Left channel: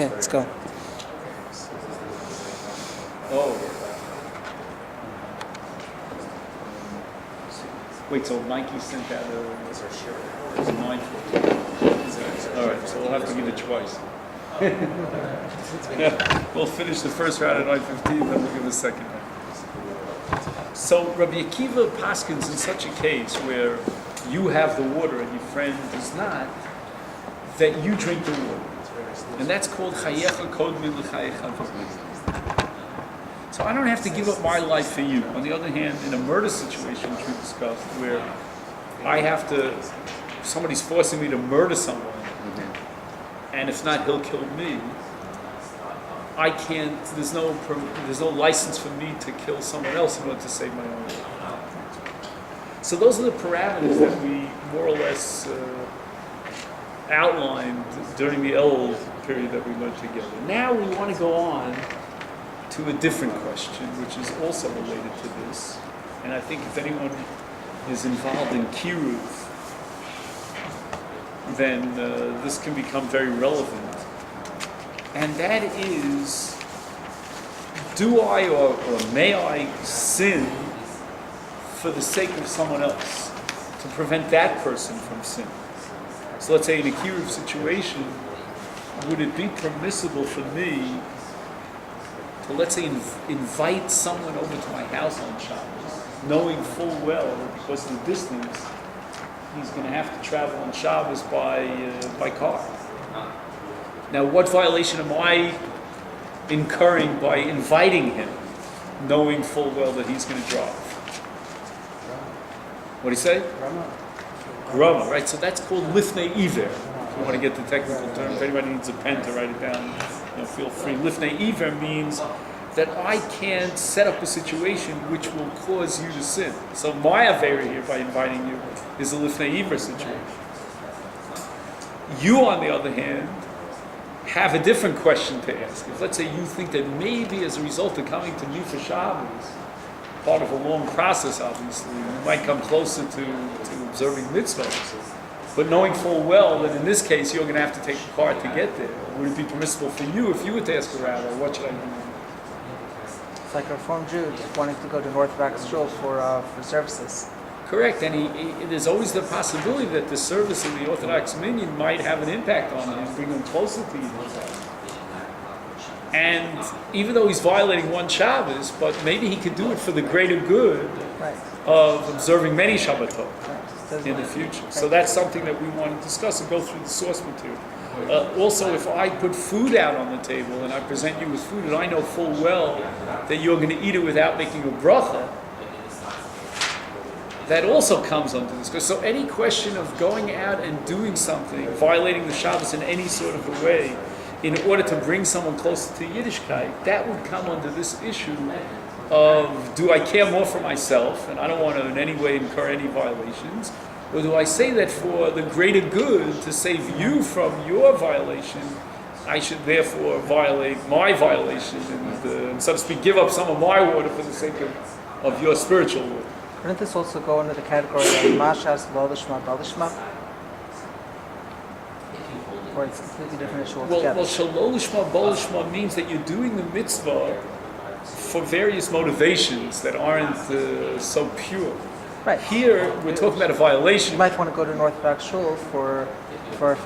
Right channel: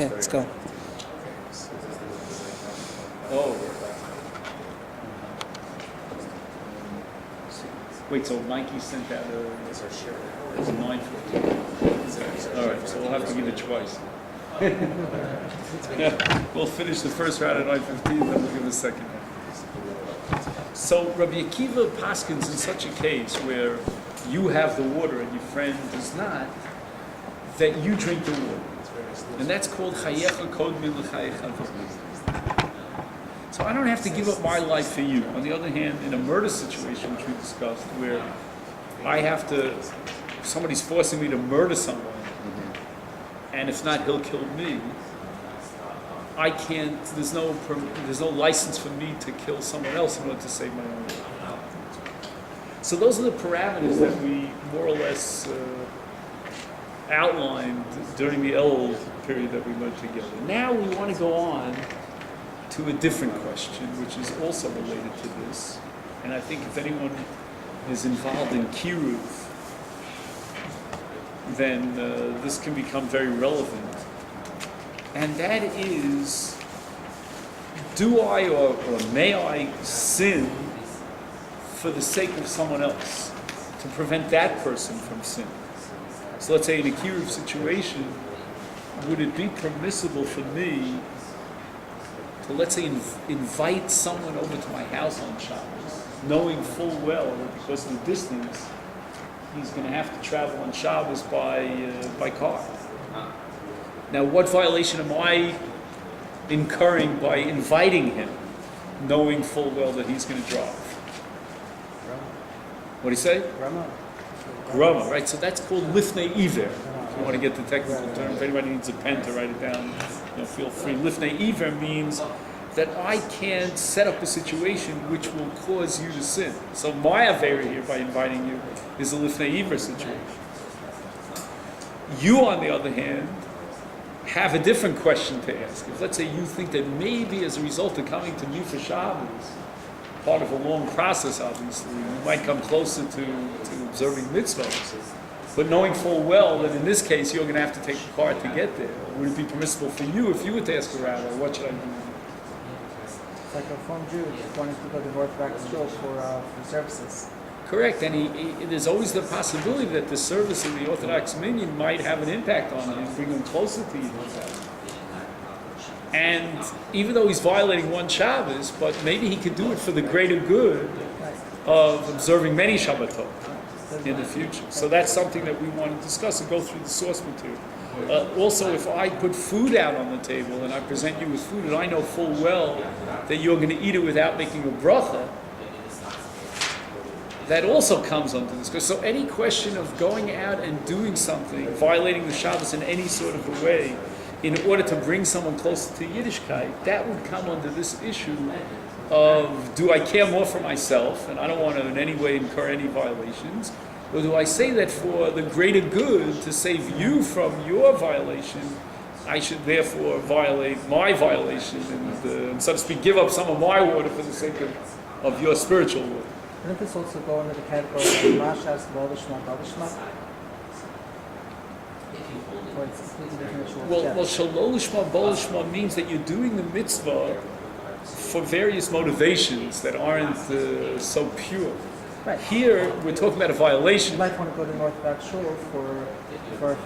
Okay, let's go. Oh. Wait, so Mikey sent out a 9:15. All right, so we'll have to give it twice. Yeah, we'll finish the first round at 9:15, then we'll give a second round. So Rabbi Akiva paskins in such a case where you have the water and your friend does not, that you drink the water. And that's called chayecha kodmi l'chayecha. So I don't have to give up my life for you. On the other hand, in a murder situation, which we discussed, where I have to, somebody's forcing me to murder someone, and if not, he'll kill me. I can't. There's no license for me to kill someone else in order to save my own life. So those are the parameters that we more or less outlined during the Elul period that we learned together. Now we want to go on to a different question, which is also related to this. And I think if anyone is involved in kiruv, then this can become very relevant. And that is, do I or may I sin for the sake of someone else, to prevent that person from sin? So let's say in a kiruv situation, would it be permissible for me to, let's say, invite someone over to my house on Shabbos, knowing full well that because of the distance, he's going to have to travel on Shabbos by car? Now, what violation am I incurring by inviting him, knowing full well that he's going to drive? What do you say? Grama, right? So that's called lifnei iver. If you want to get the technical term, if anybody needs a pen to write it down, feel free. Lifnei iver means that I can't set up a situation which will cause you to sin. So my avera here by inviting you is a lifnei iver situation. You, on the other hand, have a different question to ask. If let's say you think that maybe as a result of coming to me for Shabbos, part of a long process obviously, you might come closer to observing mitzvahs, but knowing full well that in this case you're going to have to take a car to get there, would it be permissible for you if you were to ask a rabbi, what should I do? It's like a Reform Jew wanting to go to Orthodox shul for services. Correct, and there's always the possibility that the service of the Orthodox minyan might have an impact on him, bring him closer to you. And even though he's violating one Shabbos, but maybe he could do it for the greater good of observing many Shabbatot in the future. So that's something that we want to discuss and go through the source material. Also, if I put food out on the table and I present you with food and I know full well that you're going to eat it without making a bracha, that also comes under this. So any question of going out and doing something, violating the Shabbos in any sort of a way, in order to bring someone closer to Yiddishkeit, that would come under this issue of, do I care more for myself, and I don't want to in any way incur any violations, or do I say that for the greater good, to save you from your violation, I should therefore violate my violation and so to speak, give up some of my water for the sake of your spiritual water. Wouldn't this also go under the category of mashas, balishma, balishma? Or it's a completely different issue altogether? Well, shalolishma, balishma means that you're doing the mitzvah for various motivations that aren't so pure. Right. Here, we're talking about a violation. You might want to go to an Orthodox shul for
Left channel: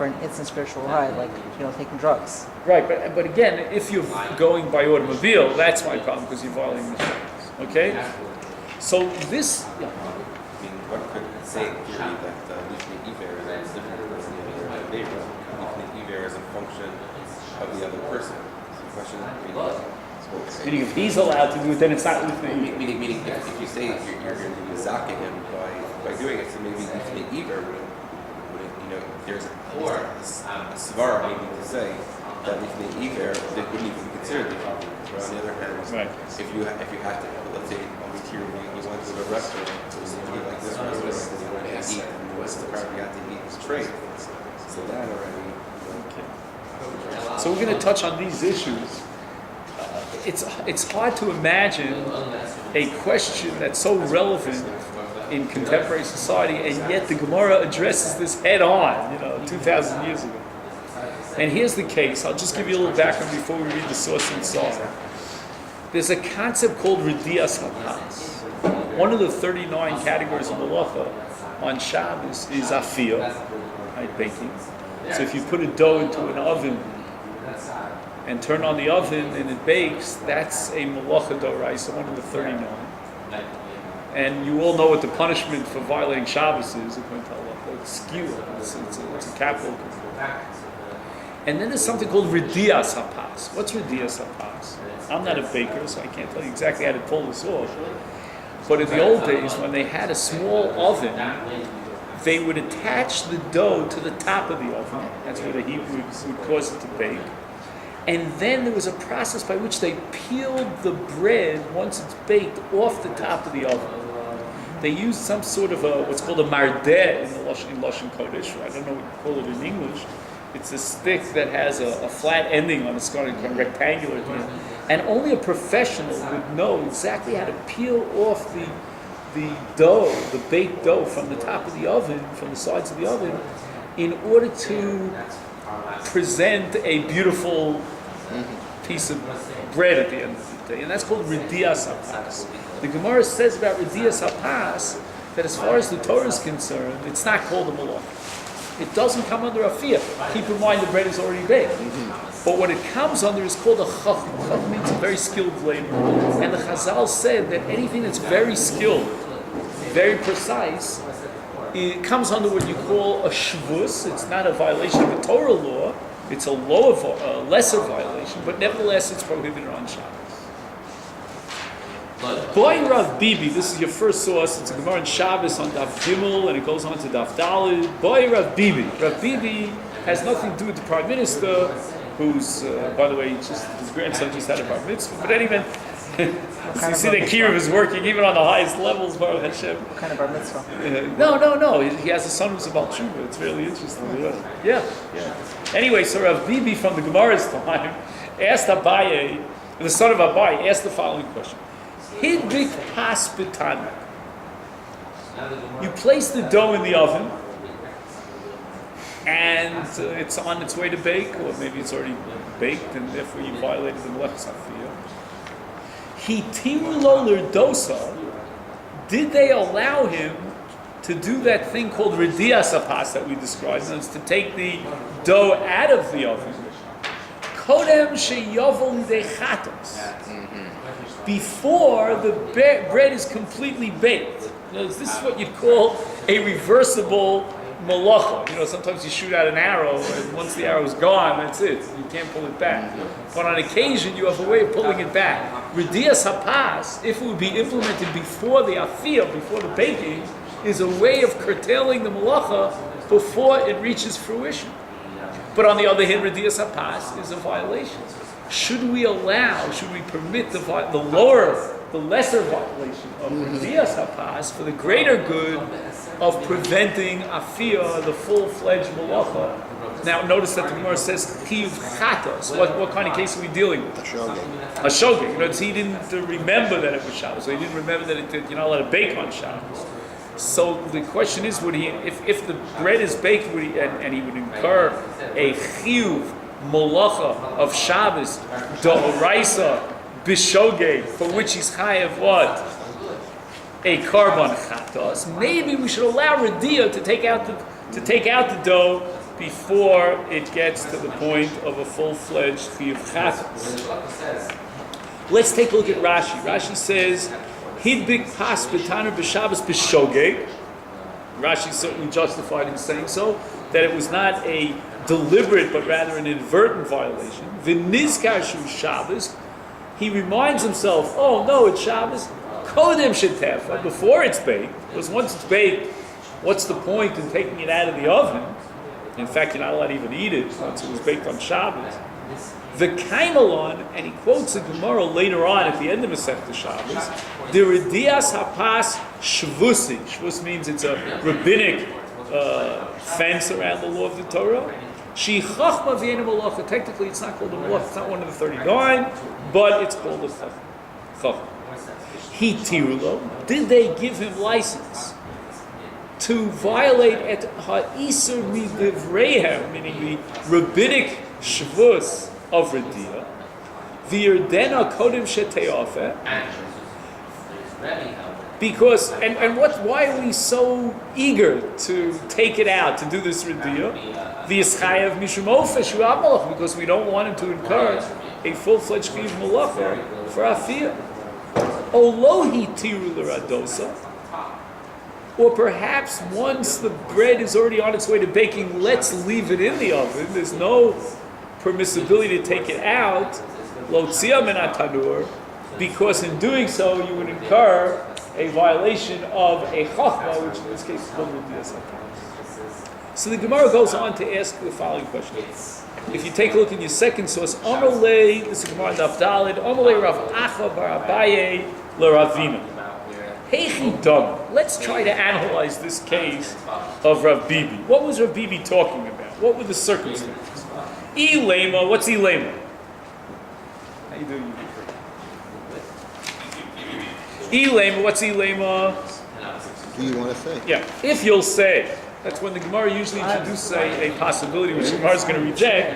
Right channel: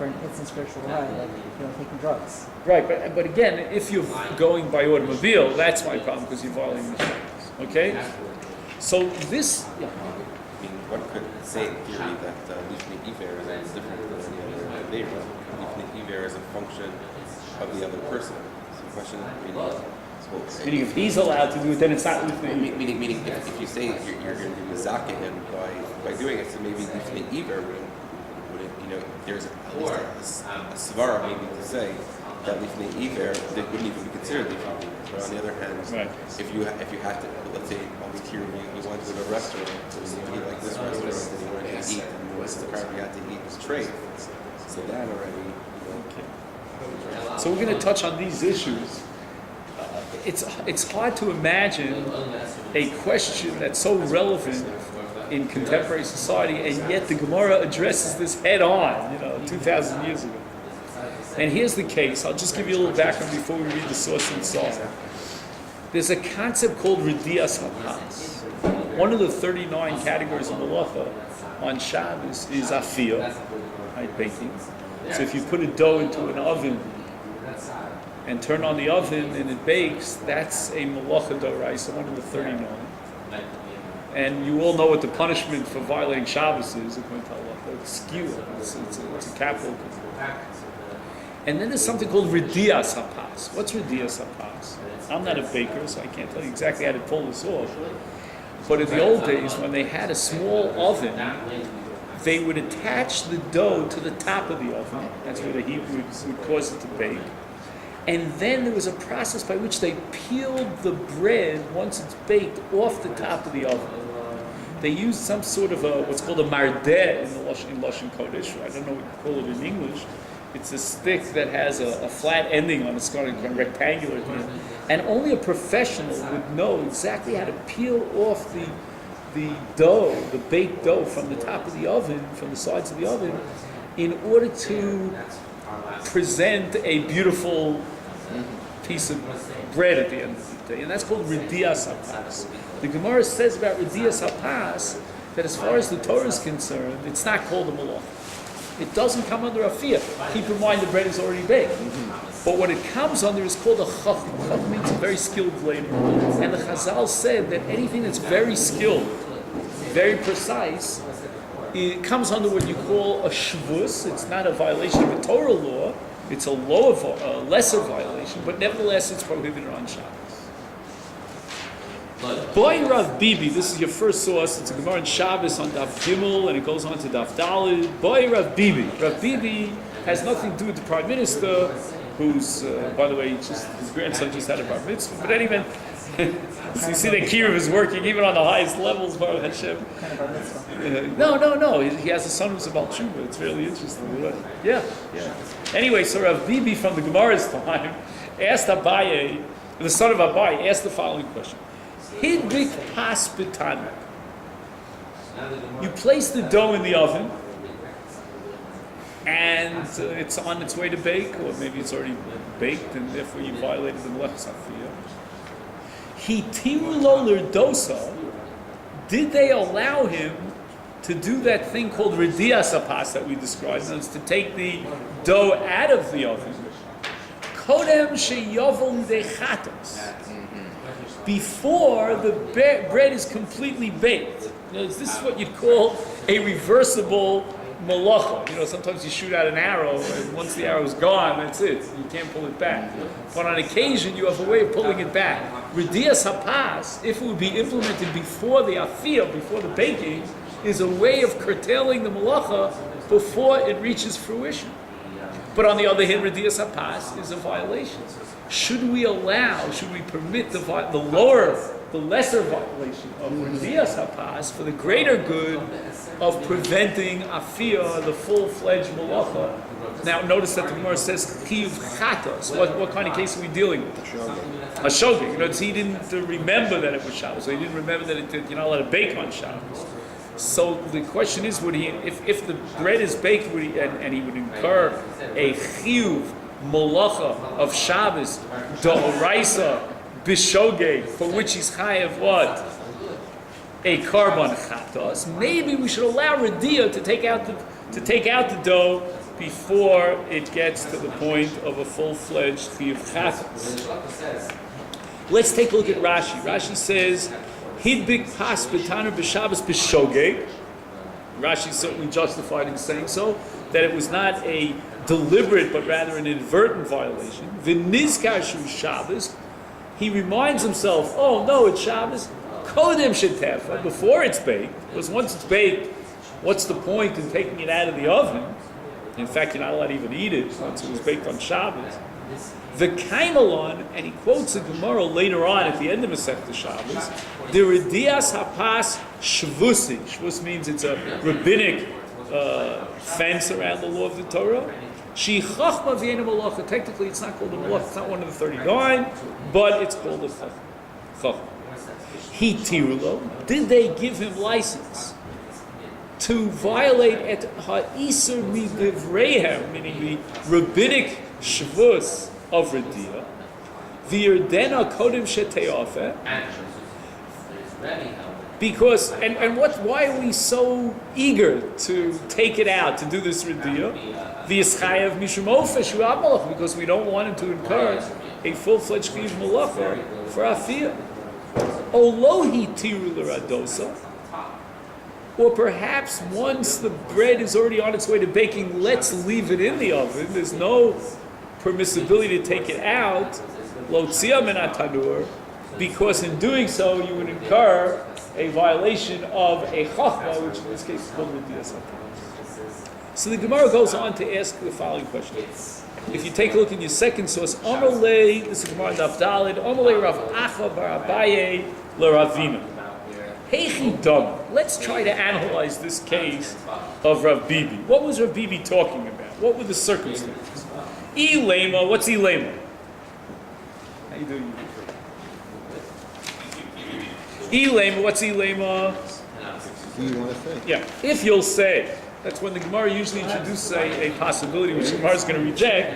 an instant spiritual high, like taking drugs. Right, but again, if you're going by automobile, that's my problem because you're violating the Shabbos. Okay. So this. I mean, one could say in theory that lifnei iver is different than the other neighbor. Lifnei iver is a function of the other person. So the question is, meaning if he's allowed to do it, then it's not lifnei. Meaning if you say you're going to mizaka him by doing it, so maybe lifnei iver wouldn't there's a svara maybe to say that lifnei iver that wouldn't even be considered lifnei iver. But on the other hand, if you have to, let's say on the tier you went to a restaurant, it was to eat like this restaurant, and you wanted to eat, and the crowd you had to eat was trade. So that already. So we're going to touch on these issues. It's hard to imagine a question that's so relevant in contemporary society, and yet the Gemara addresses this head on, 2,000 years ago. And here's the case. I'll just give you a little background before we read the source and song. There's a concept called Ridias Hapas. One of the 39 categories of malacha on Shabbos is afiyah, right, baking. So if you put a dough into an oven and turn on the oven and it bakes, that's a malacha d'oraisa, one of the 39. And you all know what the punishment for violating Shabbos is, according to Allah. It's skewer. It's a capital. And then there's something called Ridias Hapas. What's Ridias Hapas? I'm not a baker, so I can't tell you exactly how to pull this off. But in the old days, when they had a small oven, they would attach the dough to the top of the oven. That's where the heat would cause it to bake. And then there was a process by which they peeled the bread, once it's baked, off the top of the oven. They used some sort of what's called a mardeh in Lashon Kodesh. I don't know what you call it in English. It's a stick that has a flat ending on it, it's kind of rectangular at the end. And only a professional would know exactly how to peel off the dough, the baked dough from the top of the oven, from the sides of the oven, in order to present a beautiful piece of bread at the end of the day. And that's called Ridias Hapas. The Gemara says about Ridias Hapas that as far as the Torah is concerned, it's not called a malacha. It doesn't come under afiyah. Keep in mind the bread is already baked. But what it comes under is called a chacham. Chacham means a very skilled labor. And the Chazal said that anything that's very skilled, very precise, it comes under what you call a shvus. It's not a violation of a Torah law. It's a lesser violation, but nevertheless it's prohibited on Shabbos. Boy Rav Bibi, this is your first source. It's a Gemara in Shabbos on Daf Gimel, and it goes on to Daf Daled. Boy Rav Bibi. Rav Bibi has nothing to do with the Prime Minister, who's, by the way, his grandson just had a bar mitzvah. But anyway, so you see that Kiruv is working even on the highest levels, Baruch Hashem. What kind of bar mitzvah? No. He has a son who's a Baal Tshuva. It's really interesting. Yeah. Anyway, so Rav Bibi from the Gemara's time asked Abaye, the son of Abaye, asked the following question. Hidbik pas b'tana. You place the dough in the oven, and it's on its way to bake, or maybe it's already baked, and therefore you violated the melechas hafiyah. Hitiru lo l'rdosa. Did they allow him to do that thing called ridias hapas that we described? That is to take the dough out of the oven. Kodem sheyovel dechatos. Before the bread is completely baked. This is what you'd call a reversible malacha. Sometimes you shoot out an arrow, and once the arrow's gone, that's it. You can't pull it back. But on occasion, you have a way of pulling it back. Ridias hapas, if it would be implemented before the afiyah, before the baking, is a way of curtailing the malacha before it reaches fruition. But on the other hand, ridias hapas is a violation. Should we permit the lesser violation of ridias hapas for the greater good of preventing afiyah, the full-fledged malacha? Now, notice that the Gemara says chiyuv chatos. What kind of case are we dealing with? A shogeg. He didn't remember that it was Shabbos. So he didn't remember that you're not allowed to bake on Shabbos. So the question is, would he, if the bread is baked, and he would incur a chiyuv malacha of Shabbos, d'oraisa, b'shogeg, for which he's chayav what? A carbon chatos. Maybe we should allow Radia to take out the dough before it gets to the point of a full-fledged chiyuv chatos. Let's take a look at Rashi. Rashi says, Hidbik pas b'taner b'Shabbos b'shogeg. Rashi is certainly justified in saying so, that it was not a deliberate but rather an inadvertent violation. V'nizkar shu Shabbos. He reminds himself, oh no, it's Shabbos. Kodem shetefa, before it's baked, because once it's baked, what's the point in taking it out of the oven? In fact, you're not allowed to even eat it once it was baked on Shabbos. The Kaimalon, and he quotes a Gemara later on at the end of Masechta Shabbos, the Ridias Hapas Shvusi. Shvus means it's a rabbinic fence around the law of the Torah. She Chachma V'Yena Malacha. Technically, it's not called a Malacha. It's not one of the 39, but it's called a Chachma. He Tirulo. Did they give him license to violate at Ha'isur Midivreihem, meaning the rabbinic Shvus of Radia, V'yerdena Kodim Sheteofe, because, and why are we so eager to take it out, to do this Radia? V'yischayev Mishum Ofesh Malach, because we don't want him to incur a full-fledged Chiv Malacha for Afiyah. Olohi Tiru L'Radosa, or perhaps once the bread is already on its way to baking, let's leave it in the oven. There's no permissibility to take it out, Lotzia min tanur, because in doing so you would incur a violation of a chachma, which in this case is called Radia. So the Gemara goes on to ask the following question. If you take a look in your second source, Amalei, this is Gemara Daf Daled, Amalei Rav Acha bar Abaye l'Ravina. Heichi Dog. Let's try to analyze this case of Rav Bibi. What was Rav Bibi talking about? What were the circumstances? Ilema, what's Ilema? How you doing? Ilema, what's Ilema? Do you want to say? Yeah, if you'll say, that's when the Gemara usually introduces a possibility which the Gemara is going to reject.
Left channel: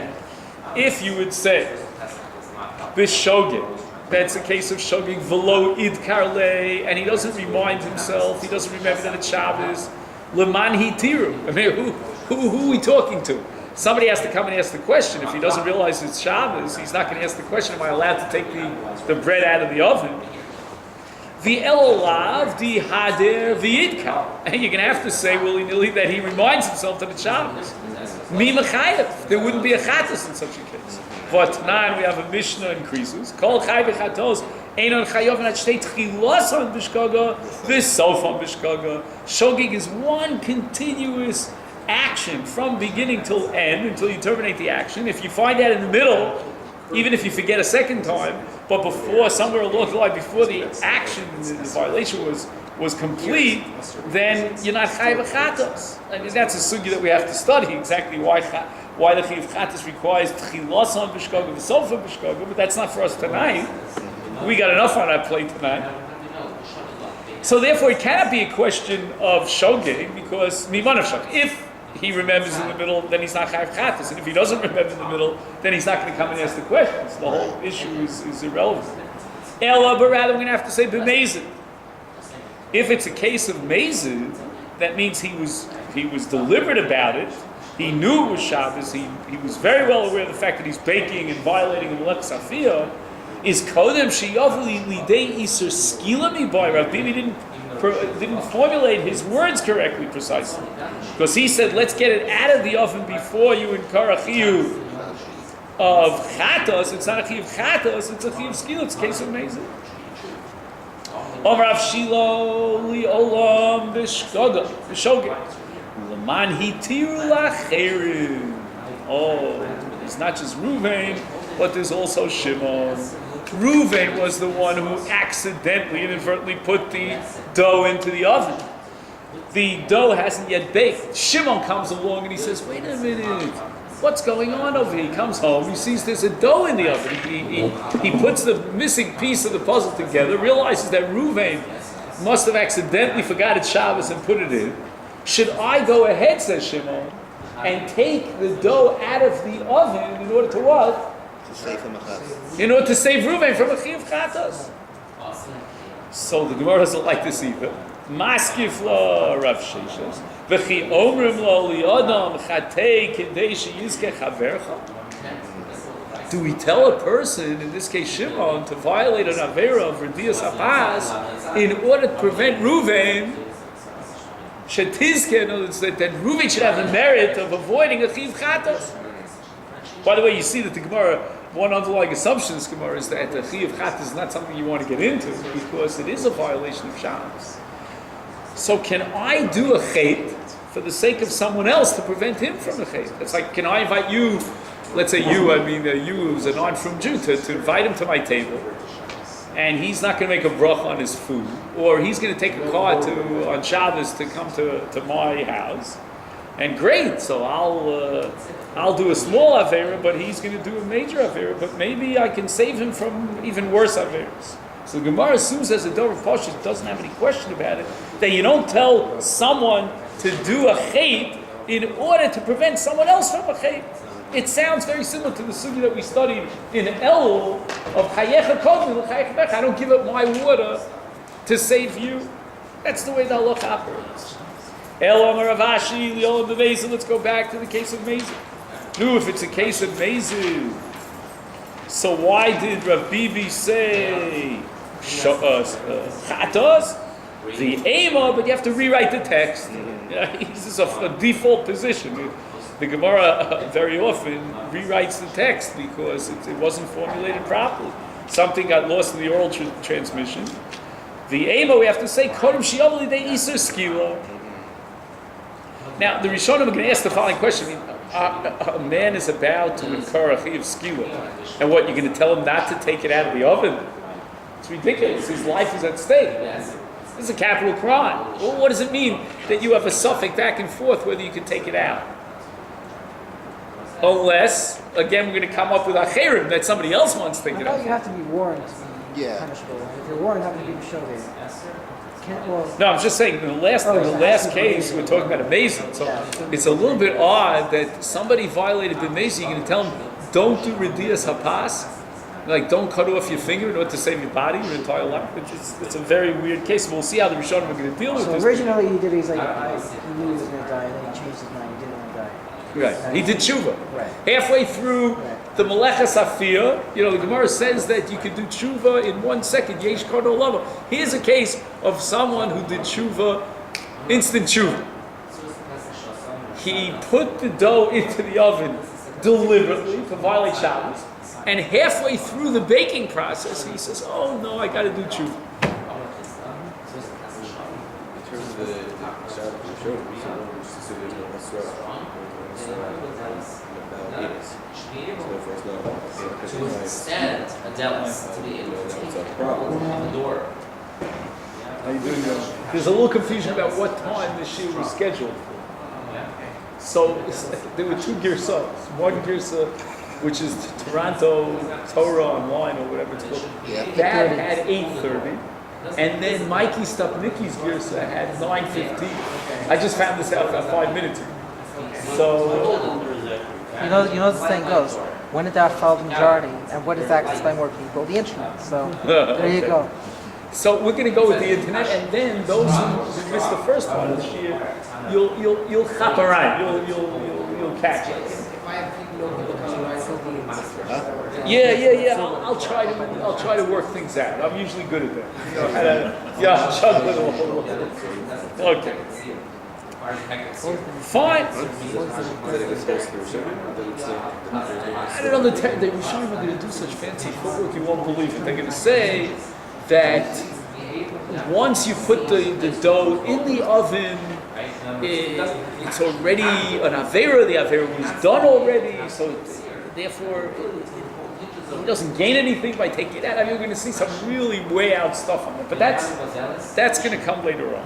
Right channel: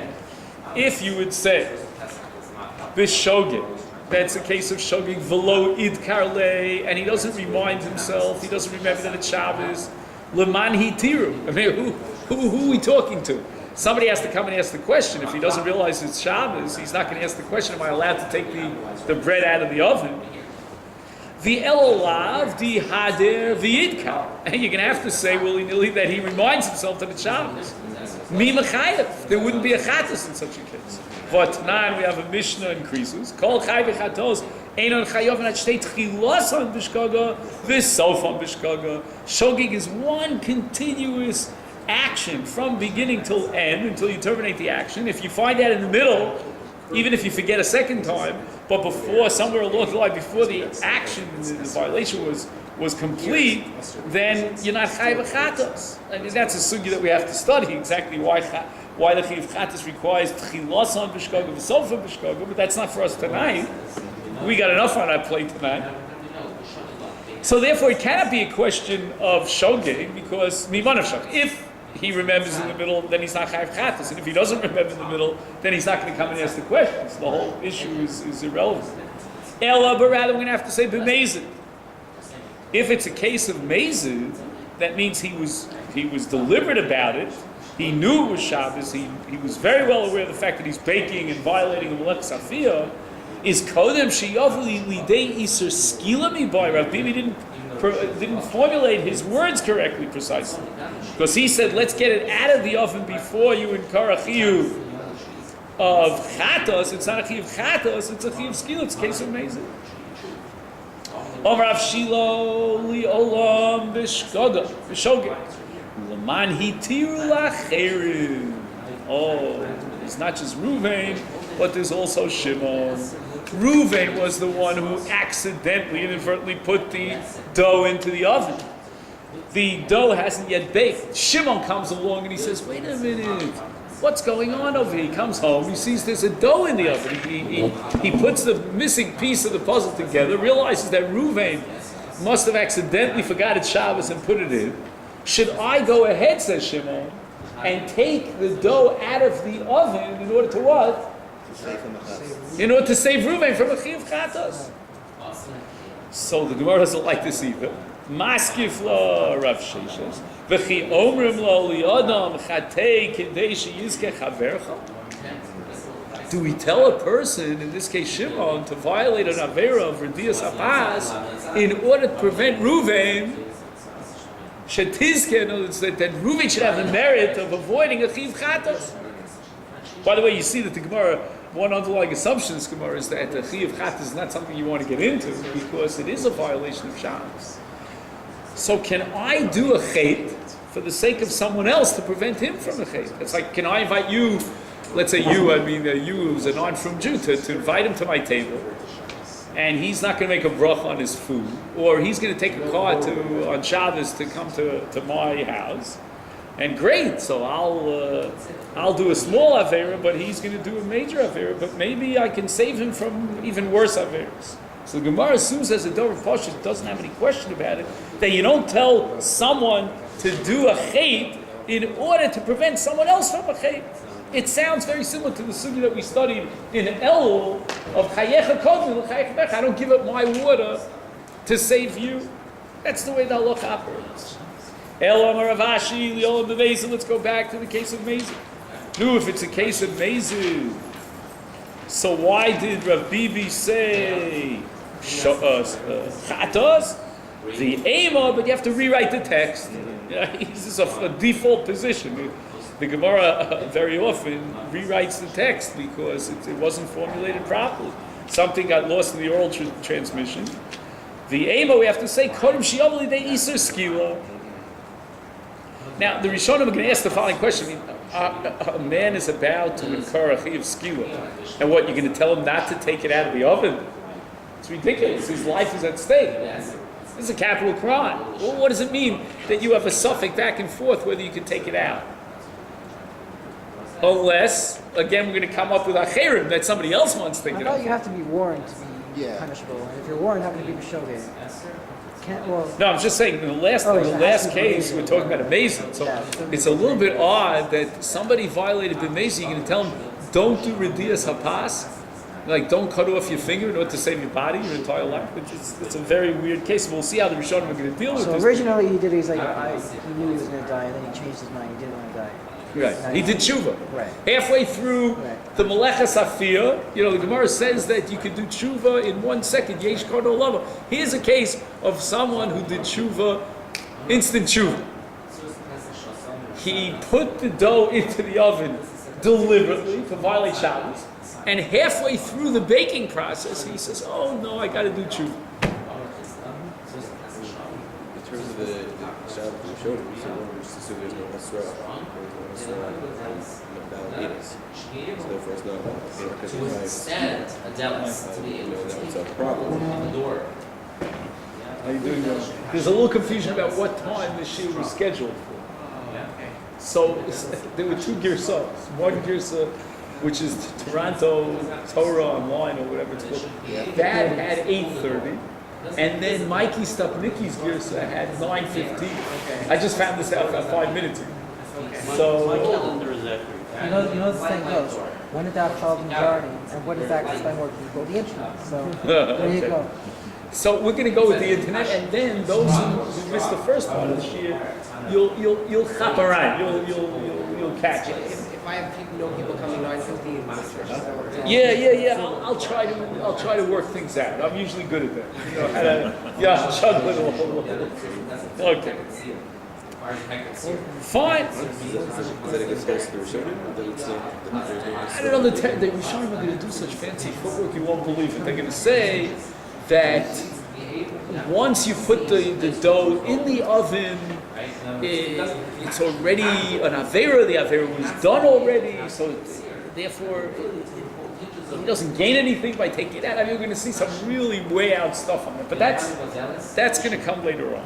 If you would say, Bishogin, that's a case of shogig v'lo idkarle, and he doesn't remind himself, he doesn't remember that it's Shabbos. Leman hitiru. I mean, who are we talking to? Somebody has to come and ask the question. If he doesn't realize it's Shabbos, he's not going to ask the question, am I allowed to take the bread out of the oven? The elolav, the hader, the idkar. And you're going to have to say willy-nilly that he reminds himself that it's Shabbos. Mi mechayev. There wouldn't be a chatas in such a case. But now we have a Mishnah in Krisus. Kol chay v'chatos einon chayav and shtei tchilos on bishkaga v'sof on bishkaga. Shogig is one continuous action from beginning till end until you terminate the action. If you find that in the middle, even if you forget a second time, but before, somewhere along the line, before the action, the violation was complete, then you're not chayav v'chatos. I mean, that's a sugya that we have to study exactly why the Chiv Chatas requires Tchilas on Bishkaga, V'sof on Bishkaga, but that's not for us tonight. We got enough on our plate tonight. So therefore it cannot be a question of Shogeg, because Miman of Shog. If he remembers in the middle, then he's not Chav Chatas, and if he doesn't remember in the middle, then he's not going to come and ask the questions. The whole issue is irrelevant. Ella, but rather we're going to have to say B'mezid. If it's a case of Mezid, that means he was deliberate about it. He knew it was Shabbos. He was very well aware of the fact that he's baking and violating the Melech Safiyah. Is Kodem Sheyavli Lidei Iser Skilami by Rav Bibi didn't formulate his words correctly, precisely. Because he said, let's get it out of the oven before you incur a chiyuv of chatos. It's not a chiyuv chatos, it's a chiyuv skil. It's a case of Mezid. Rav Shilo li olam b'shogeg. Leman hitiru lacherim. Oh, it's not just Ruvain, but there's also Shimon. Ruvain was the one who accidentally, inadvertently put the dough into the oven. The dough hasn't yet baked. Shimon comes along and he says, wait a minute, what's going on over here? He comes home, he sees there's a dough in the oven. He puts the missing piece of the puzzle together, realizes that Ruvain must have accidentally forgot it's Shabbos and put it in. Should I go ahead, says Shimon, and take the dough out of the oven in order to what? In order to save Ruvain from a chiyuv chatos. So the Gemara doesn't like this either. Maskif lo Rav Sheshes v'chi omrim lo li'adam chatei k'dei sheyizke chavercha. Do we tell a person, in this case Shimon, to violate an avera of Redias Apas in order to prevent Ruvain? Shetizke, in other words, that Ruvain should have the merit of avoiding a chiyuv chatos. By the way, you see that the Gemara, one underlying assumption in this Gemara is that the chiyuv chatos is not something you want to get into because it is a violation of Shabbos. So can I do a chait for the sake of someone else to prevent him from a chait? It's like, can I invite you, let's say you who's a non-from Jew, to invite him to my table, and he's not going to make a bracha on his food, or he's going to take a car on Shabbos to come to my house, and great, so I'll do a small avera, but he's going to do a major avera, but maybe I can save him from even worse averas. So the Gemara assumes as a Dover Pasha doesn't have any question about it, that you don't tell someone to do a chait in order to prevent someone else from a chait. It sounds very similar to the sugya that we studied in Elul of Chayecha Kodmi L'Chayecha Bech. I don't give up my water to save you. That's the way the halacha operates. El Amar Rav Ashi, Li'olam B'Mezid. Let's go back to the case of Mezid. No, if it's a case of Mezid, so why did Rav Bibi say Chatos? The Ema, but you have to rewrite the text. This is a default position. The Gemara very often rewrites the text because it wasn't formulated properly. Something got lost in the oral transmission. The Ema, we have to say, Kodem Shi'ovli de Iser Skila. Now, the Rishonim are going to ask the following question. A man is about to incur a chi of skila, and what, you're going to tell him not to take it out of the oven? It's ridiculous. His life is at stake. This is a capital crime. Well, what does it mean that you have a suffix back and forth whether you can take it out? Unless, again, we're going to come up with a cherim that somebody else wants to take I it thought out. you have to be warned to be Yeah. punishable. And if you're warned, how can you be Mishoveh? No, I'm just saying, in the last case, we're talking about a mason. So it's a little bit odd that somebody violated the mason. You're going to tell them, don't do Redias Hapas. Like, don't cut off your finger in order to save your body, your entire life. It's a very weird case. We'll see how the Rishonim are going to deal with So this. originally he did, he's like, he knew he was going to die, and then he changed his mind, he didn't want to die. Right. He did tshuva. Right. Halfway through Right. the Melechas Afiyah, the Gemara says that you can do tshuva in 1 second. Yesh Kodo Lava. Here's a case of someone who did tshuva, instant tshuva. He put the dough into the oven deliberately to violate Shabbos, and halfway through the baking process, he says, "Oh no, I got to do tshuva." In terms of the Shabbat we showed, we just assume there's no Asra. So therefore it's not To extend a delis to be able to that's take a problem. on the door. How you doing, guys? There's a little confusion about what time the shiur was scheduled for. So there were 2 girsas. One girsa, which is Toronto Torah Online or whatever it's called, that had 8:30, and then Mikey Stupnicki's girsa had 9:15. I just found this out about 5 minutes ago. So You know the saying goes, when in doubt follow the majority, and what is access by more people? The internet. So there you go. So we're going to go with the internet, and then those who missed the first part of the shiur, you'll hop around, you'll catch it. If I have people coming on, it'll be in masters. Yeah. I'll try to work things out. I'm usually good at that. I'll juggle it all. Okay. Fine. Is that against the Rishonim? I don't know. The Rishonim are going to do such fancy footwork, you won't believe it. They're going to say that once you put the dough in the oven, it's already an avera. The avera was done already, so therefore he doesn't gain anything by taking it out. I mean, you're going to see some really way out stuff on it, but that's going to come later on.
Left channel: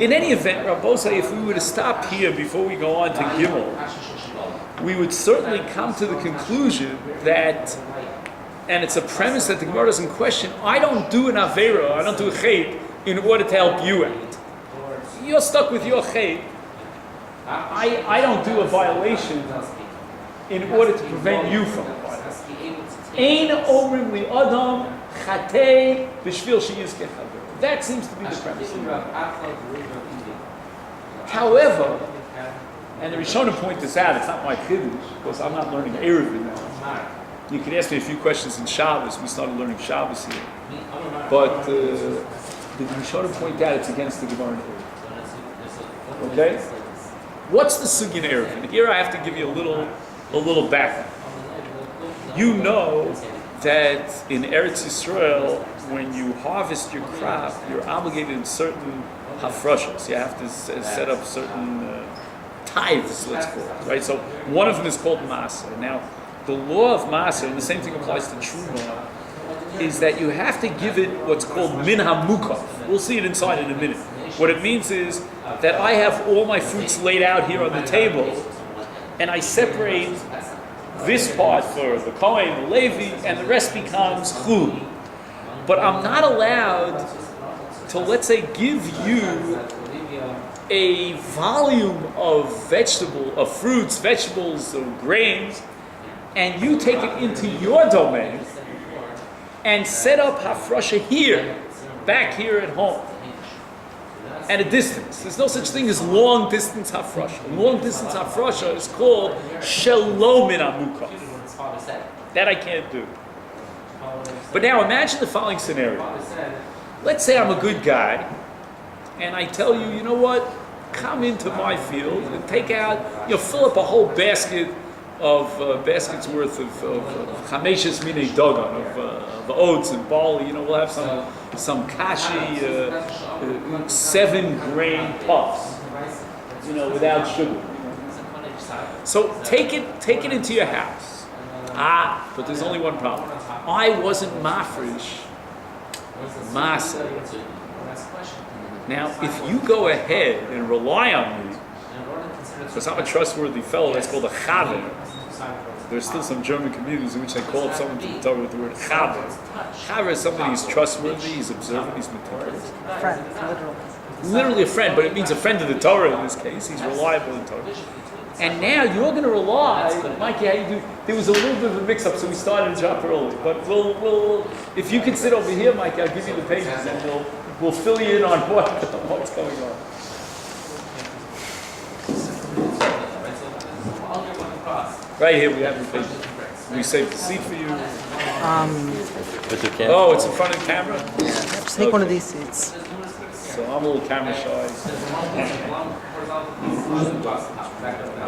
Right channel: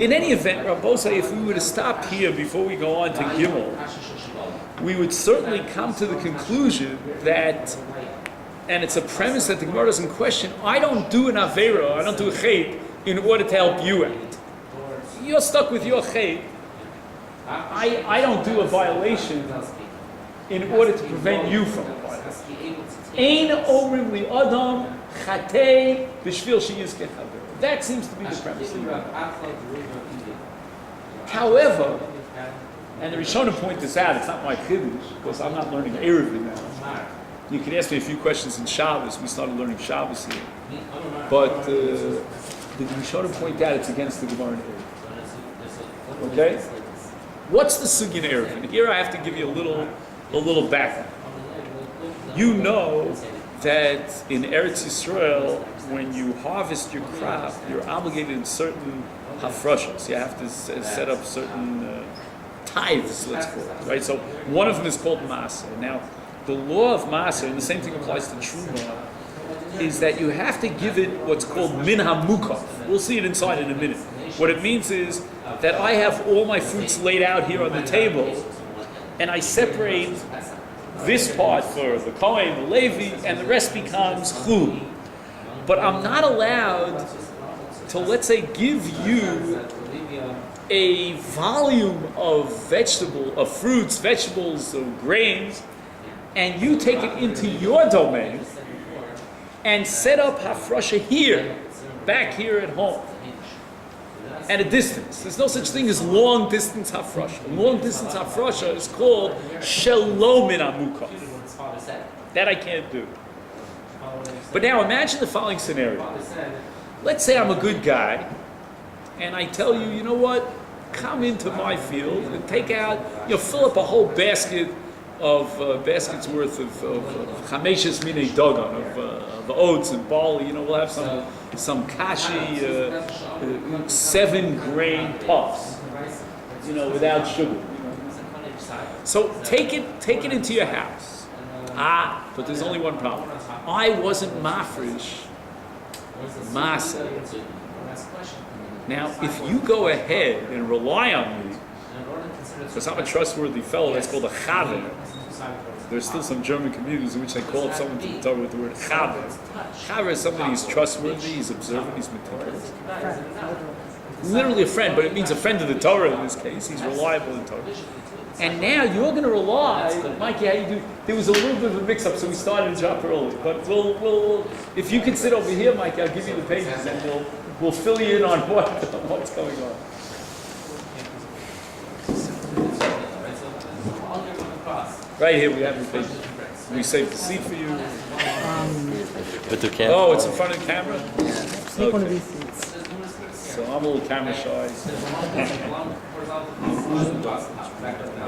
In any event, Rabbosai, if we were to stop here before we go on to Gimel, we would certainly come to the conclusion that, and it's a premise that the Gemara doesn't question, I don't do an avera, I don't do a chet in order to help you out. You're stuck with your chet. I don't do a violation in order to prevent you from a violation. Ein omrim li adam chatei b'shvil sheyizkeh chaver. That seems to be the premise. However, and the Rishonim point this out, it's not my chiddush, because I'm not learning Eruvin now. You can ask me a few questions in Shabbos. We started learning Shabbos here. But the Rishonim point out it's against the Gemara in Eruvin. Okay? What's the sugya in Eruvin? Here I have to give you a little background. You know that in Eretz Yisrael, when you harvest your crop, you're obligated in certain hafrashas. You have to set up certain tithes, let's call it, right? So one of them is called Masa. Now, the law of Masa, and the same thing applies to Truma, is that you have to give it what's called min hamukaf. We'll see it inside in a minute. What it means is that I have all my fruits laid out here on the table, and I separate this part for the Kohen, the Levi, and the rest becomes chul. But I'm not allowed to, let's say, give you a volume of fruits, vegetables, or grains, and you take it into your domain and set up hafrasha here, back here at home, at a distance. There's no such thing as long distance hafrasha. Long distance hafrasha is called shalom in amukah. That I can't do. But now imagine the following scenario. Let's say I'm a good guy, and I tell you, you know what? Come into my field and take out, fill up a whole basket of baskets worth of chameshes minei dogon, of oats and barley. We'll have some kashi, 7-grain puffs, without sugar. So take it into your house. But there's only one problem. I wasn't mafresh masa. Now, if you go ahead and rely on me, because I'm a trustworthy fellow, that's called a chaver. There's still some German communities in which they call up someone to the Torah with the word chaver. Chaver is somebody who's trustworthy, he's observant, he's meticulous. Friend, Literally a friend, but it means a friend of the Torah in this case. He's reliable in Torah. And now you're going to rely, Mikey, how you do? There was a little bit of a mix-up, so we started a job early. But we'll if you can sit over here, Mikey, I'll give you the pages, and we'll fill you in on what's going on. Right here, we have the pages. We saved the seat for you. Oh, it's in front of the camera? Sneak one of these seats. So I'm a little camera shy.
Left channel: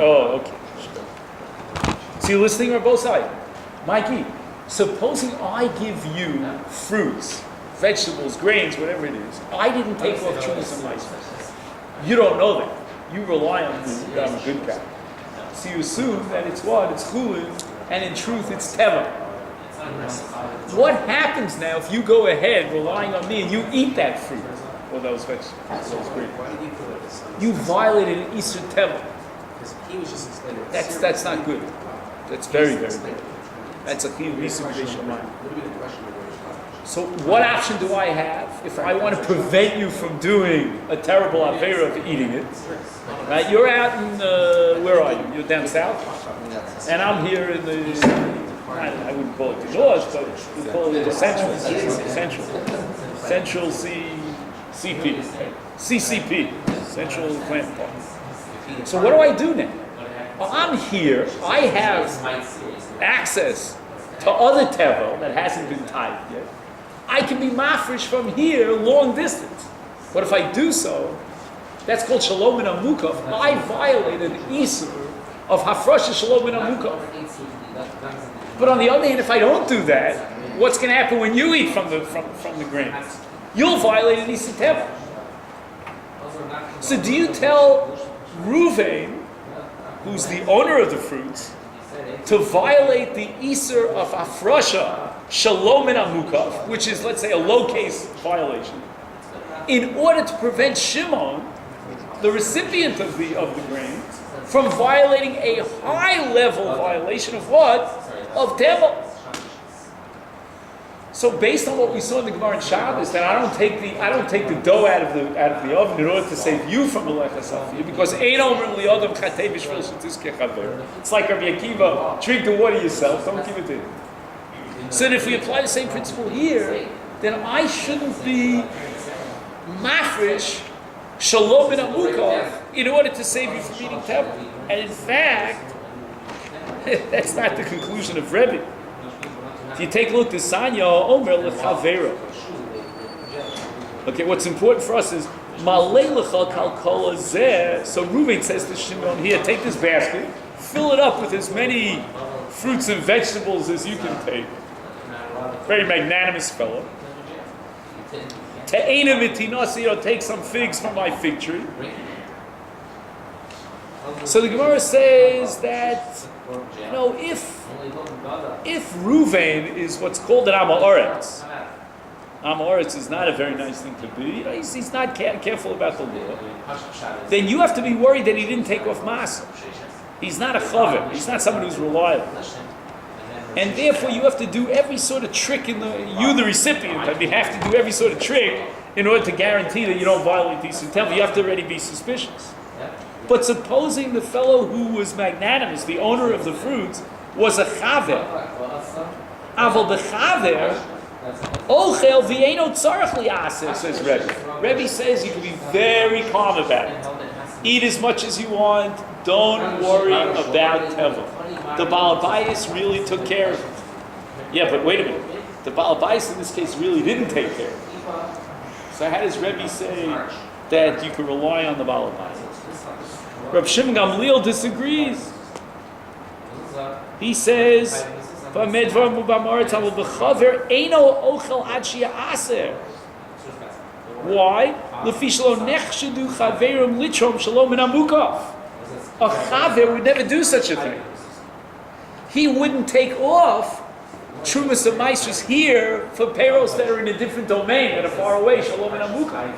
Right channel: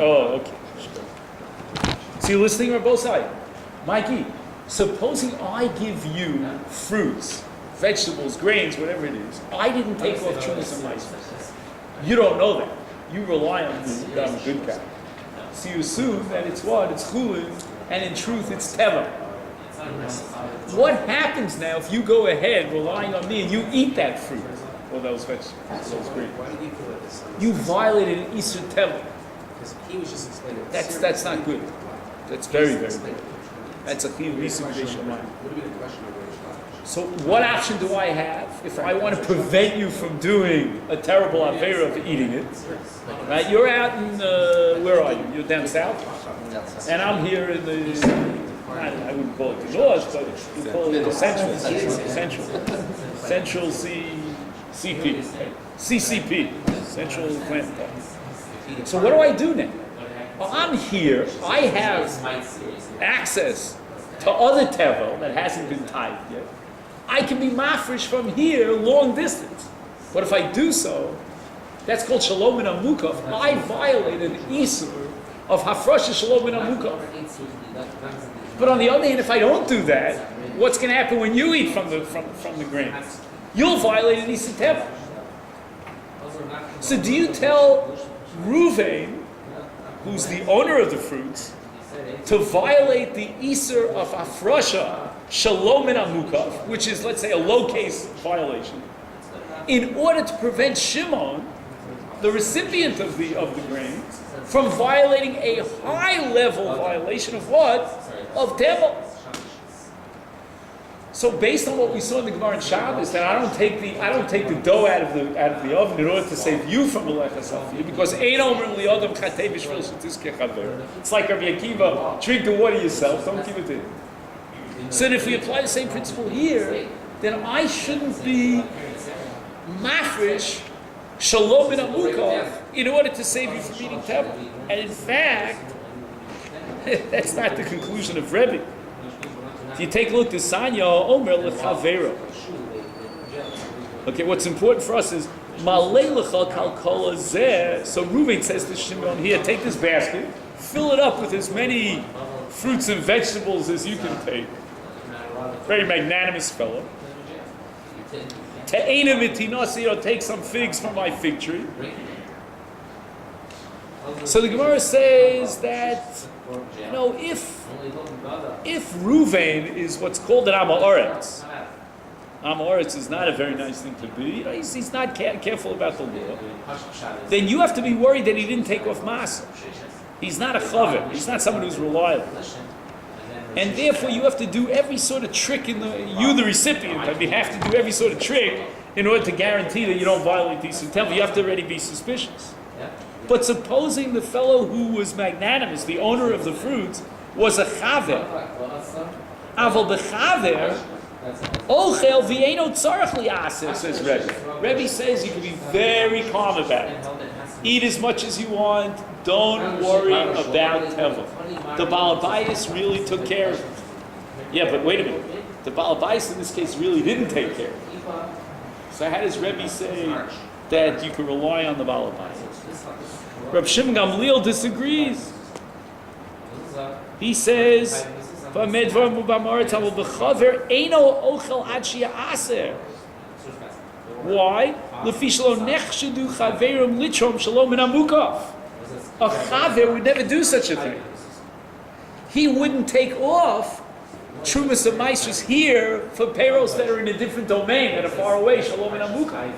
Oh, okay. So you're listening on both sides. Mikey, supposing I give you fruits, vegetables, grains, whatever it is, I didn't take off chumas and mice. You don't know that. You rely on me that I'm a good guy. So you assume that it's what? It's chulin, and in truth it's teva. What happens now if you go ahead relying on me and you eat that fruit or those vegetables, those grains? You violated an Isur teva. That's not good. That's very, very good. That's a chiyuv Isur b'dei shamayim. So what option do I have if I want to prevent you from doing a terrible avera of eating it? Right? You're out in, where are you? You're down south? And I'm here in the, I wouldn't call it the north, but we call it the central CCP, Central Plant Park. So what do I do now? Well, I'm here, I have access to other tevel that hasn't been tied yet. I can be mafresh from here long distance. But if I do so, that's called shalom in amukov. I violated an isur of hafrasha shalom in amukov. But on the other hand, if I don't do that, what's going to happen when you eat from the grains? You'll violate an isur teva. So do you tell Ruvain, who's the owner of the fruits, to violate the isur of hafrasha shalom in amukov, which is, let's say, a low-case violation, in order to prevent Shimon, the recipient of the grains, from violating a high-level violation of what? Of teva. So, based on what we saw in the Gemara in Shabbos, that I don't take the dough out of the oven in order to save you from the lechas afiyah, because ein omer li'adam chatei b'shvil shetiskeh chaver. It's like Rabbi Akiva, drink the water yourself, don't give it to him. So that if we apply the same principle here, then I shouldn't be mafresh shalom in amukov in order to save you from eating teva. And in fact, that's not the conclusion of Rabbi. If you take a look, the Sanya Omer lechavero. Okay, what's important for us is malei lecha kalkola zeh. So Reuven says to Shimon, here, take this basket, fill it up with as many fruits and vegetables as you can take. Very magnanimous fellow. Te'ena mitinasi, or take some figs from my fig tree. So the Gemara says that, if Ruvain is what's called an Amaretz, Amaretz is not a very nice thing to be. He's not careful about the law. Then you have to be worried that he didn't take off masa. He's not a chaver. He's not someone who's reliable. And therefore, you have to do every sort of trick the recipient, have to do every sort of trick in order to guarantee that you don't violate the Isur Tevel, you have to already be suspicious. But supposing the fellow who was magnanimous, the owner of the fruits, was a chaver, aval bechaver, ochel v'eino tzarech li'aser, says Rebbe. Rebbe says you can be very calm about it. Eat as much as you want. Don't worry about tevel. The Baal Bayis really took care of it. Yeah, but wait a minute. The Baal Bayis in this case really didn't take care of it. So how does Rebbe say that you can rely on the Baal Bayis? Reb Shimon Gamliel disagrees. He says, why? A chaver would never do such a thing. He wouldn't take off Trumas of Maestros here for payrolls that are in a different domain, that are far away, Shalom and Amuka.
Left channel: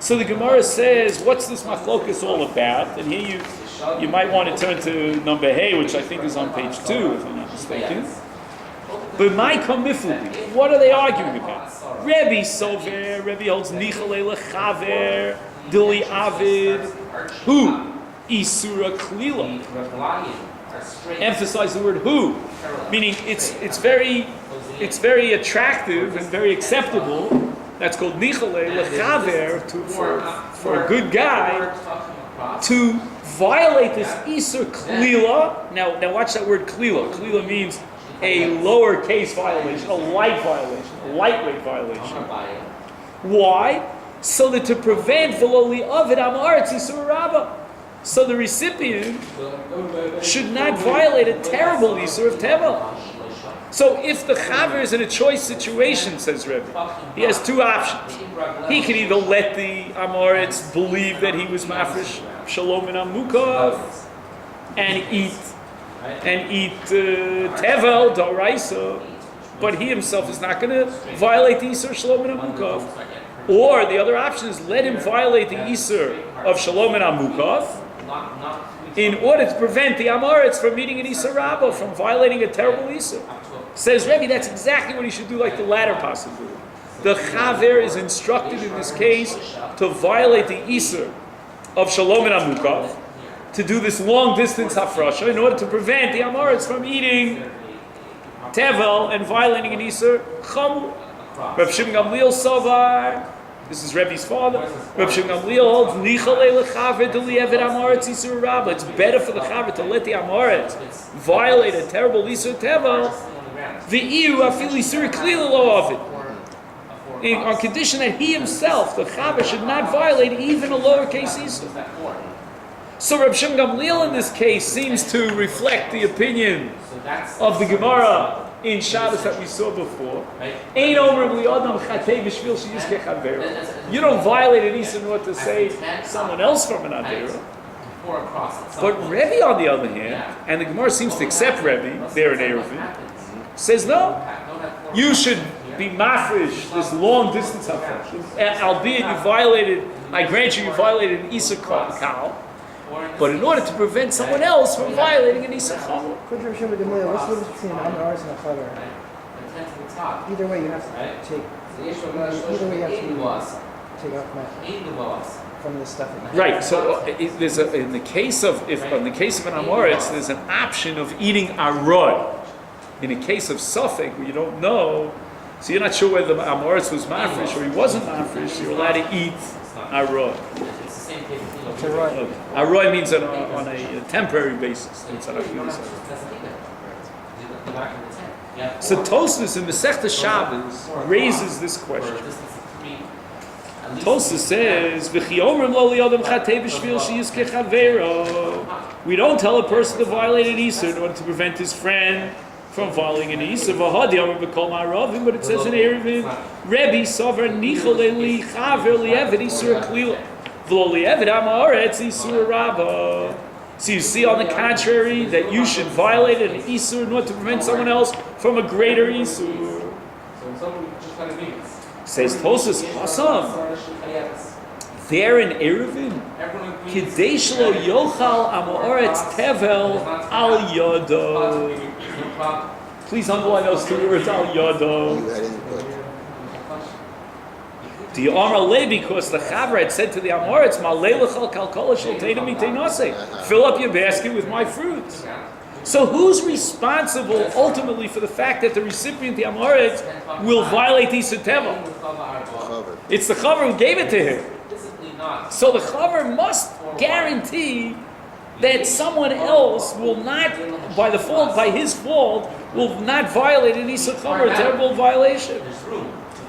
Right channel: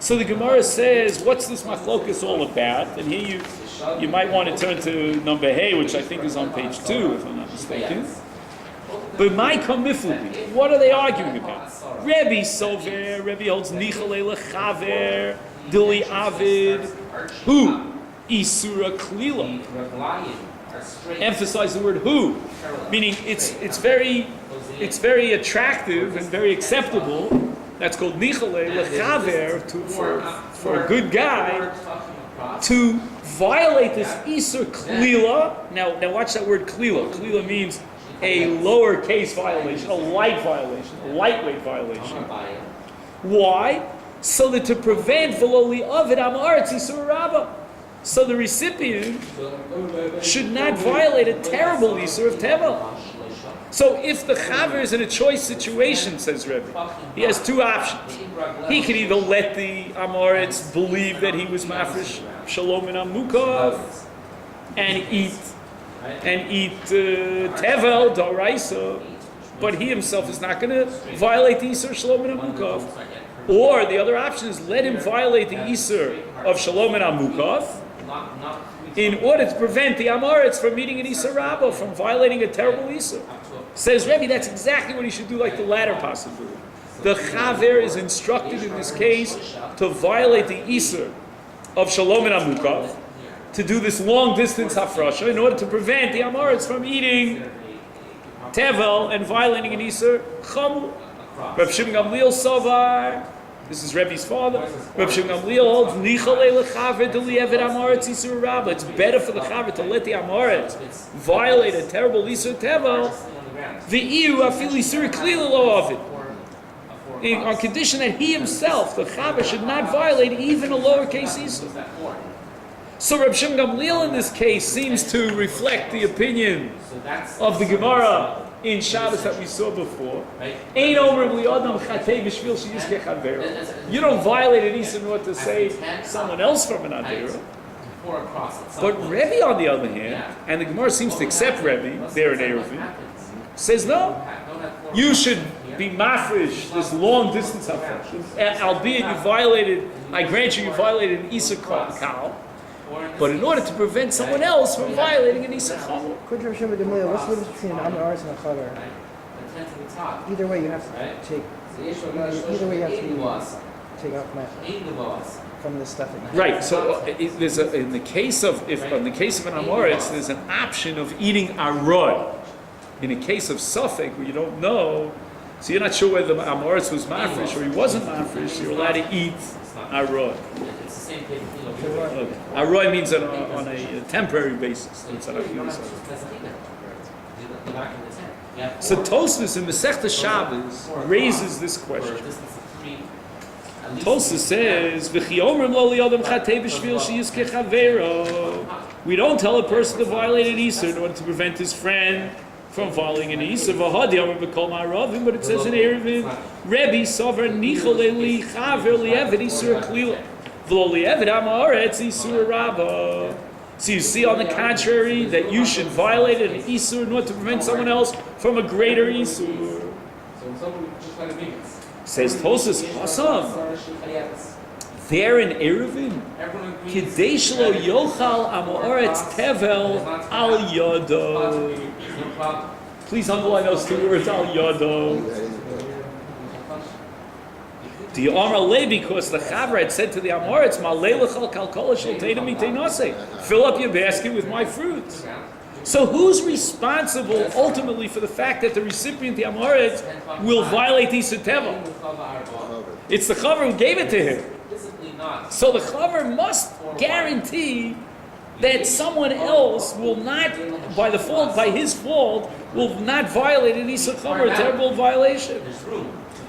So the Gemara says, what's this machlokas all about? And here you might want to turn to number Hey, which I think is on page 2, if I'm not mistaken. But my kamifli, what are they arguing about? Rebbe Sover, Rebbe holds Nichale Lechaver, Dili Avid, who? Isura Klila. Emphasize the word who, meaning it's very attractive and very acceptable. That's called Nichale Lechaver, for a good guy to violate this Isur Klila. Now watch that word Klila. Klila means a lowercase violation, a light violation, a lightweight violation. Why? So that to prevent Veloli Avid Amaretz Isur Rabbah. So the recipient should not violate a terrible Isur of Tevel. So if the Chaver is in a choice situation, says Rebbe, he has two options. He can either let the Amaretz believe that he was Mafresh Shalom and Amukov and eat Tevel, Doraisa, but he himself is not going to violate the Isur Shalom and Amukov. Or the other option is let him violate the Isur of Shalom and Amukov in order to prevent the Amoritz from eating an Isur Rabbah, from violating a terrible Isur. Says Rebbe, that's exactly what he should do, like the latter possibility. The Chaver is instructed in this case to violate the Isur of Shalom and Amukov, to do this long distance hafrasha in order to prevent the Amoritz from eating Tevel and violating an Isur Chamur. Reb Shimon Gamliel Savar, this is Rebbe's father. Reb Shimon Gamliel holds Nichale lechaver deli eved Amoritz Isur Rabbah. It's better for the Chaver to let the Amoritz violate a terrible Isur Tevel. The Iu afil Isur Klila lo of it, on condition that he himself, the Chaver, should not violate even a lowercase Isur. So Reb Shimon Gamliel in this case seems to reflect the opinion of the Gemara in Shabbos that we saw before. You don't violate an Isur in order to save someone else from an Adera. But Rebbe, on the other hand, and the Gemara seems to accept Rebbe there in Eruvin, says no. You should be mafresh this long distance hafresh, albeit you violated. I grant you violated an Isur Kal. But in order to prevent someone else from violating an Isur Chal. What's the difference between an Amaretz and a Chaver? Either way, you have to take. Either way, you have to take off from the stuff. Right. So there's in the case of an Amoritz, there's an option of eating arod. In a case of Suffolk, where you don't know, so you're not sure whether the Amoritz was mafresh or he wasn't mafresh, you're allowed to eat arod. Arod means on a temporary basis. So Tosfos in Masechta Shabbos raises this question. Tosfos says, we don't tell a person to violate an Isur in order to prevent his friend from violating an Isur. But it says in Eruvin, Rebbe Sover Nichale li Chaver li Eved Isur Klila. So you see, on the contrary, that you should violate an Isur in order to prevent someone else from a greater Isur. Says Tosfos Hasam. There in Eruvin, Kidei shelo yochal Amoretz Tevel al Yodo. Please underline those two words, al Yodo. The Amar Le, because the Chaver had said to the Amoritz, fill up your basket with my fruits. So who's responsible ultimately for the fact that the recipient, the Amoritz, will violate Isur Teva? It's the Chaver who gave it to him. So the Chaver must guarantee that someone else will not, by his fault, will not violate an Isur Chaver, a terrible violation.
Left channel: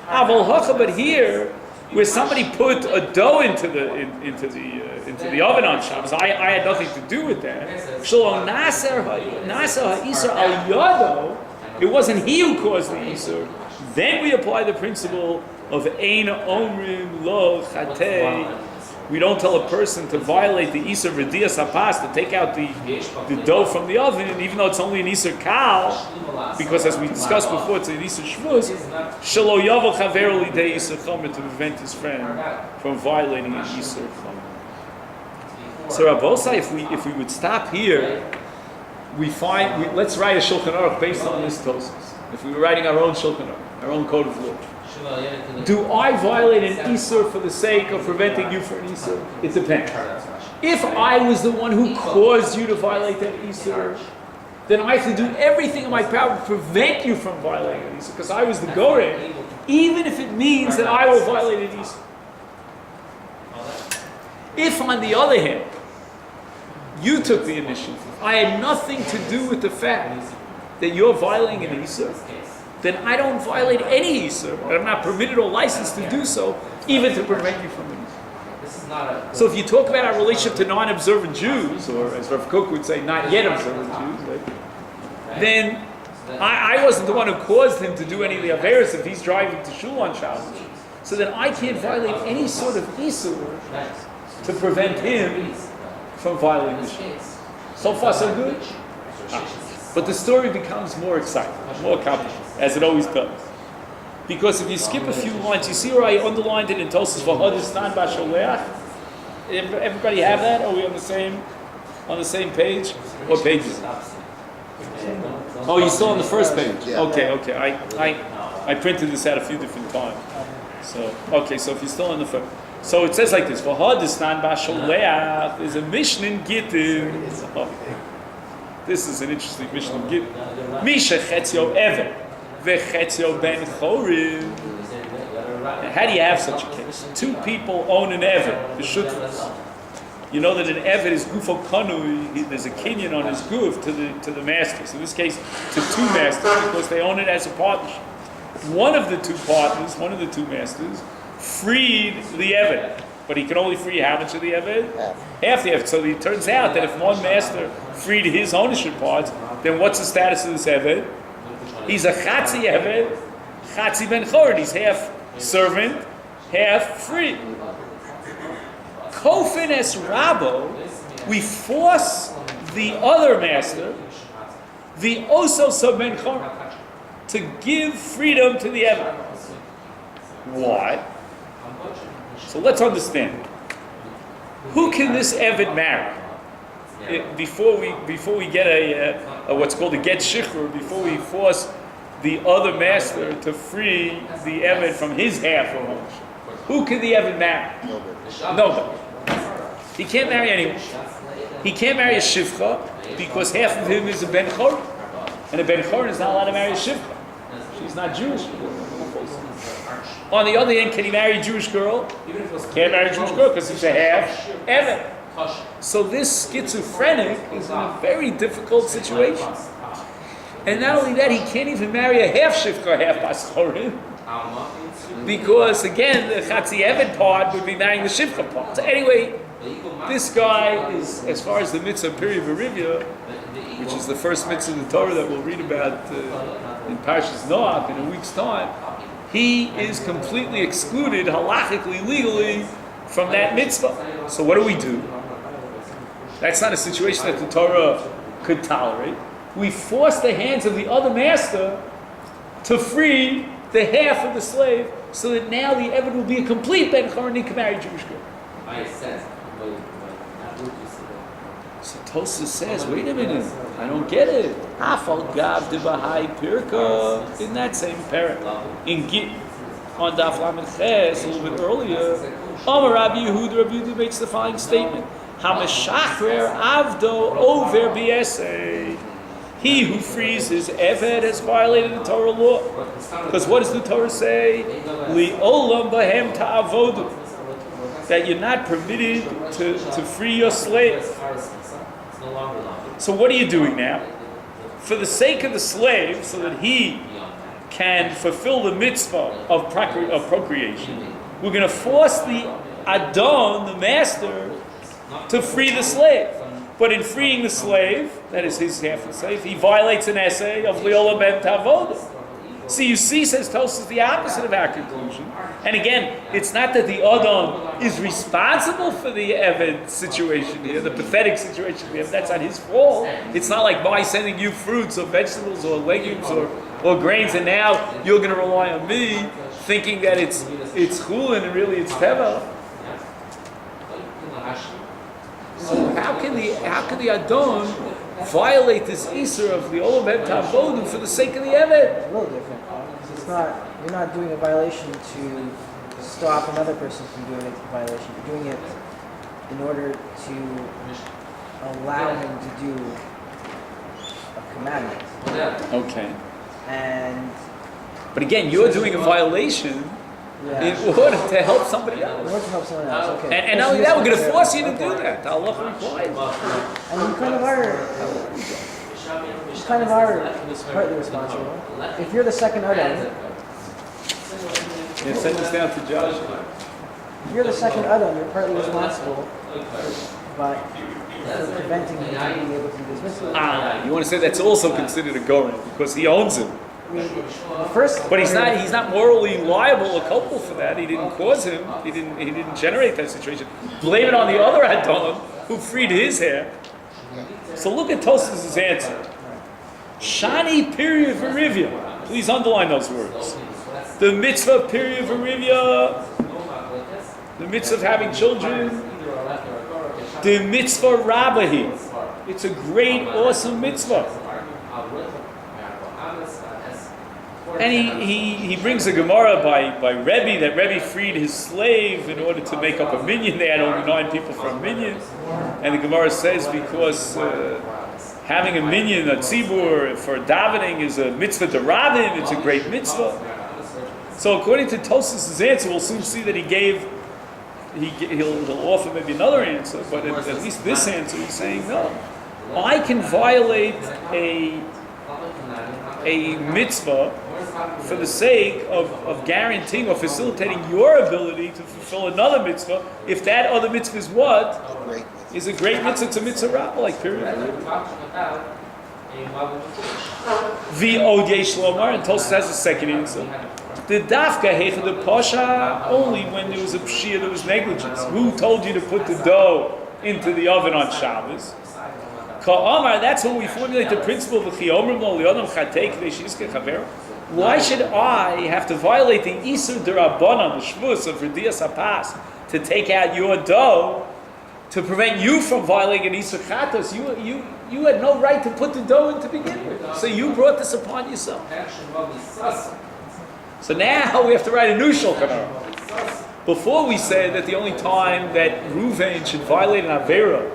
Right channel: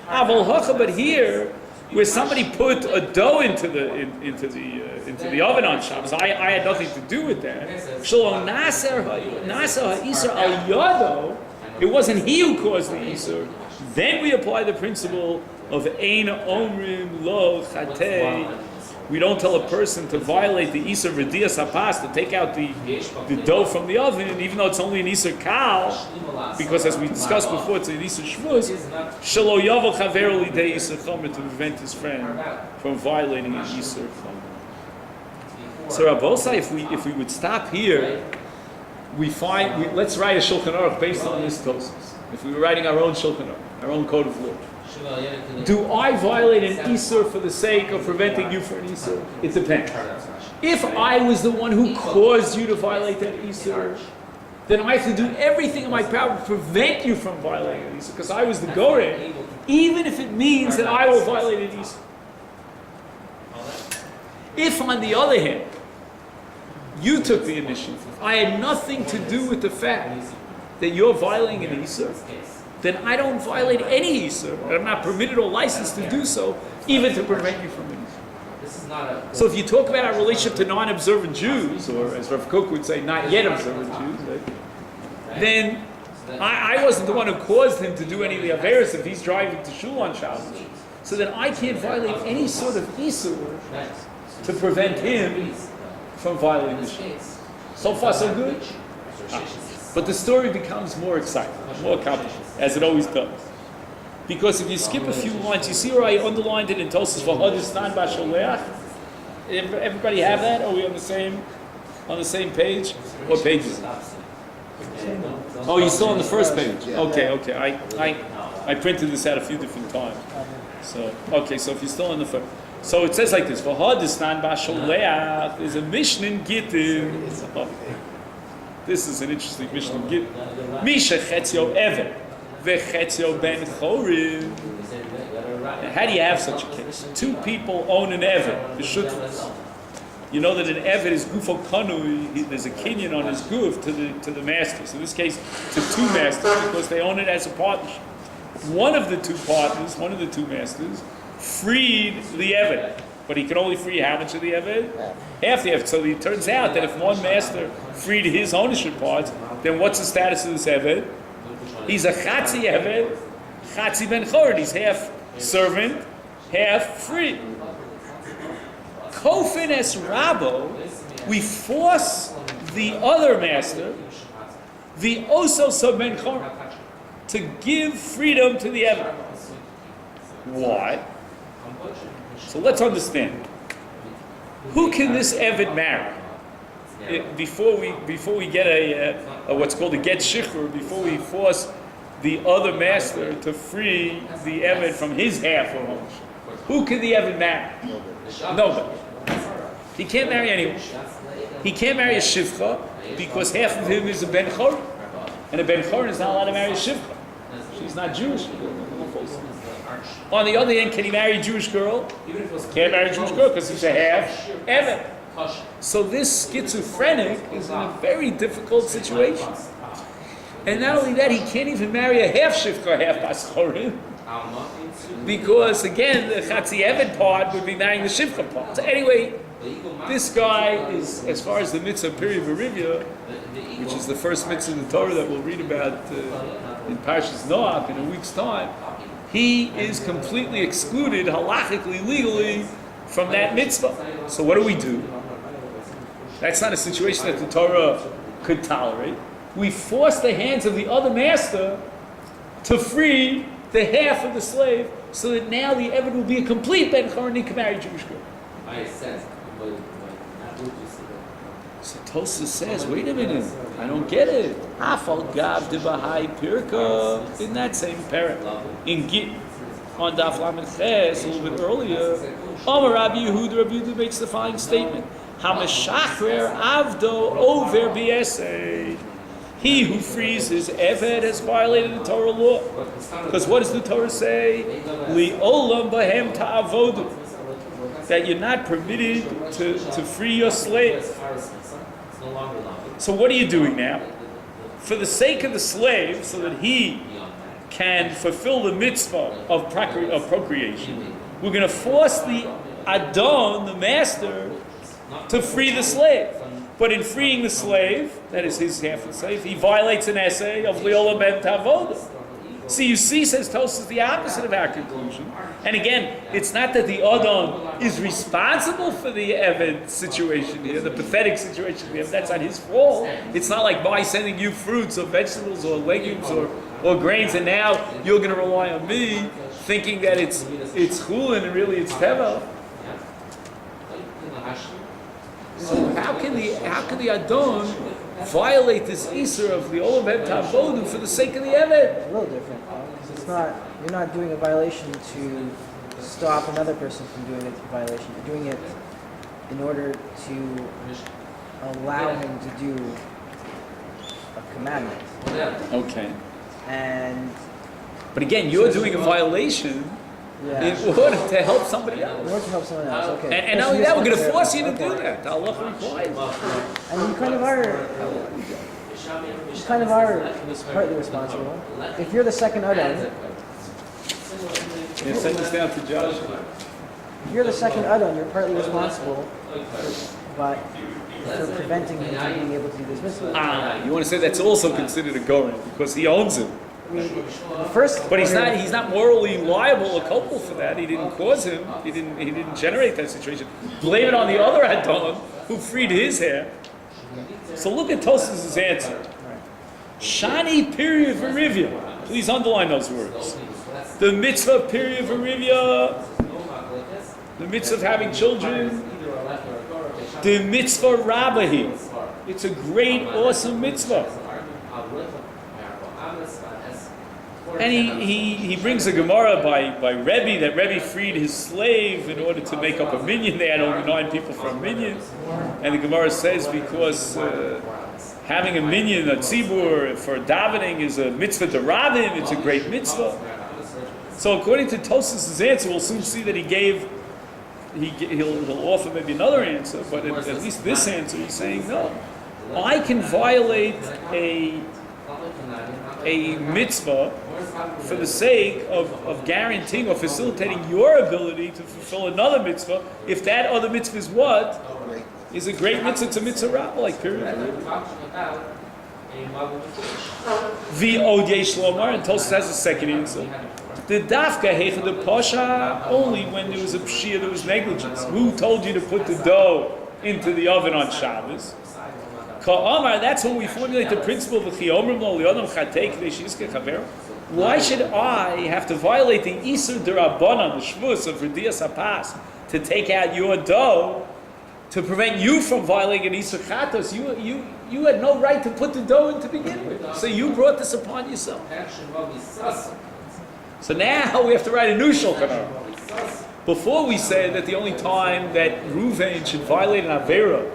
But here, where somebody put a dough into the oven on Shabbos, I had nothing to do with that. It wasn't he who caused the Isur. Then we apply the principle of Ein Omrim Lo Chatei. We don't tell a person to violate the Isur V'Dias HaPas, to take out the dough from the oven, even though it's only an Isur Kal, because as we discussed before, it's an Isur Shvuz, Shelo Yavo Chaver Lidei Isur Chomer, to prevent his friend from violating an Isur Chomer. So Rabbosai, if we would stop here, let's write a Shulchan Aruch based on this Tosfos. If we were writing our own Shulchan Aruch, our own code of law. Do I violate an Isur for the sake of preventing you from an Isur? It depends. If I was the one who caused you to violate that Isur, then I have to do everything in my power to prevent you from violating an Isur, because I was the Goreh, even if it means that I will violate an Isur. If, on the other hand, you took the initiative, I had nothing to do with the fact that you're violating an Isur, then I don't violate any Isur, and I'm not permitted or licensed to do so, even to prevent you from an Isur. So if you talk about our relationship to non-observant Jews, or as Rav Kook would say, not yet observant Jews, right? Then I wasn't the one who caused him to do any of the Averis if he's driving to Shul on Shabbos. So then I can't violate any sort of Isur to prevent him from violating the Shul. So far so good? But the story becomes more exciting, more complicated, as it always does. Because if you skip a few lines, you see where I underlined it in Tosfos V'Hodistan B'Sholeach? Everybody have that? Are we on the same page? What page is it? Oh, you're still on the first page? Okay. I printed this out a few different times. So if you're still on the first. So it says like this, V'Hodistan B'Sholeach, there's a Mishnah in Gittin. This is an interesting Mishnah in Gittin. Misha Chetzio Eved, Vechetzio Ben Chorim. How do you have such a case? Two people own an Eved, the Shutras. You know that an Eved is Gufo Kanui, there's a kinyan on his Guf to the masters. In this case, to two masters, because they own it as a partnership. One of the two masters, freed the Eved. But he can only free how much of the Eved? Half the Eved. So it turns out that if one master freed his ownership parts, then what's the status of this Eved? He's a Chatzi Eved, Chatzi Ben Chorin. He's half servant, half free. Kofin es Rabo, we force the other master, the Oso Sub Ben Chorin, to give freedom to the Eved. Why? So let's understand. Who can this Eved marry? Before we get a what's called a get shikhr, before we force the other master to free the Eved from his half of ownership, who can the Eved marry? Nobody. He can't marry anyone. He can't marry a shivcha because half of him is a ben chor, and a ben chor is not allowed to marry a shivcha. She's not Jewish. On the other hand, can he marry a Jewish girl? Can't marry a Jewish girl because he's a half Eved. So this schizophrenic is in a very difficult situation. And not only that, he can't even marry a half shivcha, half baschorim. Because again, the Chatzi Eved part would be marrying the shivcha part. So anyway, this guy is, as far as the mitzvah Piri V'Rivya, which is the first mitzvah in the Torah that we'll read about in Parshas Noach in a week's time, he is completely excluded halachically, legally, from that mitzvah. So what do? That's not a situation that the Torah could tolerate. We force the hands of the other master to free the half of the slave, so that now the Eved will be a complete Ben Chor and he can marry a Jewish girl. So Tosfos says, wait a minute, I don't get it. Hafal Gav de Bahai Pirka in that same parak in Git. on Daf Lamed Ches, a little bit earlier, Rabbi Yehuda makes the following statement: Hameshachrer avdo over b'esei. He who frees his eved has violated the Torah law. Because what does the Torah say? Li'olam bahem ta'avodu. That you're not permitted to free your slave. So what are you doing now? For the sake of the slave, so that he can fulfill the mitzvah of procreation, we're going to force the Adon, the master, to free the slave. But in freeing the slave, that is his half of the slave, he violates an essay of Leola ben Tavoda. So you see, says Tosfos, the opposite of our conclusion. And again, it's not that the Adon is responsible for the Eved situation here, the pathetic situation here. That's not his fault. It's not like by sending you fruits or vegetables or legumes or grains, and now you're going to rely on me, thinking that it's chulin and really it's teva. So how can the Adon violate this Isser of the Olam Ben Tavodu for the sake of the Eved? It's a little different. Because you're not doing a violation to stop another person from doing a violation. You're doing it in order to allow him to do a commandment. Okay. But again, you're doing a violation in order to help somebody else. In order to help someone else, okay. And not only that, we're going to force you to do that. The Allah requires. And you kind of are partly responsible. If you're the second Adon, Send this down to Josh. if you're the second Adon, you're partly responsible, but for preventing him from being able to do this mitzvah. You want to say that's also considered a goren because he owns him. I mean, first, But he's not morally liable or culpable for that. He didn't cause him. He didn't generate that situation. Blame it on the other Adon who freed his hair. So look at Tosfos' answer. Shani period Verivya. Please underline those words. The mitzvah of period Verivya, the mitzvah of having children, the mitzvah Rabbi. It's a great, awesome mitzvah. And he brings a Gemara by Rabbi that Rabbi freed his slave in order to make up a minyan. They had only 9 people for a minyan. And the Gemara says because having a minyan, a tzibur, for davening is a mitzvah d'Rabim, it's a great mitzvah. So according to Tosfos' answer, we'll soon see that he'll offer maybe another answer, but at least this answer he's saying no. I can violate a mitzvah for the sake of guaranteeing or facilitating your ability to fulfill another mitzvah, if that other mitzvah is what? Is a great mitzvah to mitzvah rabba, like period. V'od yesh lomar, and Tosfos has a second answer. The dafka hecha the pasha only when there was a pshia, there was negligence. Who told you to put the dough into the oven on Shabbos? Ka'amar, that's when we formulate the principle of chiyomrim lo li'odam chatei k'dei shi'izkei chavero. Why should I have to violate the Isur D'Rabbanan, the Shvus of R'diyas HaPas, to take out your dough, to prevent you from violating an Isur Chatos? You had no right to put the dough in to begin with. So you brought this upon yourself. So now we have to write a new Shulchan Aruch. Before we said that the only time that Reuven should violate an Avera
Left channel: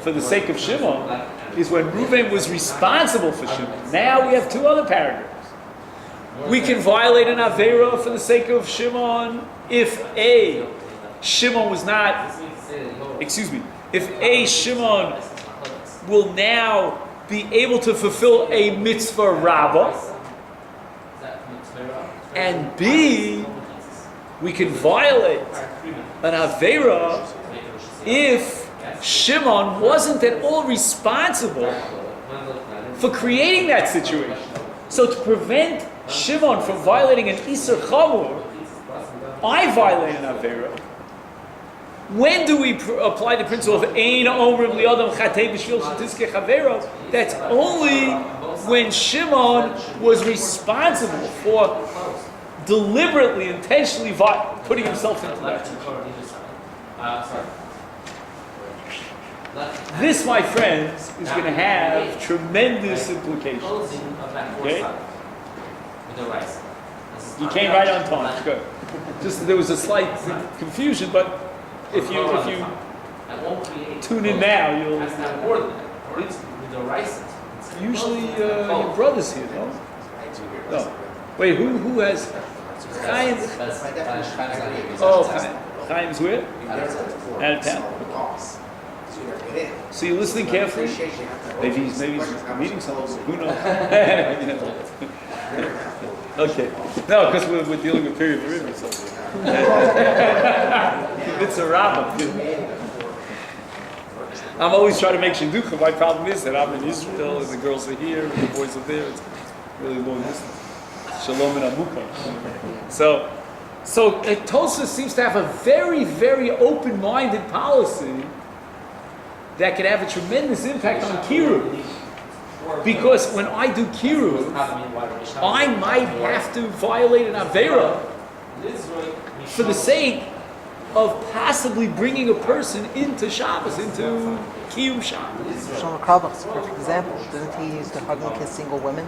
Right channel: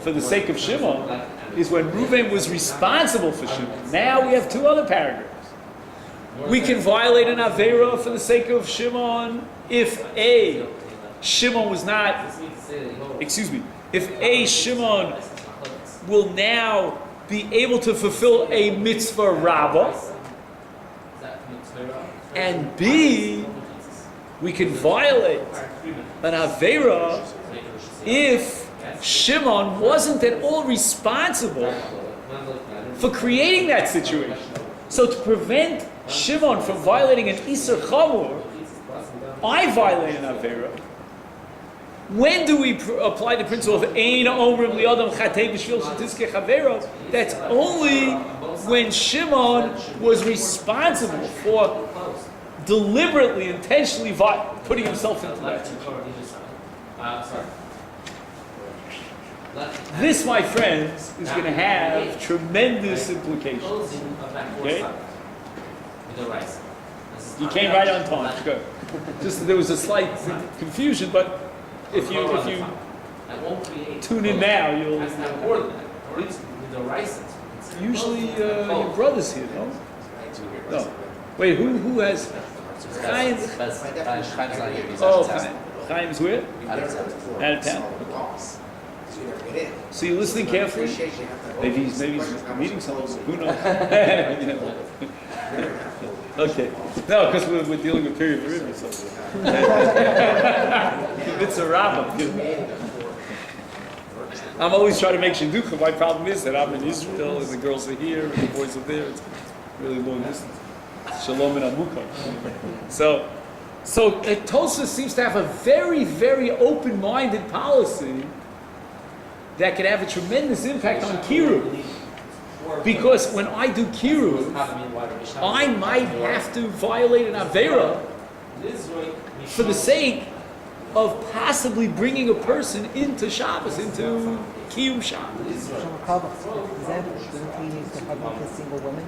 for the sake of Shimon is when Reuven was responsible for Shimon. Now we have 2 other paragraphs. We can violate an Avera for the sake of Shimon if Shimon will now be able to fulfill a mitzvah rabbah, and B, we can violate an Avera if Shimon wasn't at all responsible for creating that situation. So to prevent Shimon from violating an Isur Chamur, I violate an Avera. When do we apply the principle of Ein Omrim Li'adam Chatei B'Shvil Shetizkei Chavero? That's only when Shimon was responsible for deliberately, intentionally putting himself into that situation. This, my friends, is going to have tremendous implications. Okay? You came right on time. Good. Just there was a slight confusion, but if you I won't create. tune in now, you'll Has to have more than that. Or it's the rice. usually your brother's here, no? No. Wait, who has Chaim? Oh, Chaim's where? Out of town. So you're listening carefully? Maybe he's reading something. Who knows? You know. Okay. No, because we're dealing with period of river. So. It's a Rabbi. I'm always trying to make shidducha. My problem is that I'm in Israel and the girls are here and the boys are there. It's really long distance. Shalom and Amukah. So Tosa seems to have a very, very open-minded policy that could have a tremendous impact on Kiruv. Because when I do Kiruv, I might have to violate an Avera for the sake of possibly bringing a person into Shabbos, into Kiyum Shabbos. Shlomo Krabach, for example, didn't he used to hug and kiss single women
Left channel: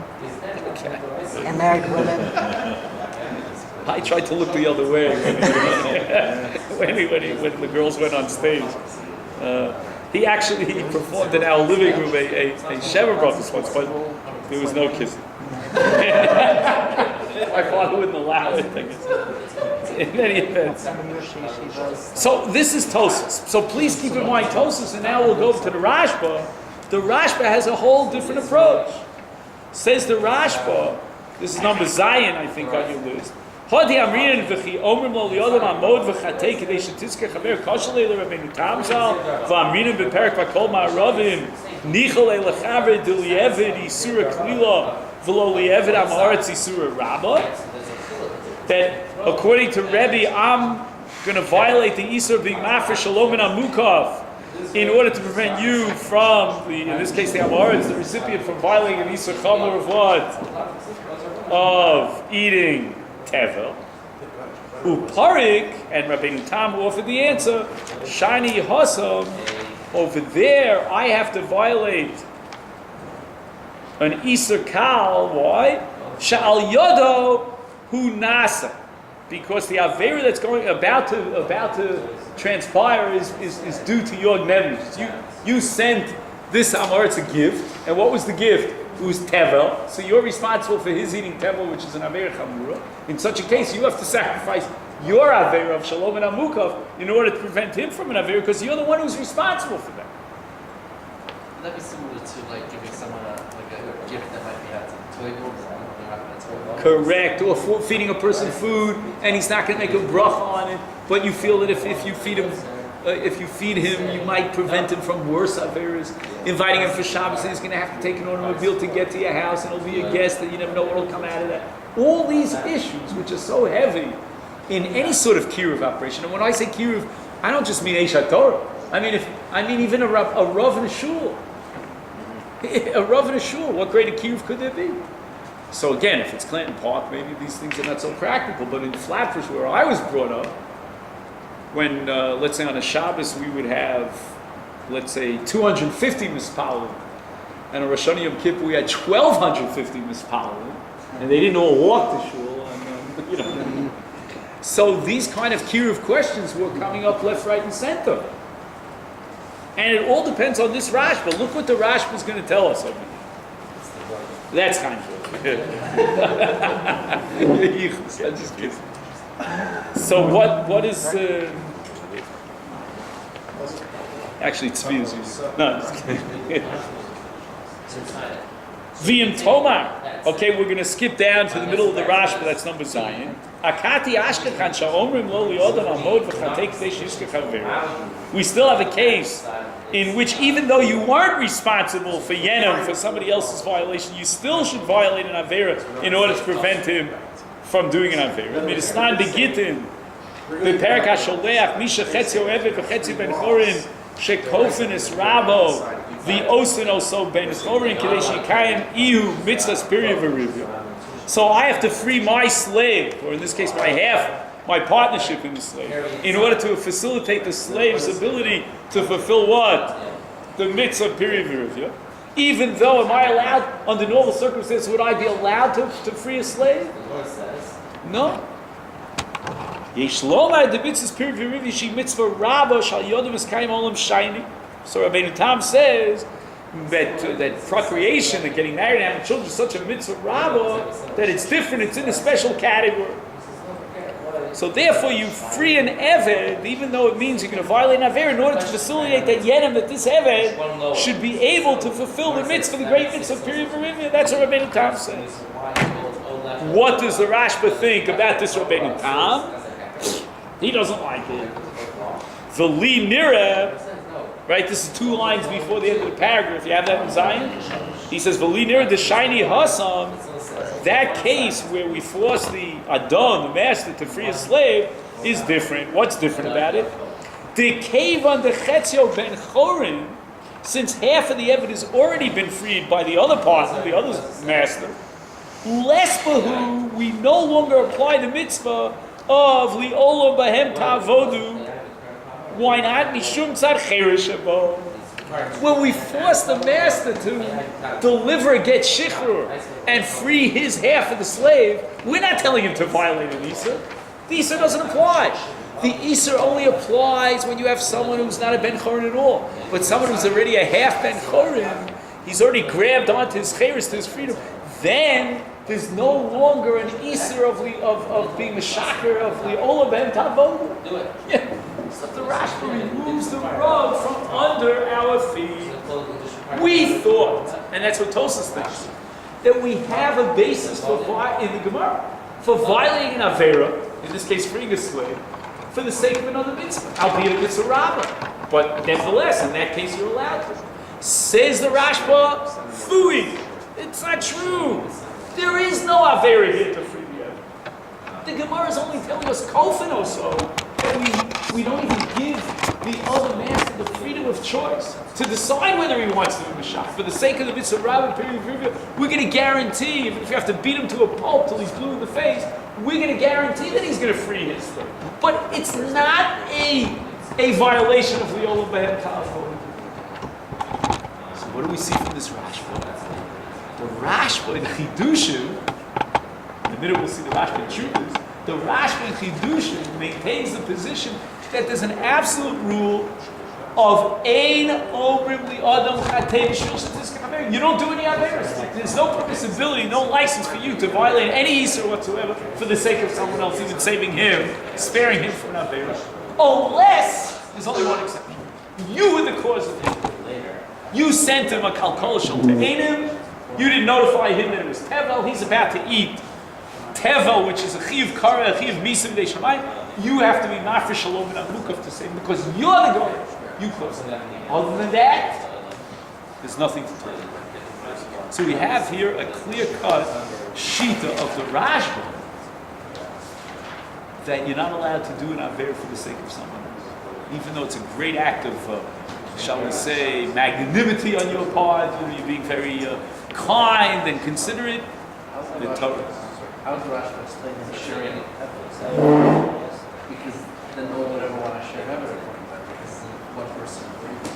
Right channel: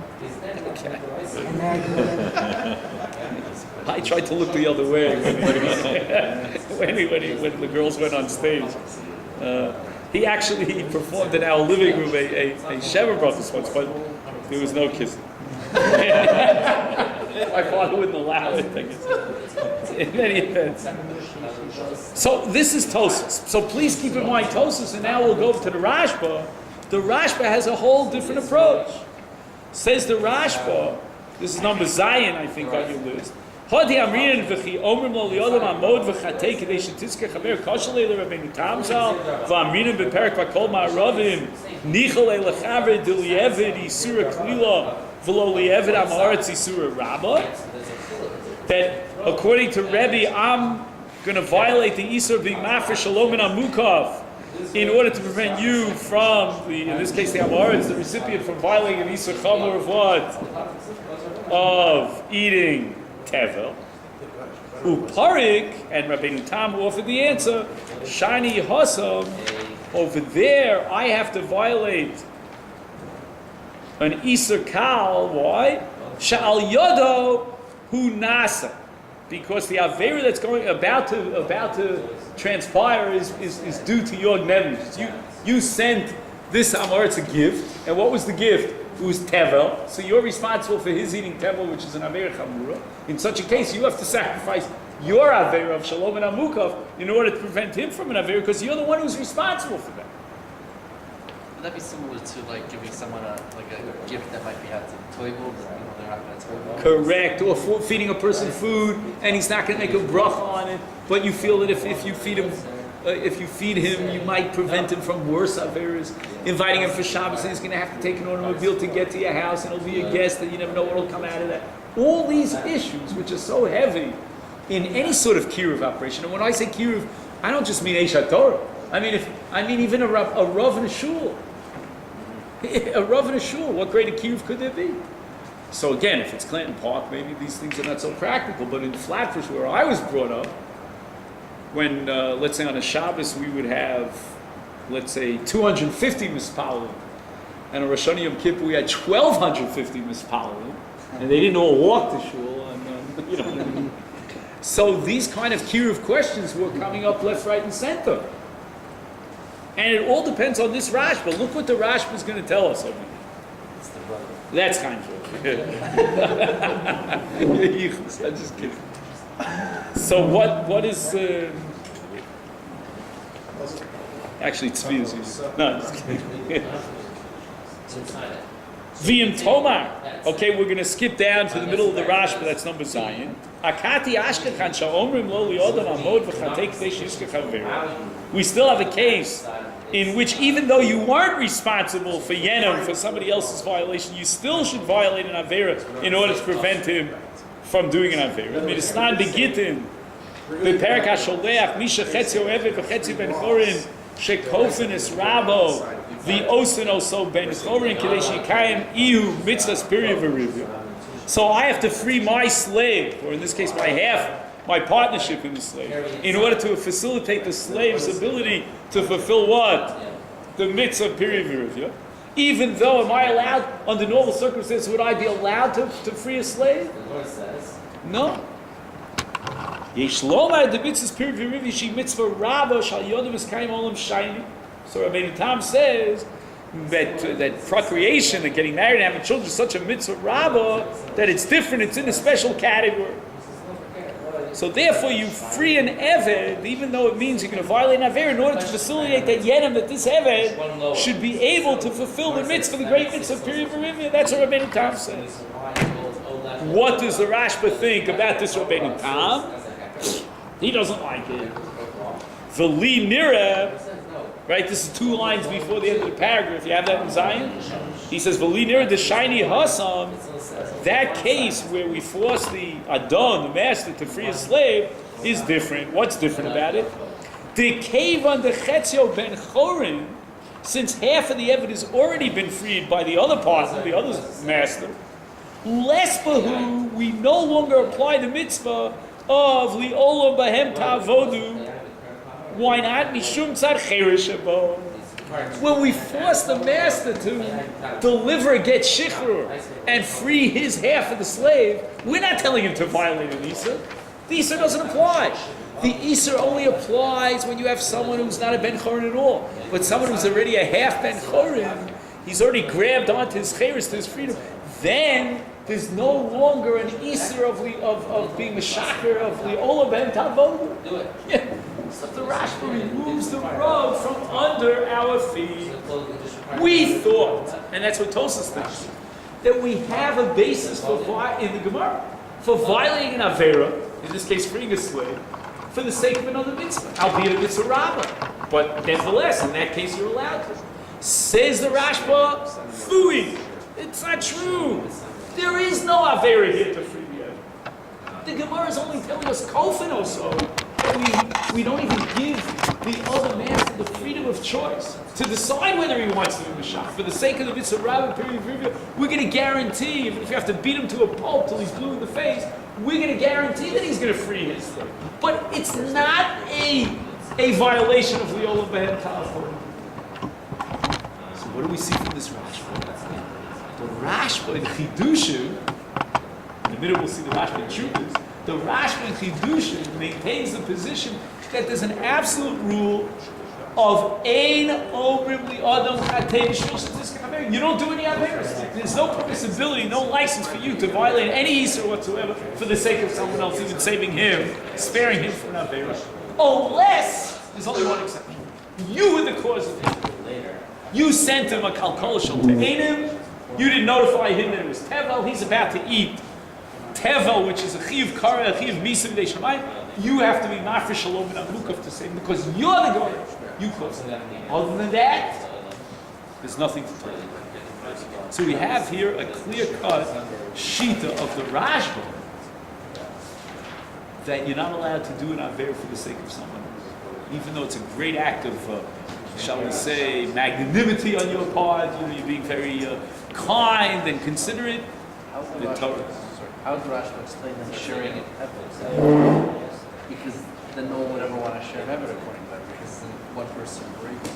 Okay. and married women? I tried to look the other way when the girls went on stage. He performed in our living room a Sheva Brothers once, but there was no kissing. My father wouldn't allow it, I guess. In any event. So this is Tosas. So please keep in mind Tosas, and now we'll go to the Rashba. The Rashba has a whole different approach. Says the Rashba, this is number Zion, I think, on your list. Hodi amrin v'chi omrim lo liyodam amod v'chatei kedei shetizke chaver koshalei l'Rabbeinu Tamzal v'amrinim b'perek v'kol ma'aravim nichalei l'chaver d'liyevid isura klila v'lo liyevid amaretz isura rabba. That according to Rabbi, I'm going to violate the Isur being mafresh shalom and amukov in order to prevent you from, in this case the Amaretz, the recipient, from violating an Isur chamor of what? Of eating tevel. Uparik, and Rabbeinu Tam offered the answer, Shani Hasam, over there I have to violate an Isur kal, why? Sha'al yodo hu nasa. Because the Avera that's about to transpire is due to your negligence. You sent this Amaretz a gift, and what was the gift? It was Tevel. So you're responsible for his eating Tevel, which is an Avera Chamura. In such a case, you have to sacrifice your Avera of Shalom and Amukov in order to prevent him from an Avera, because you're the one who's responsible for that. Would that be similar to like giving someone a gift that might be at the table? Correct, or feeding a person food, and he's not going to make a bracha on it. But you feel that if you feed him, you might prevent him from worse averas. Inviting him for Shabbos, and he's going to have to take an automobile to get to your house, and he'll be a guest, and you never know what will come out of that. All these issues, which are so heavy in any sort of kiruv operation. And when I say kiruv, I don't just mean Eish HaTorah. I mean even a rav in a shul. A rav in a shul. What greater kiruv could there be? So again, if it's Clinton Park, maybe these things are not so practical. But in Flatbush, where I was brought up, when let's say on a Shabbos we would have, let's say 250 mispalim, and on Rosh Hashanah Yom Kippur we had 1,250 mispalim, and they didn't all walk to shul, and So these kind of kiruv questions were coming up left, right, and center, and it all depends on this Rashba. Look what the Rashba is going to tell us over here. That's kind of I'm just kidding. So what is actually tzvi is easy. No, I'm just kidding. V'im Tomar. Okay, we're going to skip down to the middle of the Rashba. That's number Zion. Akati ashkechan sha'omrim lo li'odam amod v'chatei k'dei sheyizkech havera. We still have a case in which, even though you weren't responsible for Yenim, for somebody else's violation, you still should violate an Avera in order to prevent him from doing an Avera. Midisnan begitin, beperek hasholeach, misha chetzi oevet v'chetzi ben chorin, shekofen es rabo, v'osin oso ben chorin, kedei shikayim ihu mitzvahs piriv v'rivya. So I have to free my slave, or in this case my partnership in the slave, in order to facilitate the slave's ability to fulfill what? The mitzvah period. Yeah? Even though, am I allowed, under normal circumstances, would I be allowed to free a slave? No. Yesh lomar the mitzvahs period v'rivi she mitzvah rabba shal yodam eskayim olam shiny. So Rabbi Tam says that procreation and getting married and having children is such a mitzvah rabba that it's different. It's in a special category. So therefore, you free an eved, even though it means you're going to violate an aver, in order to facilitate that yedim, that this eved should be able to fulfill the mitzvah, the great mitzvah period v'rivia. That's what Rabbi Tam says. What does the Rashba think about this Rabbi Tam? He doesn't like it. The li nira, right? This is 2 lines before the end of the paragraph. You have that in Zion. He says, "V'li nira the shiny hasam." That case where we force the adon, the master, to free a slave is different. What's different about it? The kevan the chetzio ben chorin, since half of the evidence has already been freed by the other partner, the other master. Less bahu, we no longer apply the mitzvah of li'olam bahem ta'avodu. Why not? Mishum tzad cherish abo. When we force the master to deliver, get shichrur, and free his half of the slave, we're not telling him to violate an Isser. The Isser doesn't apply. The Isser only applies when you have someone who's not a Ben Chorin at all. But someone who's already a half Ben Chorin, he's already grabbed onto his cheres, to his freedom. Then there's no longer an Isser of being a shaker of li'olam ben tavodu. Do it. Yeah. So the Rashba removes the rug from under our feet. We thought, and that's what Tosas thinks, that we have a basis for in the Gemara for violating an avera, in this case freeing a slave, for the sake of another mitzvah, albeit a mitzvah rabbah. But nevertheless, in that case, you're allowed to. Says the Rashba, fooey. It's not true. There is no avera here to free the avera. The Gemara is only telling us kofin or so. We don't even give the other master the freedom of choice to decide whether he wants to be Mashach. For the sake of the mitzvah rabbah period, we're going to guarantee, even if you have to beat him to a pulp till he's blue in the face, we're going to guarantee that he's going to free his slave. But it's not a violation of li'olam behem ta'avodu. So what do we see from this Rashba? The Rashba in Chidushin, in a minute we'll see the Rashba in Chuvas, the Rashba in Chidushin maintains the position that there's an absolute rule of ein omrim li adam chatei b'shul shetis k'chaver. You don't do any averos. There's no permissibility, no license for you to violate any Isser whatsoever for the sake of someone else, even saving him, sparing him from an avera. Unless there's only one exception. You were the cause of it. You sent him a kalkol shel te'enim. You didn't notify him that it was tevel. He's about to eat tevel, which is a chiv kara, a chiv misa b'dei shamayim. You have to be mafresh shalom and amukaf to save him because you're the guy. You caused it. Other than that, there's nothing to tell you. So we have here a clear-cut shita of the Rashba that you're not allowed to do an aver for the sake of someone else, even though it's a great act of, shall we say, magnanimity on your part. You're being very kind and considerate. The Torah. How does Rashba explain the sharing evidence? Because then no one would ever want to share evidence according to that, because one person agrees.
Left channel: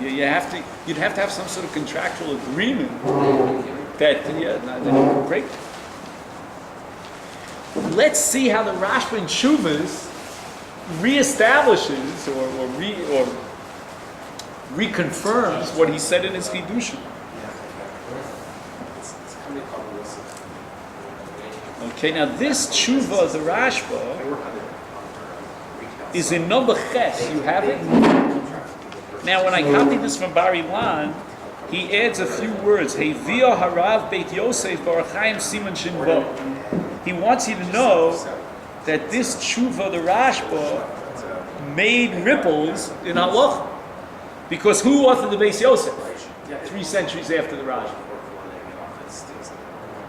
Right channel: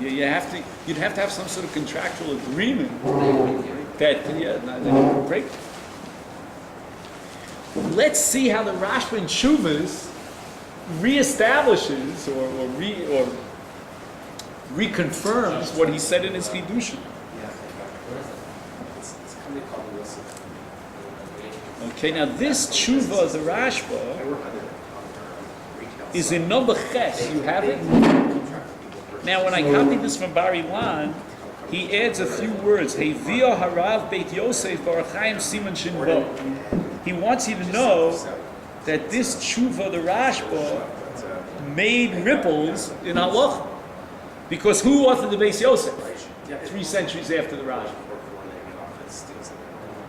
Yeah, you'd have to have some sort of contractual agreement that you can break. Let's see how the Rashba in Chuvas reestablishes or reconfirms what he said in his Chidushin. Okay, now this tshuva, the Rashba, is in number ches. You have it? Now, when I copied this from Bar Ilan, he adds a few words. Hevia harav beit Yosef barachayim siman shin bo. He wants you to know that this tshuva, the Rashba, made ripples in halacha. Because who authored the Beis Yosef? 3 centuries after the Rashba.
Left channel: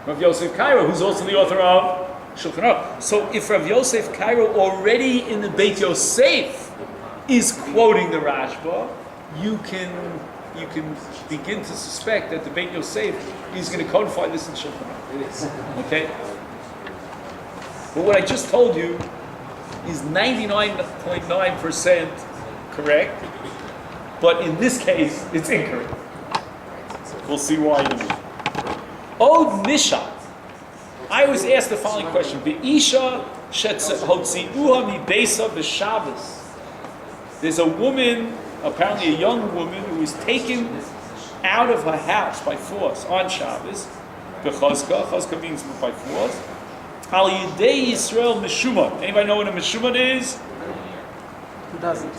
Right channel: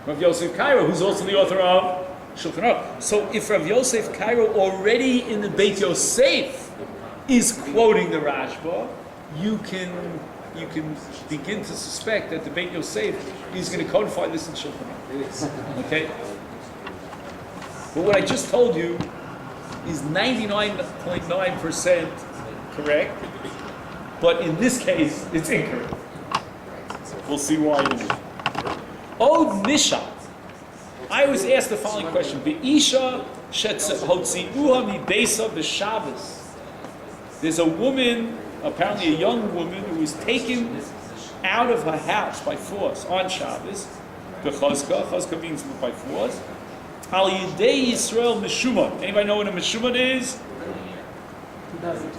Rav Yosef Cairo, who's also the author of Shulchan Aruch. So if Rav Yosef Cairo already in the Beit Yosef is quoting the Rashba, you can begin to suspect that the Beit Yosef is going to codify this in Shulchan Aruch. Okay? But what I just told you is 99.9% correct, but in this case, it's incorrect. We'll see why in a minute. Od Nisha. I was asked the following question. Be'isha hotzi'uha mibeisa b'Shabbos. There's a woman, apparently a young woman, who was taken out of her house by force on Shabbos. B'chazka. Chazka means by force. Al Yidei Yisrael Meshumad. Anybody know what a Meshumad is? Who doesn't?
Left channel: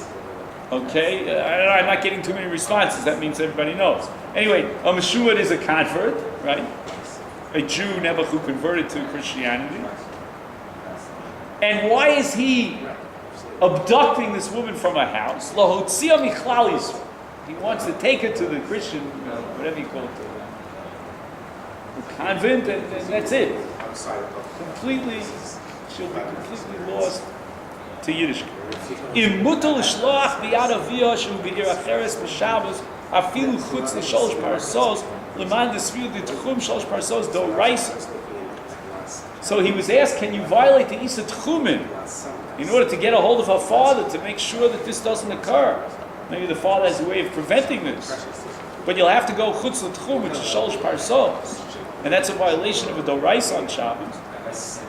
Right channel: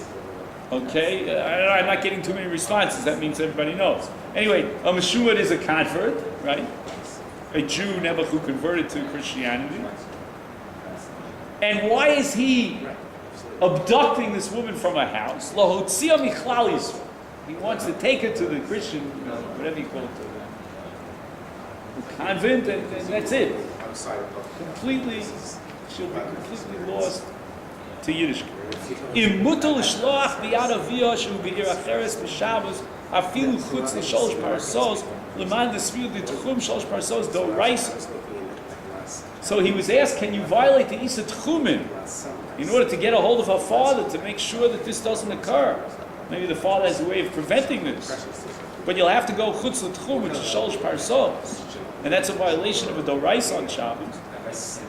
Okay, I'm not getting too many responses. That means everybody knows. Anyway, a Meshumad is a convert, right? A Jew, never who converted to Christianity. And why is he abducting this woman from her house? Lahotzia michlal Yisrael. He wants to take her to the Christian, whatever you call it, the convent, and that's it. Completely, she'll be completely lost to Yiddishkeit. Im mutal l'shloach b'yad aviyah shu b'ir acheres b'Shabbos afilu chutz l'sholosh parsos l'man d'sviu d'tchum sholosh parsos d'oraisa. So he was asked, can you violate the Isa Tchumen in order to get a hold of her father to make sure that this doesn't occur? Maybe the father has a way of preventing this. But you'll have to go chutz l'tchum, which is sholosh parsos. And that's a violation of a doraisa on Shabbos.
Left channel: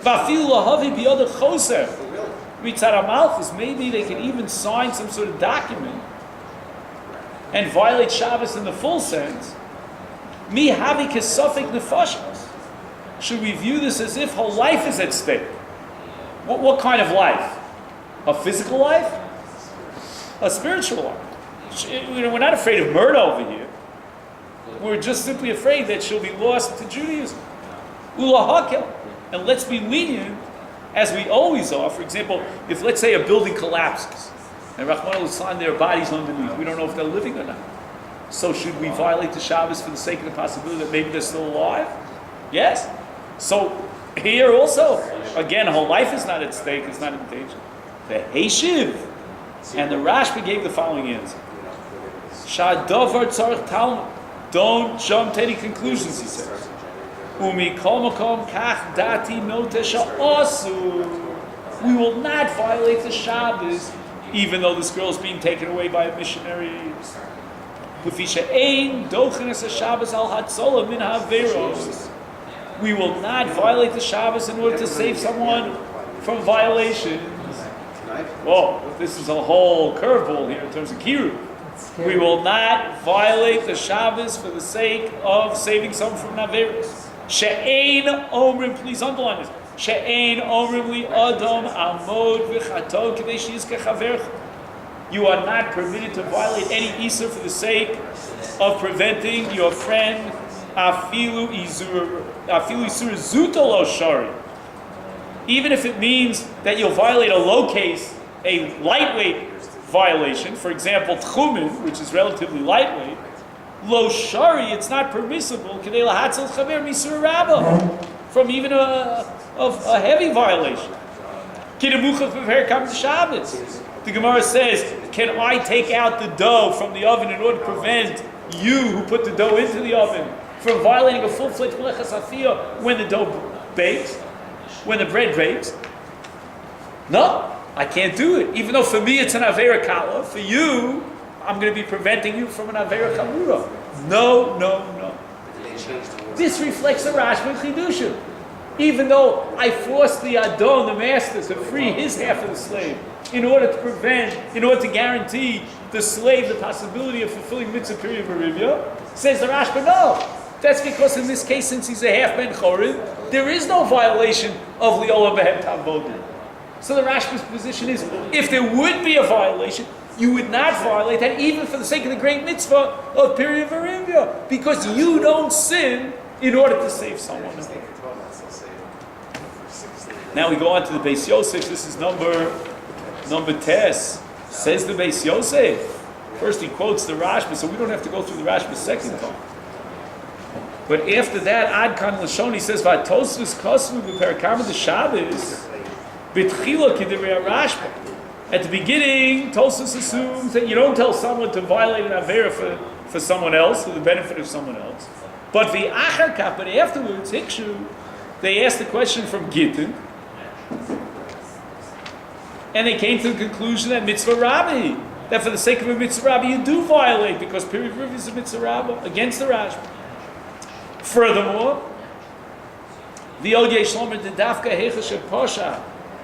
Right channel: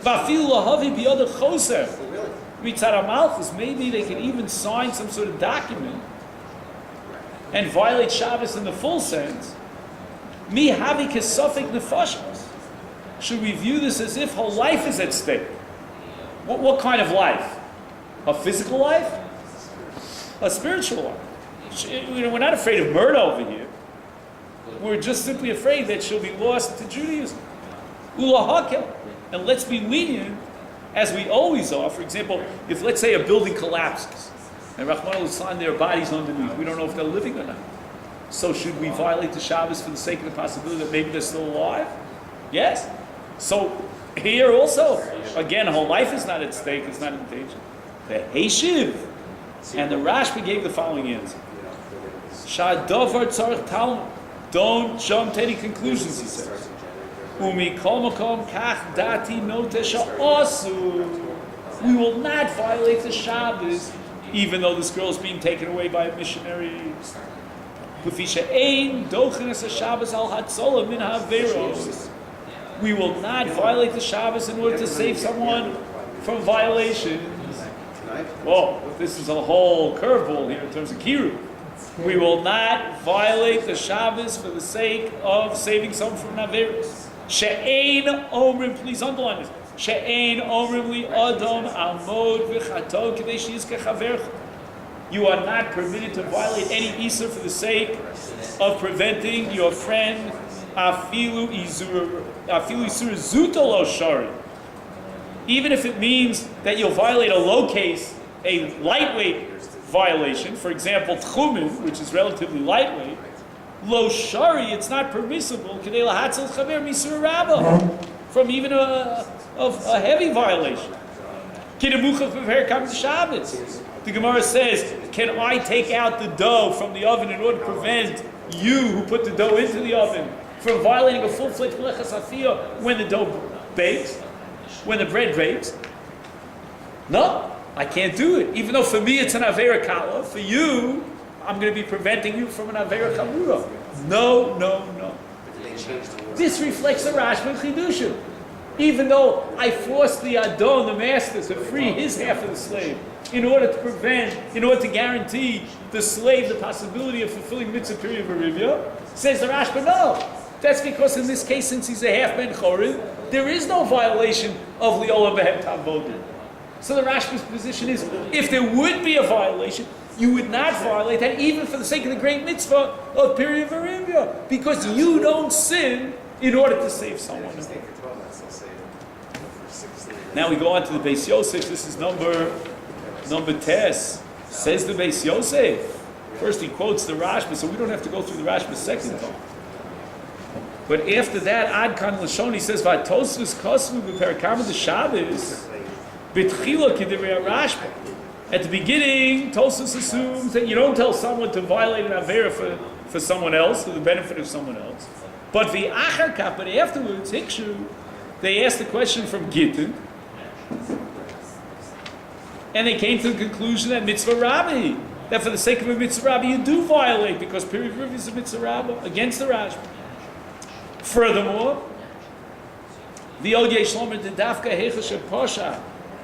V'afilu lahavi b'yad choser. Mitzad Malchus, maybe they can even sign some sort of document and violate Shabbos in the full sense. Mi havi kesafik nefashos. Should we view this as if her life is at stake? What kind of life? A physical life? A spiritual life? We're not afraid of murder over here. We're just simply afraid that she'll be lost to Judaism. Ulahakel. And let's be lenient, as we always are. For example, if let's say a building collapses, and Rahman al-Islam, their bodies underneath, we don't know if they're living or not. So should we violate the Shabbos for the sake of the possibility that maybe they're still alive? Yes. So here also, again, her life is not at stake, it's not in danger. The Heshiv. And the Rashbi gave the following answer. Sha'davar tzarich talmud. Don't jump to any conclusions, he says. We will not violate the Shabbos, even though this girl is being taken away by a missionary. We will not violate the Shabbos in order to save someone from violations. Whoa, this is a whole curveball here in terms of Kiru. We will not violate the Shabbos for the sake of saving someone from Naveris. She'ein omrim, please underline this. She'ein omrim li adam amod v'chato k'dei sheyizkeh chavercha. You are not permitted to violate any Isur for the sake of preventing your friend afilu isur zuta lo shari. Even if it means that you'll violate a low case, a lightweight violation, for example, tchumen, which is relatively lightweight, lo shari, it's not permissible from even a heavy violation. The Gemara says, can I take out the dough from the oven in order to prevent you who put the dough into the oven from violating a full-fledged melechas afiyah when the dough bakes, when the bread bakes? No, I can't do it. Even though for me it's an avera kala, for you, I'm going to be preventing you from an avera chamura. No. This reflects the Rashba Chidushim. Even though I forced the Adon, the master, to free his half of the slave in order to guarantee the slave the possibility of fulfilling mitzvah period Barivya, says the Rashba, no. That's because in this case, since he's a half ben chorin, there is no violation of Liola Behem Tavodim. So the Rashba's position is, if there would be a violation, you would not violate that even for the sake of the great mitzvah of period Varivya, because you don't sin in order to save someone. Now we go on to the Beis Yosef. This is number Tes. Says the Beis Yosef. First he quotes the Rashba, so we don't have to go through the Rashba's second time. But after that, Ad Kan Lashon, he says, Vatosvus Kosvu B'Perakama the Shabbos B'Tchila K'Divrei Rashba. At the beginning, Tosfos assumes that you don't tell someone to violate an avera for someone else, for the benefit of someone else. But v'achar, but afterwards, Hikshu, they asked the question from Gittin, and they came to the conclusion that mitzvah Rabbi, that for the sake of a mitzvah Rabbi, you do violate, because period is a mitzvah Rabbi against the Rashba. Furthermore, The Odye Shlomer the Dafka Hecha Posha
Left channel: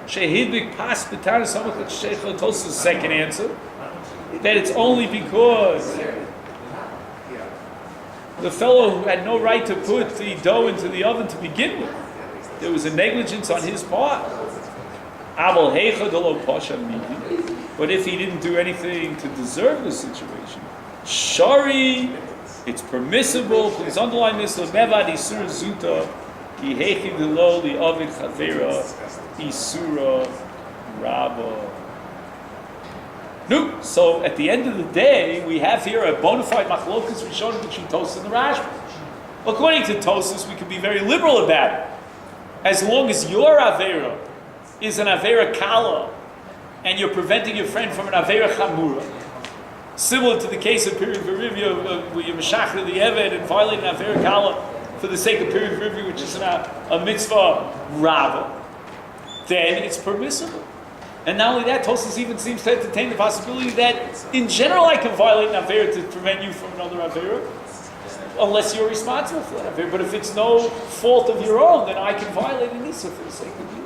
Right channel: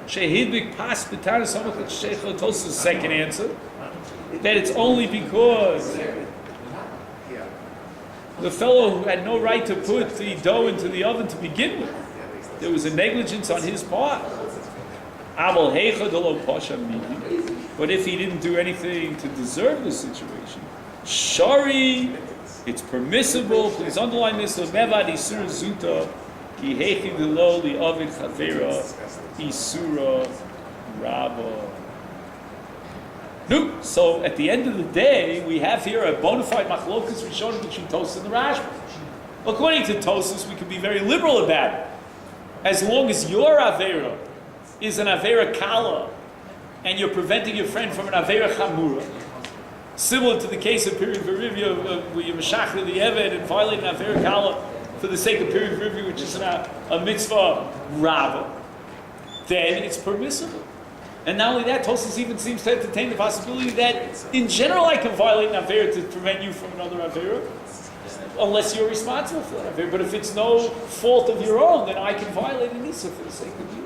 Shehidbik Pas B'Tar Samach Sheikhot Tos's second answer, that it's only because the fellow who had no right to put the dough into the oven to begin with, there was a negligence on his part. Abel Hecha Delo Posha Midi. But if he didn't do anything to deserve the situation, Shari, it's permissible. Please underline this. Lemevad Isur Zuta Ki Hechi Delo Li Ovid Chavera Isura Rabba. No. So at the end of the day, we have here a bona fide machlokas rishon between Tosas and the Rashba. According to Tosas, we can be very liberal about it. As long as your Avera is an Avera Kala, and you're preventing your friend from an Avera Chamura, similar to the case of Period Verivia, where you meshachar the Eved and violate an Avera Kala for the sake of Period Verivia, which is a mitzvah Rava, then it's permissible. And not only that, Tosas even seems to entertain the possibility that in general I can violate an Avera to prevent you from another Avera, unless you're responsible for that Avera. But if it's no fault of your own, then I can violate an Issa for the sake of you.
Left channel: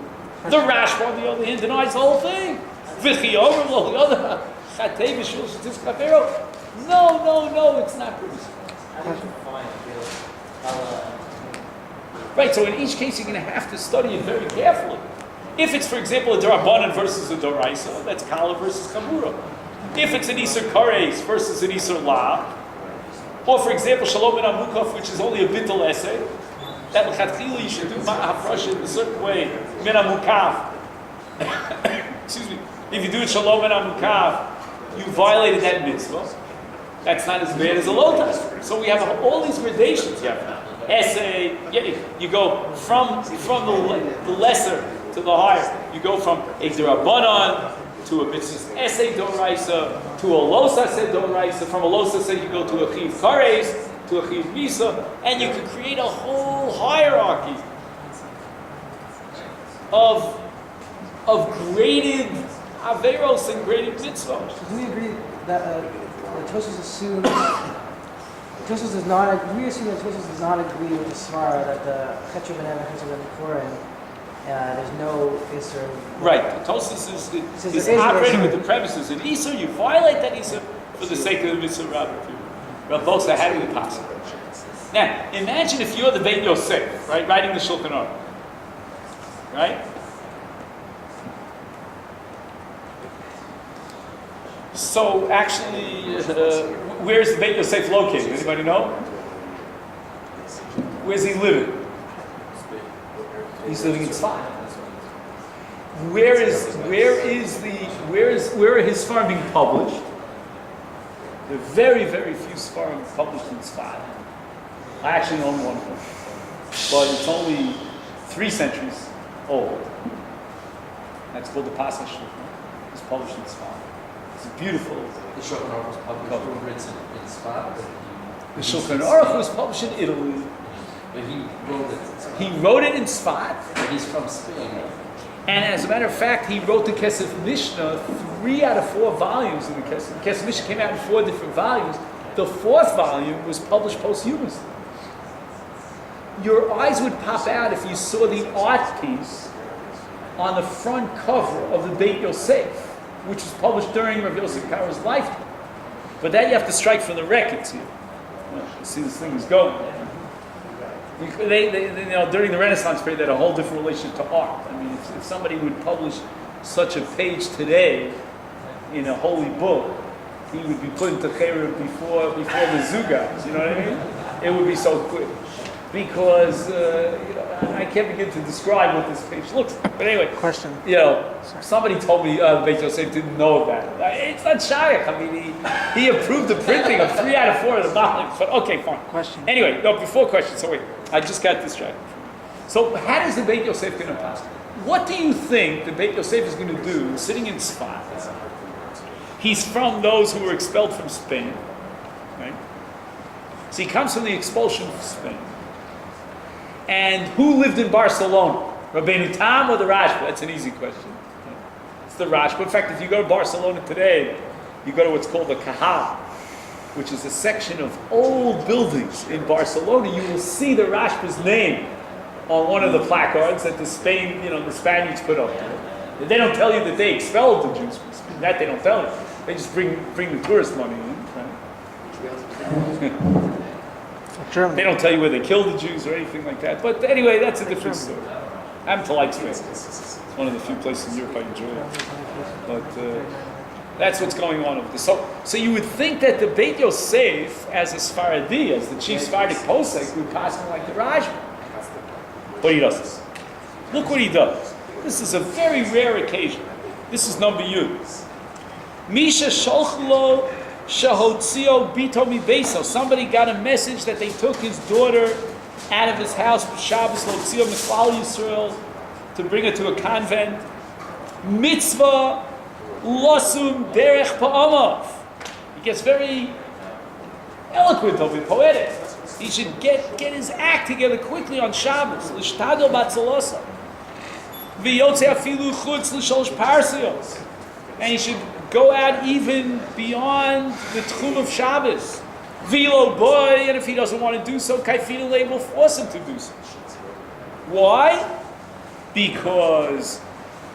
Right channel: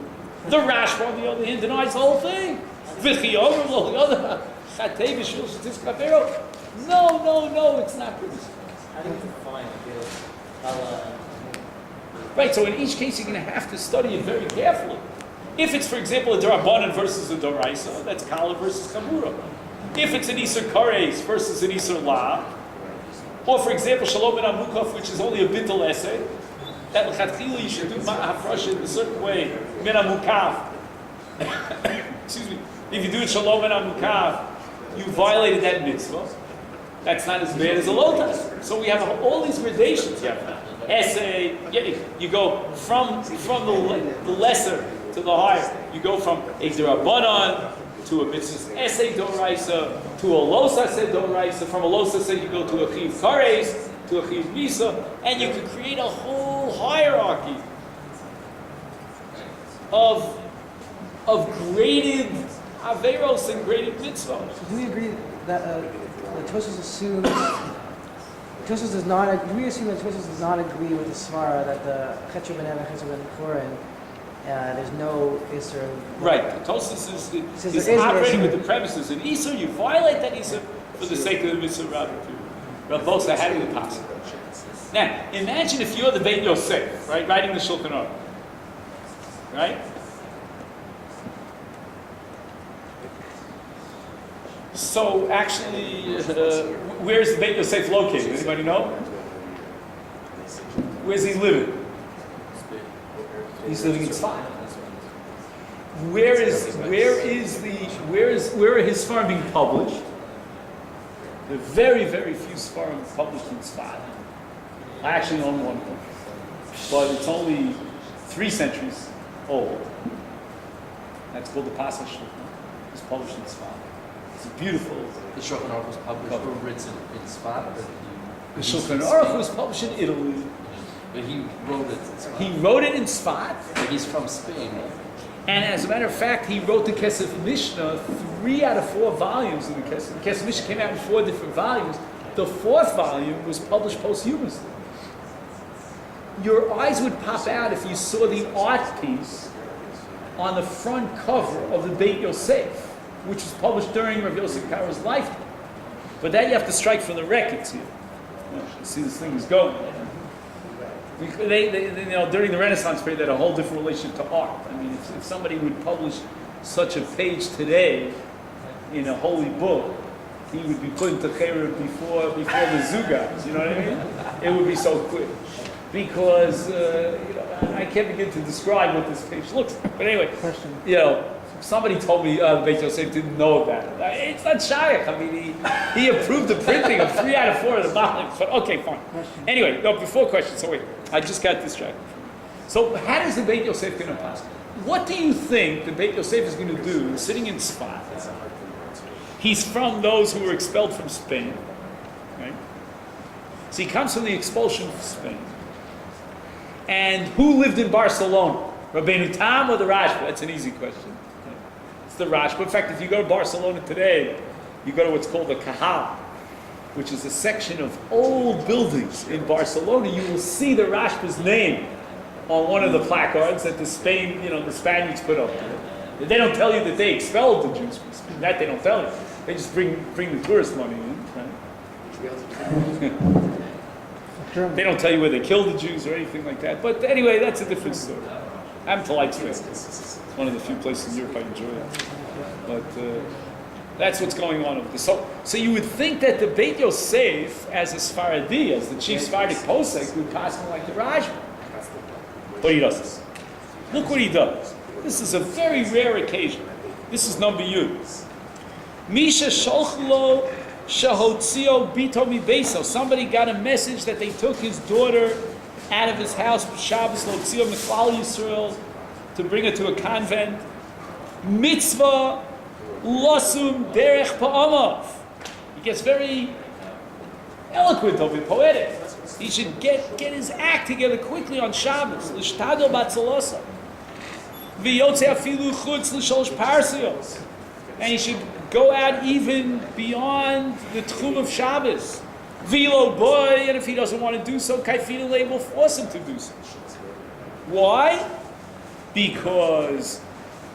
The Rashba, on the other hand, denies the whole thing. No, it's not permissible. Right, so in each case you're going to have to study it very carefully. If it's, for example, a Darabanan versus a Doraisa, that's Kala versus Kamura. If it's an Isser Kares versus an Isser La, or for example, Shalom ben Amukov, which is only a Bittul essay, that L'chatchila you should do Ma'afrash in a certain way, Ben Amukav. Excuse me. If you do it Shalom ben Amukav, you violated that mitzvah. That's not as bad as a lotus. So we have all these gradations. You have essay, you go from the lesser to the higher. You go from a Derabanan to a mitzvah essay Doraisa to a Losa se Doraisa. From a Losa se you go to a Chiv Kares, to a Chiv Misa, and you can create a whole hierarchy of graded Averos and graded mitzvahs. So do we agree that Tosfos assumes Tosfos does not? Do we assume that Tosfos does not agree with the Svara that the Chetzer ben Evan, Chetzer ben Koren, there's no Isser? Right. Tosfos is operating with the premises in Isser. You violate that Isser for the sake of the mitzvah Rabbi. Rabbosa had it possible. Now, imagine if you're the Beit Yosef, right, writing the Shulchan Aruch, right? So actually, where's the Beit Yosef located? Anybody know? Where's he living? He's living in Tzfat. Where are his farm being published? There are very, very few farms published in Tzfat. I actually own one of them, but it's only 3 centuries old. That's called the Pasach Shulchan. It's published in Tzfat. It's beautiful. The Shulchan Aruch was published or written in Sfat. The Shulchan Aruch was published in Italy. But he wrote it in Sfat. He wrote it in Tzfat. But he's from Spain. And as a matter of fact, he wrote the Kesef Mishnah 3 out of 4 volumes in the Kesef. The Kesef Mishnah came out in 4 different volumes. The 4th volume was published posthumously. Your eyes would pop out if you saw the art piece on the front cover of the Beit Yosef, which was published during Rav Yosef Kara's lifetime. But that you have to strike from the records here. You see this thing is going. They during the Renaissance period, they had a whole different relationship to art. I mean, if somebody would publish such a page today in a holy book, he would be put into Cherub before the Zugas. You know what I mean? It would be so quick. Because, I can't begin to describe what this page looks like. But anyway, Question. Somebody told me the Beit Yosef didn't know about it. It's not shaykh. I mean, he approved the printing of 3 out of 4 of the volumes. But okay, fine. Question. Anyway, no, before question. So wait, I just got distracted. So how does the Beit Yosef going to pass? What do you think the Beit Yosef is going to do sitting in Tzfat? He's from those who were expelled from Spain, right? So he comes from the expulsion from Spain. And who lived in Barcelona? Rabbeinu Tam or the Rashba? That's an easy question. It's the Rashba. In fact, if you go to Barcelona today, you go to what's called the Cajal, which is a section of old buildings in Barcelona. You will see the Rashba's name on one of the placards that the Spaniards put up. They don't tell you that they expelled the Jews. That they don't tell you. They just bring the tourist money in, right? They don't tell you where they killed the Jews or anything like that. But anyway, that's a different story. I happen to like Spain. It's one of the few places in Europe I enjoy it. But that's what's going on over there. So you would think that the Beit Yosef, as a Sfaradi, as the chief Sephardic posek, would pass him like the Rajba. But he doesn't. Look what he does. This is a very rare occasion. This is number U. Misha Sholchlo Shahotzio Bito Mi Beso. Somebody got a message that they took his daughter out of his house for Shabbos Lotzio Miklal Yisrael to bring her to a convent. Mitzvah Losum Derech Pa'amav. He gets very eloquent of it, poetic. He should get his act together quickly on Shabbos. L'shtadol batzalosa. V'yotze afilu chutz l'sholosh parsiyos. And he should go out even beyond the tchum of Shabbos. V'lo boy, and if he doesn't want to do so, Kaifidulei will force him to do so. Why? Because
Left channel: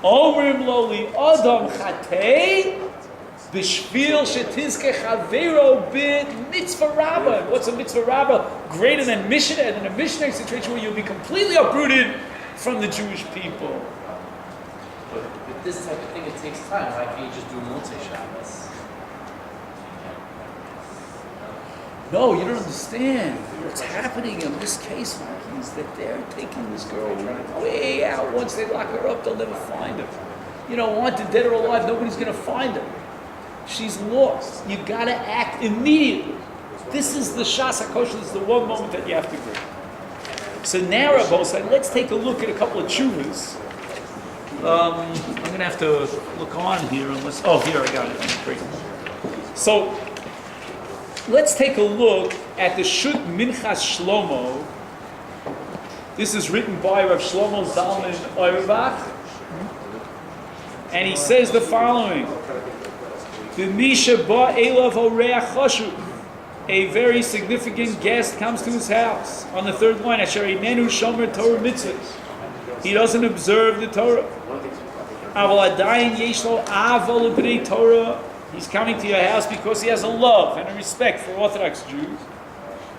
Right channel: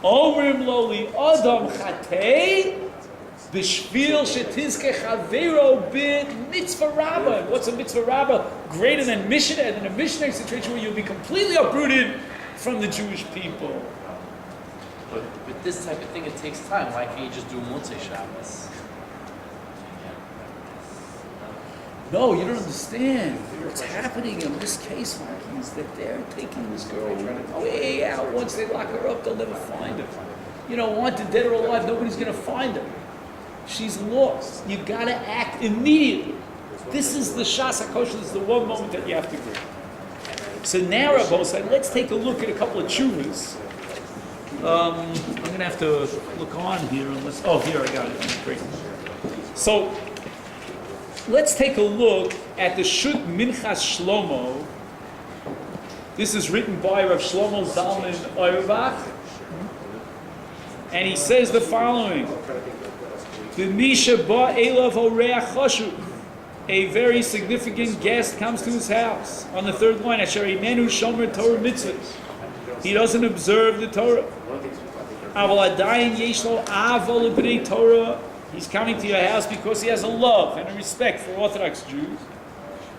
Omrim lo li adam chatei b'shvil shetizke chavero bid mitzvah rabbah. What's a mitzvah rabbah? Greater than Mishnah, and in a missionary situation where you'll be completely uprooted from the Jewish people. But this type of thing, it takes time. Why can't you just do Motzei Shabbos? No, you don't understand. What's happening in this case, Mikey, is that they're taking this girl way out. Once they lock her up, they'll never find her. Wanted dead or alive, nobody's going to find her. She's lost. You got to act immediately. This is the Shas HaKosher. This is the one moment that you have to agree. So now, Rabbi said, let's take a look at a couple of tshuvas. I'm going to have to look on here unless... Oh, here, I got it. Great. So, let's take a look at the Shut Minchas Shlomo. This is written by Rav Shlomo Zalman Auerbach. And he says the following. A very significant guest comes to his house. On the third line, Asher Einenu Shomer Torah Mitzvahs. He doesn't observe the Torah. Aval Adayin Yesh Lo Avol B'nei Torah. He's coming to your house because he has a love and a respect for Orthodox Jews.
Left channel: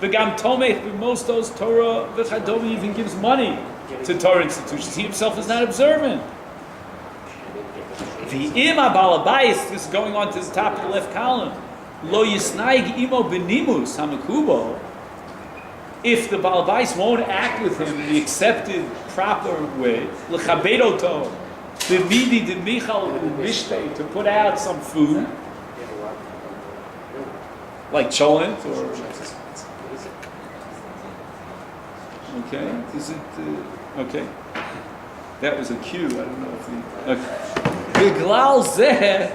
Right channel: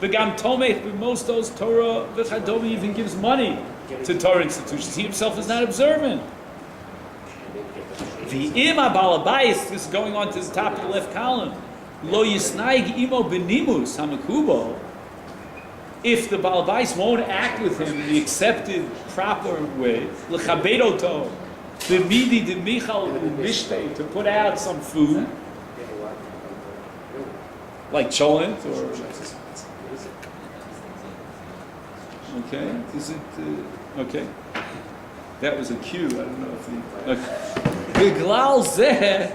V'gam Tomech b'mostos Torah v'chadom, even gives money to Torah institutions. He himself is not observant. V'im ha'balabais, this is going on to the top of the left column. Lo yisnaig imo b'nimus hamakubo. If the balabais won't act with him in the accepted, proper way, l'chabedoto, b'midi d'michal b'mishtei, to put out some food, like cholent or... Okay, is it... okay. That was a cue, I don't know if the... Okay. B'glal zeh,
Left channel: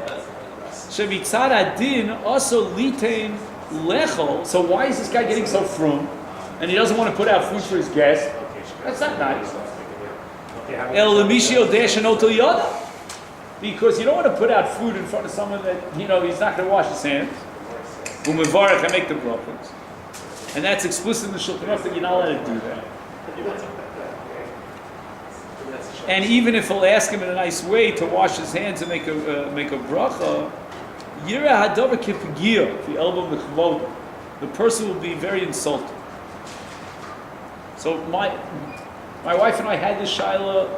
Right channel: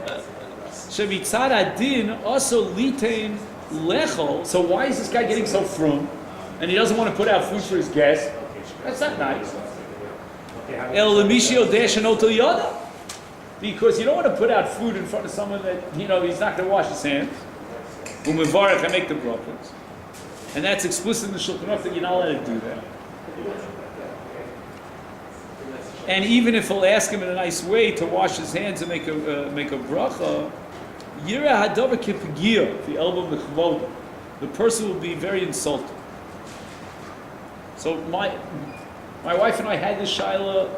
shemitzad adin also litein lechol. So why is this guy getting so frum? And he doesn't want to put out food for his guests? That's not nice. El lemishio deshanot yoda. Because you don't want to put out food in front of someone that, he's not going to wash his hands. Umevarech, I make the brachos. And that's explicit in the Shulchan Aruch that you're not allowed to do that. And even if he'll ask him in a nice way to wash his hands and make a bracha, yira hadavar kipagiyah, the elbow mechvod, the person will be very insulted. So my wife and I had this shaila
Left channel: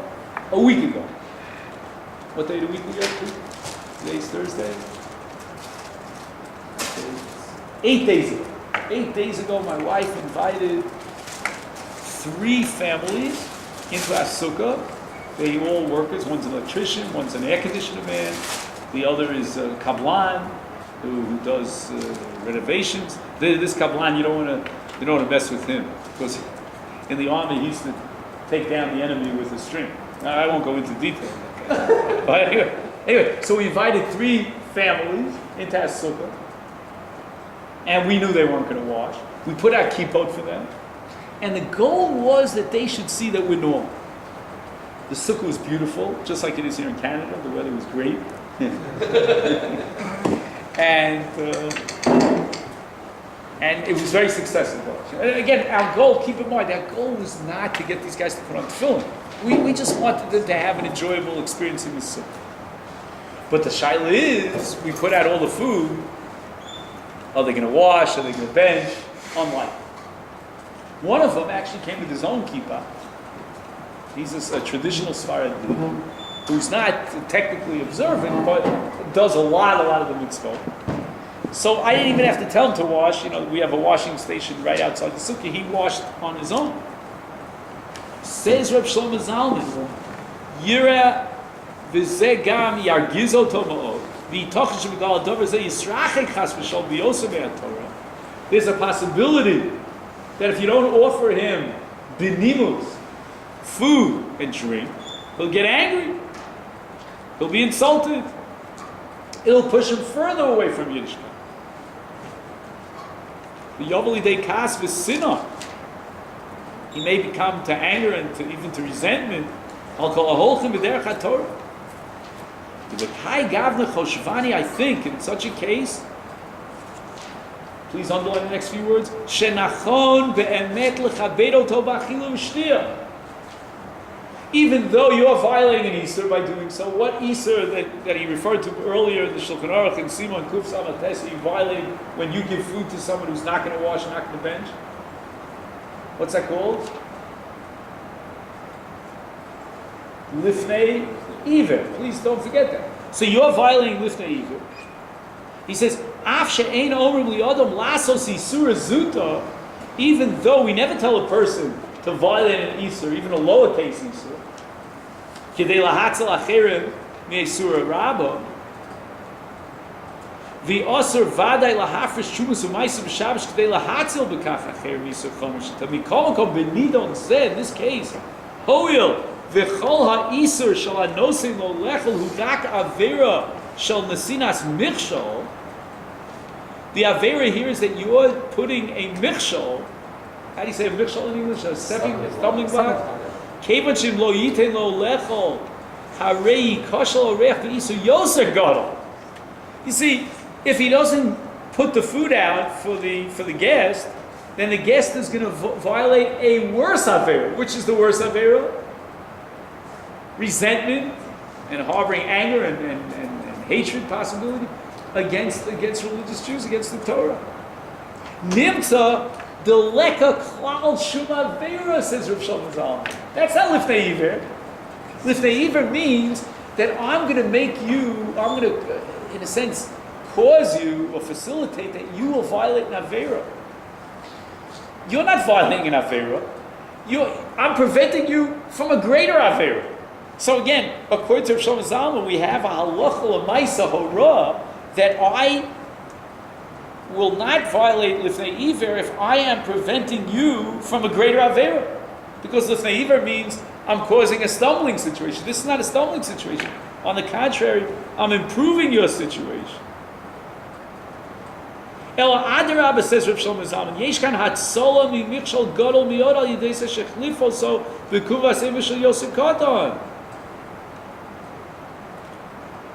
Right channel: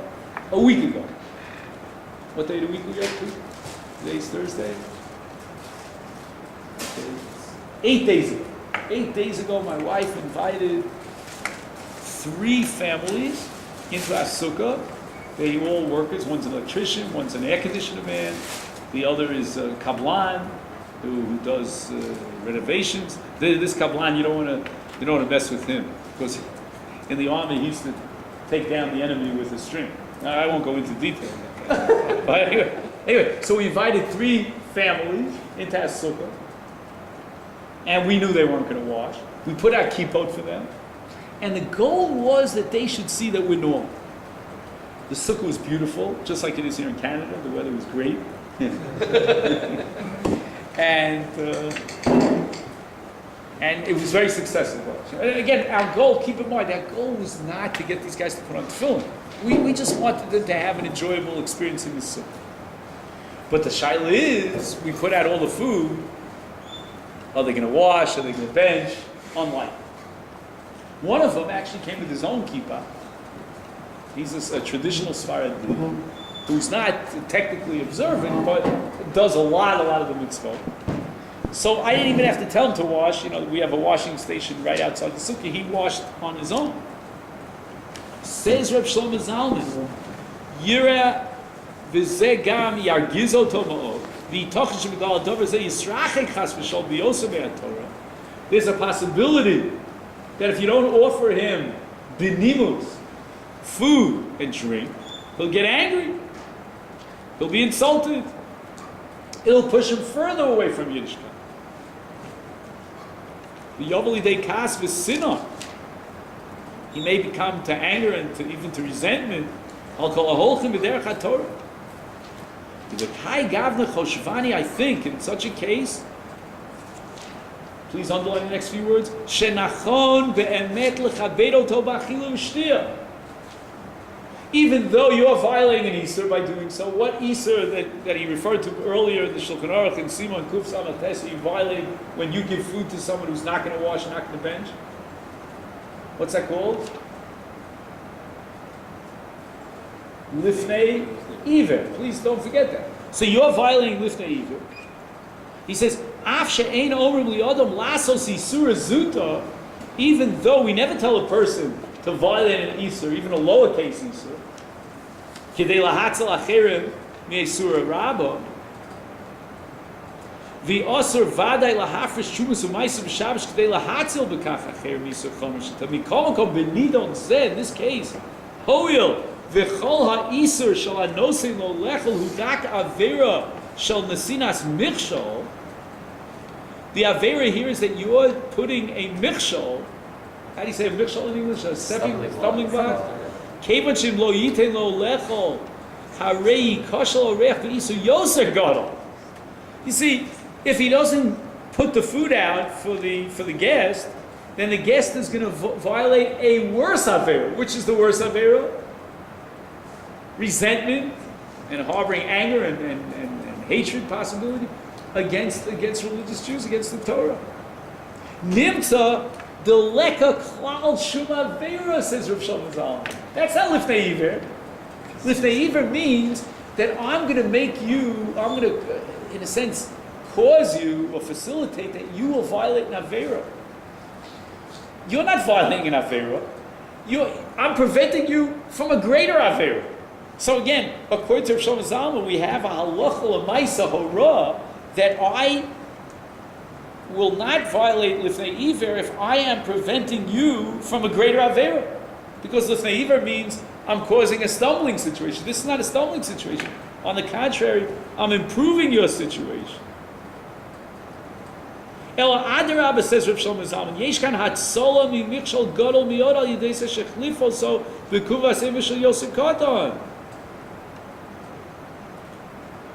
a week ago. What day of the week we go to? Today's Thursday. 8 days ago. 8 days ago, my wife invited 3 families into our sukkah. They all workers. One's an electrician, one's an air conditioner man. The other is a kablan who does renovations. This kablan, you don't want to mess with him because in the army he used to take down the enemy with a string. Now, I won't go into detail. But anyway, so we invited 3 families into our sukkah. And we knew they weren't going to wash. We put out kippot for them. And the goal was that they should see that we're normal. The sukkah was beautiful, just like it is here in Canada. The weather was great. And it was very successful. And again, our goal, keep in mind, our goal was not to get these guys to put on tefillin. We just wanted them to have an enjoyable experience in the sukkah. But the shaila is, we put out all the food. Are they going to wash? Are they going to bench? Unlike. One of them actually came with his own kippah. He's a traditional Sfarad who's not technically observant, but does a lot of the mitzvot. So I didn't even have to tell him to wash. We have a washing station right outside the sukkah. He washed on his own. Says Reb Shlomo Zalman, Yira v'zeh gam yargizo toma'od v'yitochen shemigal adover zeh yisrachek chas v'shol b'yosem ve'atorah. There's a possibility that if you don't offer him benimus, food and drink, he'll get angry. He'll be insulted. It'll push him further away from Yiddishkeit. The Yovali de Kas v'Sinah. He may become to anger and even to resentment. I'll call a holchem b'derech haTorah. The Kai Gavna Choshvani, I think, in such a case, please underline the next few words. Shenachon be'emet lechabed oto b'achilu v'shtiyah. Even though you are violating an Isur by doing so, what Isur that he referred to earlier in the Shulchan Aruch and Simon Kuf Samates, you violate when you give food to someone who's not going to wash, not going to bench? What's that called? Lifnei Iver. Please don't forget that. So you're violating Lifnei Iver. He says, Af she'ein omrim li'adam lasos isur zuta, even though we never tell a person to violate an Isur, even a lowercase Isur, Kidei lahatzel acherim mi'isur rabba, the Asur vaday lahafresh shumas u'maisim b'shabbos kidei lahatzel b'kach acherim mi'isur chomer shita mikol makom benidon zeh, in this case, hoil v'chol ha'isur shal anosim lo lechel hudak avera shal nesinas michshol. The avera here is that you're putting a michshol. How do you say a michshol in English? A stumbling block? Kevan lo yiten lo lechol harei koshel orech v'isu yoser gadol. You see, if he doesn't put the food out for the guest, then the guest is going to violate a worse avera. Which is the worse avera? Resentment and harboring anger and hatred possibility against religious Jews, against the Torah. Nimtza the leka klal shuma vera, says Rav Shlomo Zalman. That's not lifnei iver. Lifnei iver means that I'm going to make you, I'm going to, in a sense, cause you or facilitate that you will violate an avera. You're not violating an avera. I'm preventing you from a greater avera. So again, according to Rav Shlomo Zalman, we have a halacha l'maisa hora that I will not violate lifnei iver if I am preventing you from a greater avera. Because lifnei iver means I'm causing a stumbling situation. This is not a stumbling situation. On the contrary, I'm improving your situation. Ela adarabba, says Rav Shlomo Zalman, yesh kan hatzola mi michshol gadol miyod al yidei shechlifo so b'kuvas emishal yosef katan.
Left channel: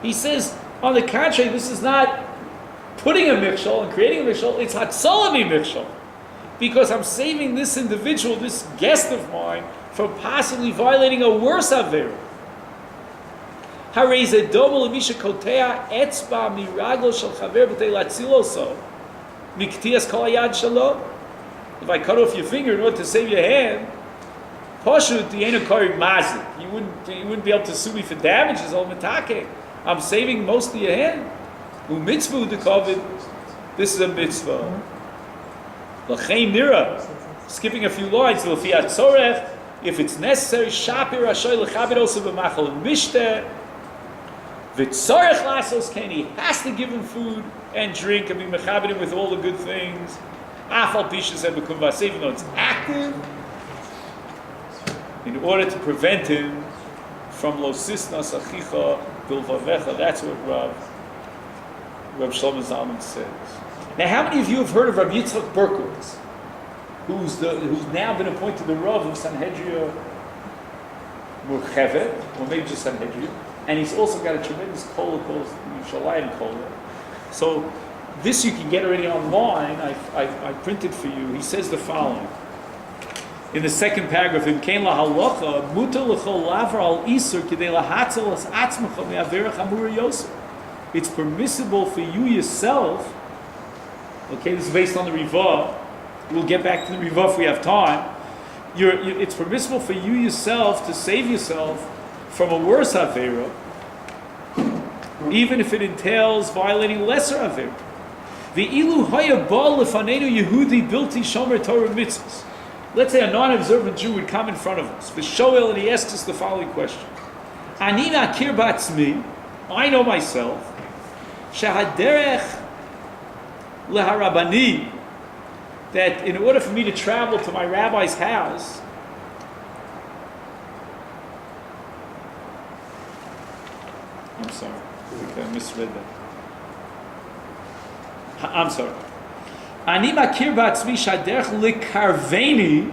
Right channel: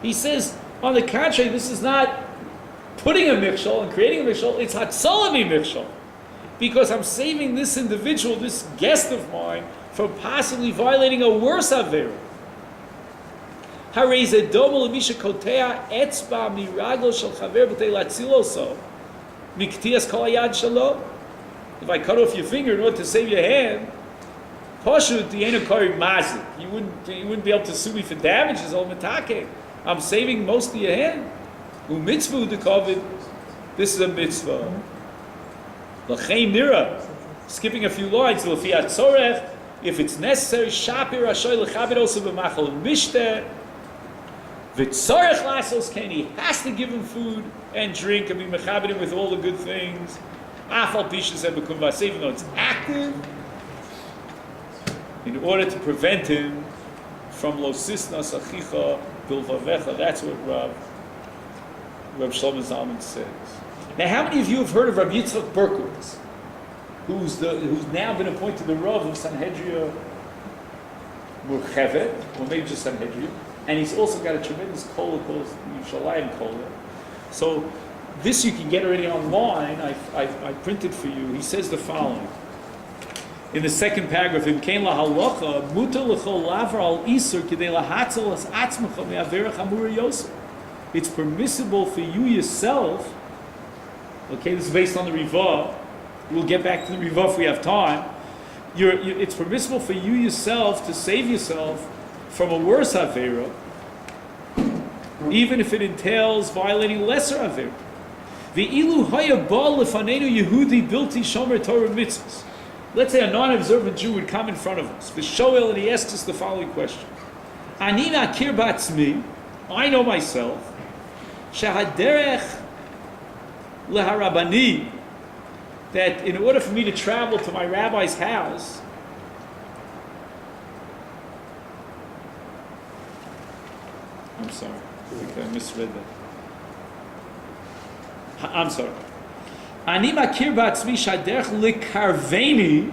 He says, on the contrary, this is not putting a mikshol and creating a mikshol, it's hatzola mi mikshol. Because I'm saving this individual, this guest of mine, from possibly violating a worse avera. Harei ze domo lemisha kotea etzba miraglo shel chaver b'tei latzilo so miktias kol hayad shalo. If I cut off your finger in order to save your hand, pashut di'enu kari mazik. You wouldn't be able to sue me for damages. Al mitake. I'm saving most of your hand. U'mitzvah u'dekovid. This is a mitzvah. L'chein nira. Skipping a few lines. L'fi atzorech. If it's necessary, shapir ashoy l'chabed osu b'machal mishteh. V'tzorech lasos ken. He has to give him food and drink and be mechabed him with all the good things. Afal pishes and bekum vasev, even though it's active, in order to prevent him from lo sisnas achicha bilvavecha. That's what Rav Shlomo Zalman says. Now, how many of you have heard of Rabbi Yitzchak Berkowitz, who's now been appointed the Rav of Sanhedria Murchevet, or maybe just Sanhedria, and he's also got a tremendous kola called Yushalayim kola. So This you can get already online. I printed for you. He says the following. In the second paragraph, Im kein la halacha, mutar l'chol lavar al isur k'dei lahatzel es atzmecha me'averach hamura yosef. It's permissible for you yourself, okay, this is based on the Rivah. We'll get back to the Rivah if we have time. It's permissible for you yourself to save yourself from a worse Avera, even if it entails violating lesser Avera. Ve'ilu haya ba lefanenu Yehudi bilti shomer Torah mitzvahs. Let's say a non-observant Jew would come in front of us, V'shoel, and he asks us the following question. Ani ma'akir ba'atzmi, I know myself, shehaderech leharabani, that in order for me to travel to my rabbi's house, I'm sorry, I misread that. I'm sorry. Ani makir ba'atzmi shaderech likarveni,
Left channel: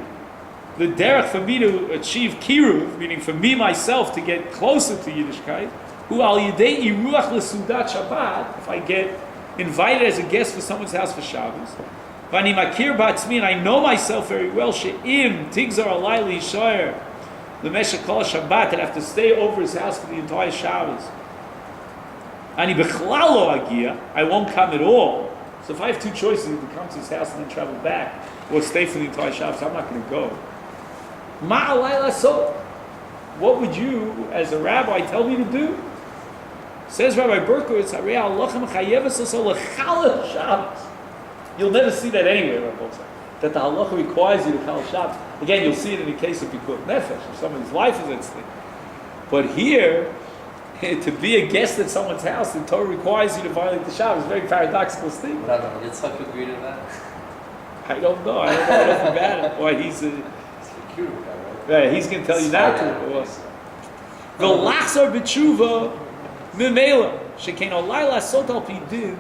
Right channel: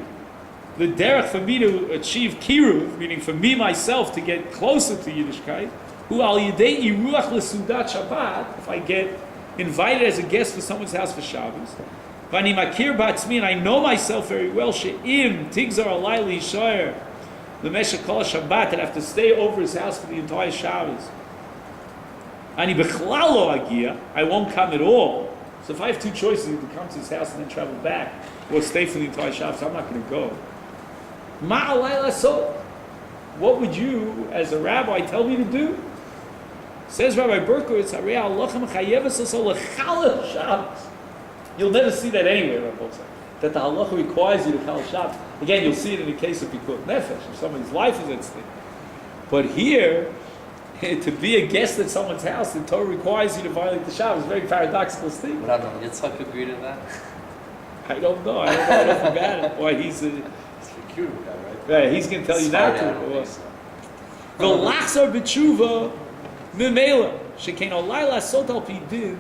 the derech for me to achieve kiruv, meaning for me myself to get closer to Yiddishkeit, who al yidei iruach lesudat Shabbat, if I get invited as a guest for someone's house for Shabbos, v'ani makir ba'atzmi, and I know myself very well, she'im tigzar alai li'yishayer l'meshech kol Shabbat, that I have to stay over his house for the entire Shabbos. Ani bechlal lo agia, I won't come at all. So if I have two choices, to come to his house and then travel back, or stay for the entire Shabbos, I'm not going to go. Ma'alai so, what would you, as a rabbi, tell me to do? Says Rabbi Berkowitz, you'll never see that anywhere, Rabbi Berkowitz, that the halacha requires you to chal Shabbos. Again, you'll see it in the case of Pikuach Nefesh, if somebody's life is at stake. But here, to be a guest at someone's house, the Torah requires you to violate the Shabbos. It's a very paradoxical statement. But I don't know, Yitzchak agree to that? I don't know enough about it. Why he's a... It's the cute guy, right? Yeah, he's going to tell you not to. The lachzor b'tshuva memela shekain olai lasot al pi din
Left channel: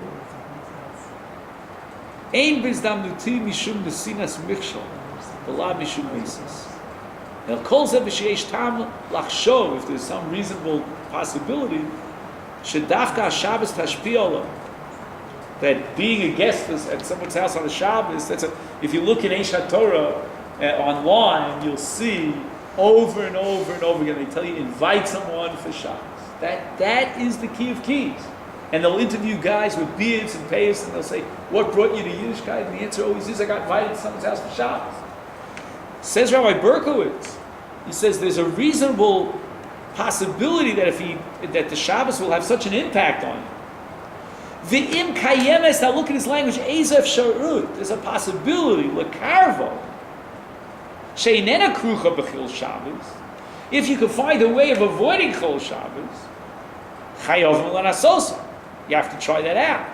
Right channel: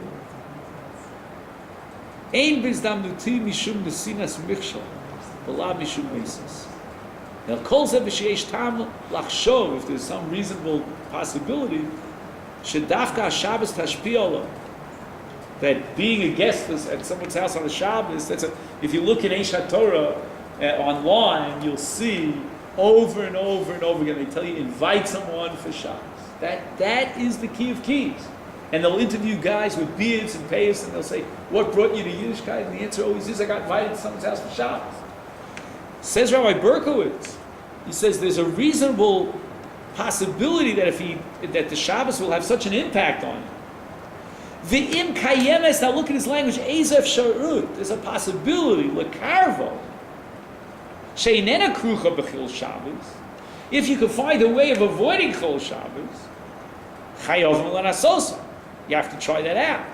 ein bizdamnuti mishum nesinas michshol v'la mishum mises. Now, kol zeh b'sheish tam lachshov, if there's some reasonable possibility, shedafka Shabbos tashpi, that being a guest at someone's house on a Shabbos, if you look in Eish HaTorah online, you'll see over and over and over again, they tell you, invite someone for Shabbos. That is the key of keys. And they'll interview guys with beards and payas, and they'll say, what brought you to Yiddishkeit? And the answer always is, I got invited to someone's house for Shabbos. Says Rabbi Berkowitz, he says there's a reasonable possibility that that the Shabbos will have such an impact on you. V'im kayemes, now look at his language, ezef sharut, there's a possibility, lekarvo, she'inena krucha b'chil Shabbos, if you can find a way of avoiding chol Shabbos, chayov melanasosa, you have to try that out.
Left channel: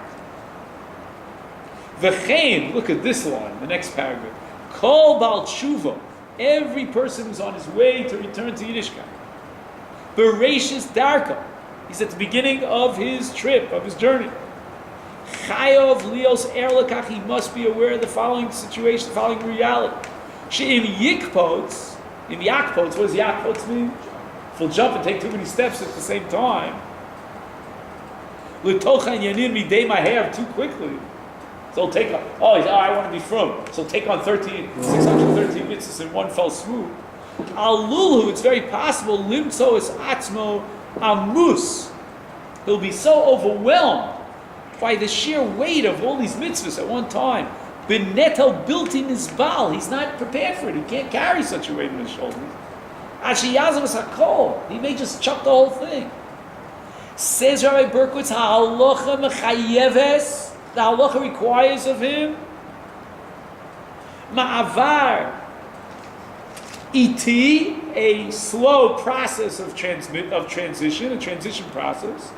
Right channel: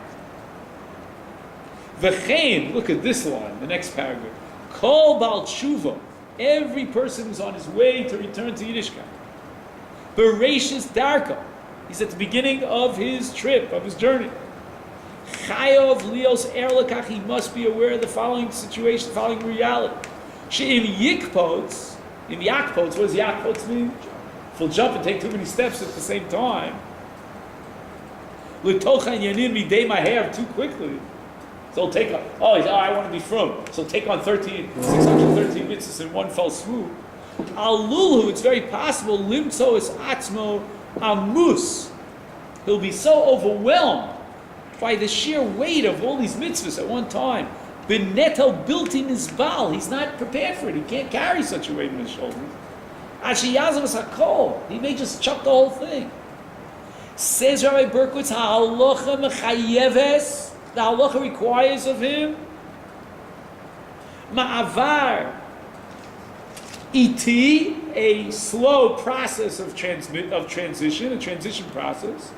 V'chein, look at this line, the next paragraph, kol bal tshuva, every person who's on his way to return to Yiddishkeit, bereshis darka, he's at the beginning of his trip, of his journey, chayov lios erlekach, he must be aware of the following situation, the following reality. She'im yikpots, in yakpots, what does yakpots mean? If we'll jump and take too many steps at the same time, l'tochan yanin midei maher, too quickly, so he'll take on, I want to be from, so he'll take on 613 mitzvahs in one fell swoop. Al lulu, it's very possible, limtso es atzmo amus, he'll be so overwhelmed by the sheer weight of all these mitzvahs at one time. Beneto built in his bal, he's not prepared for it, he can't carry such a weight on his shoulders. Ashiyazavas hakol, he may just chuck the whole thing. Says Rabbi Berkowitz, ha'alocha mechayeves, the halacha requires of him ma'avar iti, a slow process of transition, a transition process.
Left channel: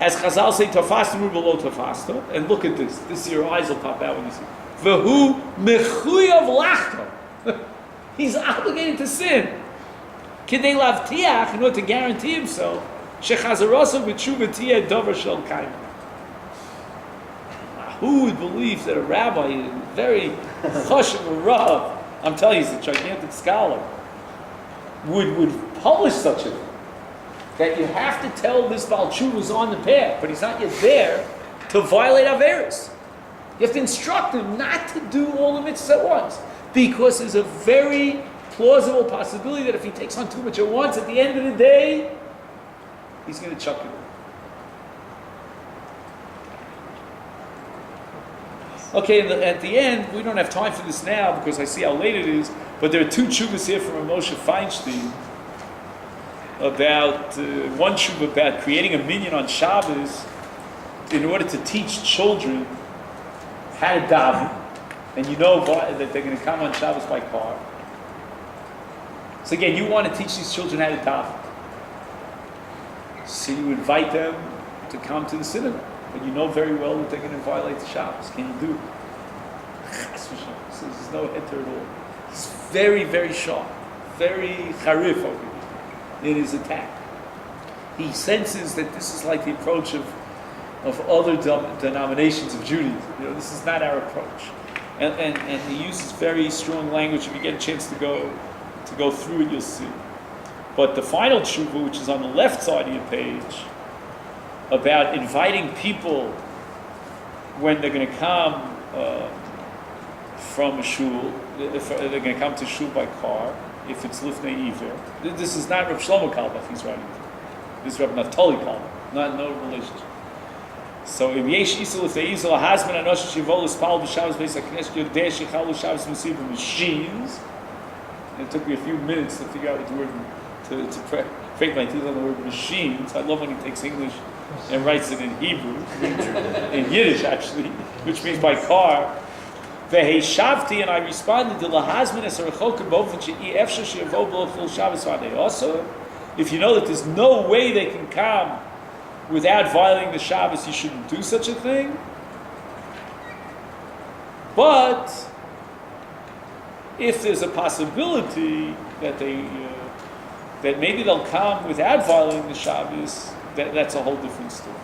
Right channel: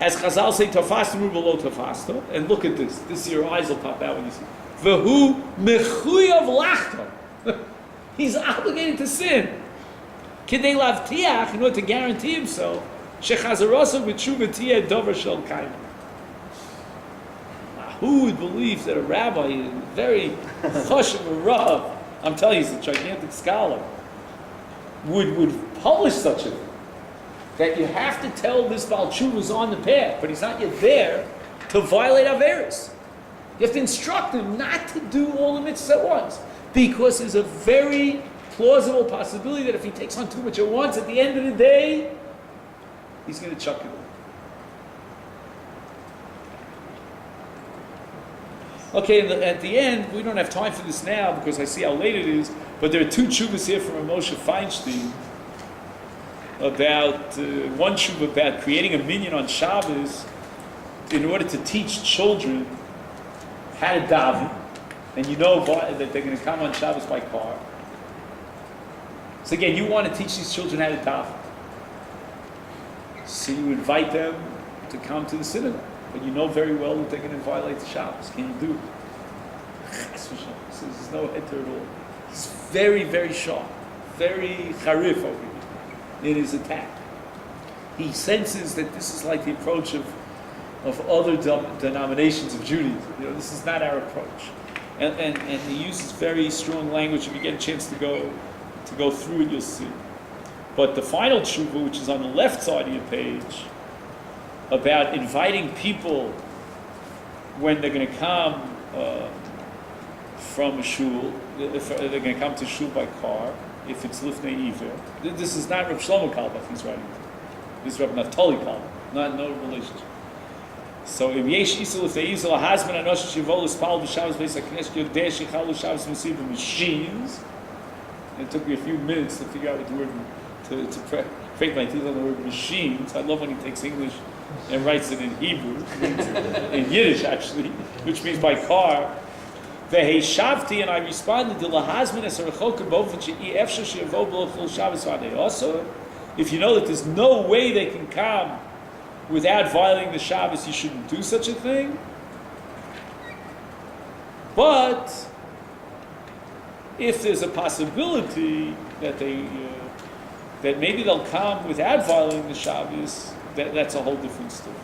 As Chazal say, tafastu below tafastu, and look at this. Your eyes will pop out when you see. V'hu mechuyav lachto. He's obligated to sin. Kidei lavtiach, in order to guarantee himself, shechazarasav v'tshuva tiyeh davar shel kaima. Who would believe that a rabbi, a very choshev, a rav, I'm telling you, he's a gigantic scholar, would publish such a thing? That you have to tell this Baal Tshuva is on the path, but he's not yet there to violate Averis. You have to instruct him not to do all the mitzvahs at once, because there's a very plausible possibility that if he takes on too much at once, at the end of the day, he's going to chuck it away. Okay, and at the end, we don't have time for this now because I see how late it is, but there are two tshuvas here from Moshe Feinstein about, one tshuva about creating a minyan on Shabbos in order to teach children how to daven, and you know that they're going to come on Shabbos by car. So again, you want to teach these children how to daven. So you invite them to come to the synagogue, but you know very well that they're going to violate the Shabbos. Can you do it? So there's no heter at all. He's very, very sharp, very charif over here in his attack. He senses that this is like the approach of other denominations of Judaism. You know, this is not our approach. And he uses very strong language. If you get a chance to go through it, you'll see. But the final tshuva, which is on the left side of your page, about inviting people when they're going to come from a shul, if they're going to come to shul by car, if it's lifnei iver. This is not Rav Shlomo Kalbach he's writing. This is Rav Naftali Kalbach, no relationship. So if yesh isel lifnei izel hasman anosh shivol espal b'shavos beis haknesh yodeh shechalu shavos mesiv machines. It took me a few minutes to figure out what the word to break my teeth on the word machines. I love when he takes English and writes it in Hebrew, in Yiddish actually, which means by car. Veheshavti, and I responded to lahazmin es rechokim bofen she'i efshar she'yavo b'lo chol Shabbos v'adei osor. If you know that there's no way they can come without violating the Shabbos, you shouldn't do such a thing. But if there's a possibility that that maybe they'll come without violating the Shabbos, that's a whole different story.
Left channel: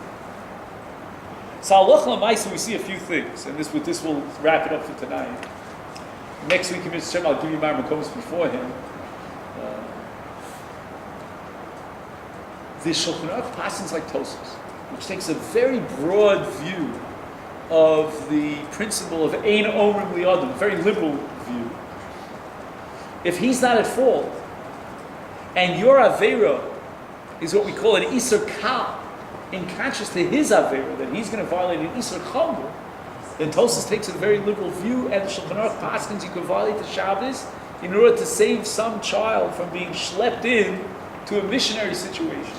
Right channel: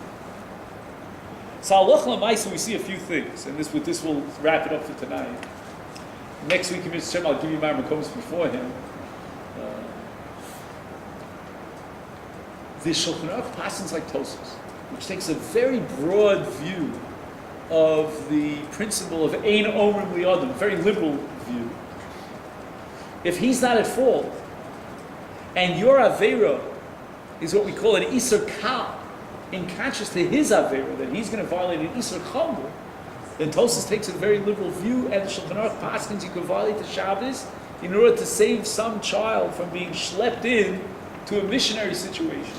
So halacha l'maisa, we see a few things, and with this we'll wrap it up for tonight. Next week, Mr. Shem, I'll give you my makomis before him. The Shulchan Aruch passes like Tosfos, which takes a very broad view of the principle of ein omrim li'adam, very liberal view. If he's not at fault, and your avera is what we call an iser kal, in contrast to his avera, that he's going to violate an iser chomer, then Tosfos takes a very liberal view, and the Shulchan Aruch paskins you can violate the Shabbos in order to save some child from being schlepped in to a missionary situation.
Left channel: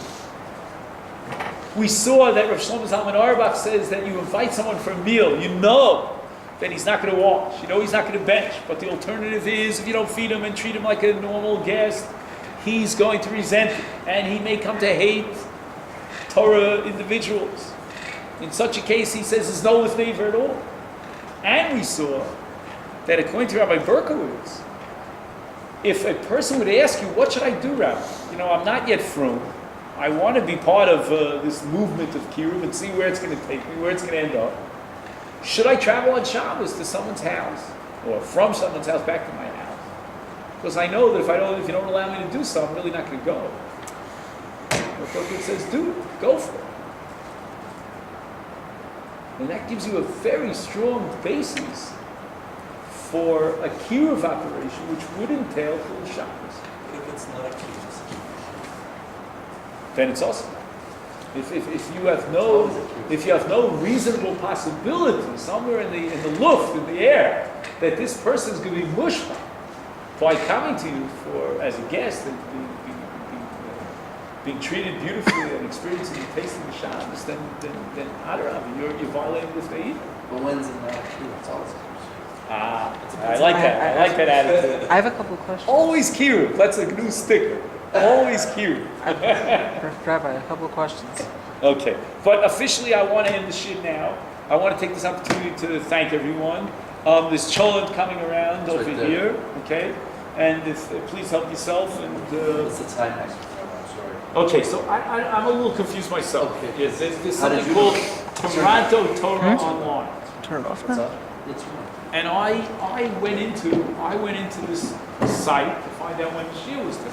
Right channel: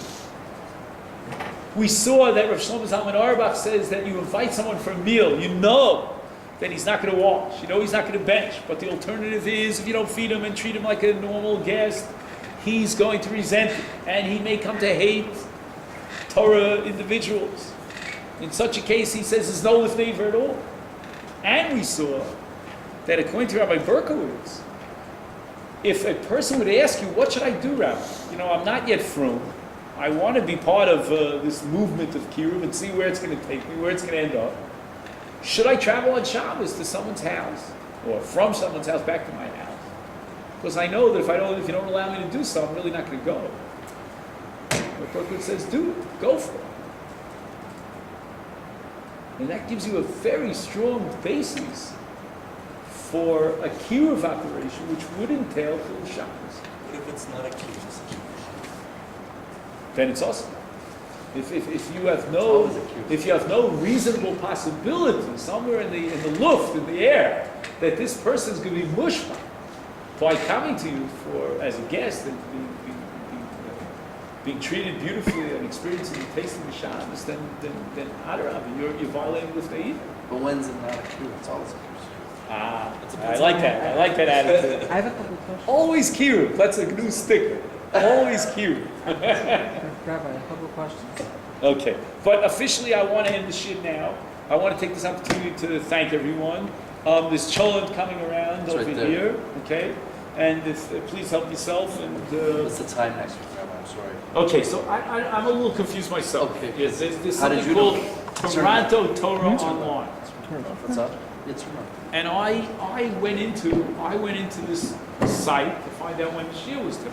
We saw that Rav Shlomo Zalman Auerbach says that you invite someone for a meal, you know that he's not going to wash, you know he's not going to bench, but the alternative is if you don't feed him and treat him like a normal guest, he's going to resent it, and he may come to hate Torah individuals. In such a case, he says there's no lifnei iver at all. And we saw that according to Rabbi Berkowitz, if a person would ask you, what should I do, Rabbi? You know, I'm not yet frum. I want to be part of this movement of Kiruv and see where it's going to take me, where it's going to end up. Should I travel on Shabbos to someone's house, or from someone's house back to my house? Because I know that if you don't allow me to do so, I'm really not going to go. But Berkowitz says, do it, go for it. And that gives you a very strong basis for a kiruv operation, which would entail Chilul Shabbos. What if it's not a kiruv? Then it's awesome. If you have no reasonable possibility somewhere in the luft, in the air, that this person is going to be mushma by coming to you as a guest and being treated beautifully and experiencing the taste of the Shabbos, then Adarabah, you're violating with the Eden. But when's it not a kiruv? It's always a kiruv. I like that. I like that attitude. I have a couple of questions. Always kiruv. That's a new sticker. Always kiruv. Rabbi, a couple of questions. Okay, but officially I want to end the shit now. I want to take this opportunity to thank everyone. There's cholent coming around It's over right there. here, okay? And please help yourself. And What's the time next week, Rabbi? I'm sorry. okay, so I'm a little confused myself. Okay. Yes, there's How did something you called know? Toronto Torah Online, Turn it off. What's up? It's right. and I went into this site to find out when the shiur was today.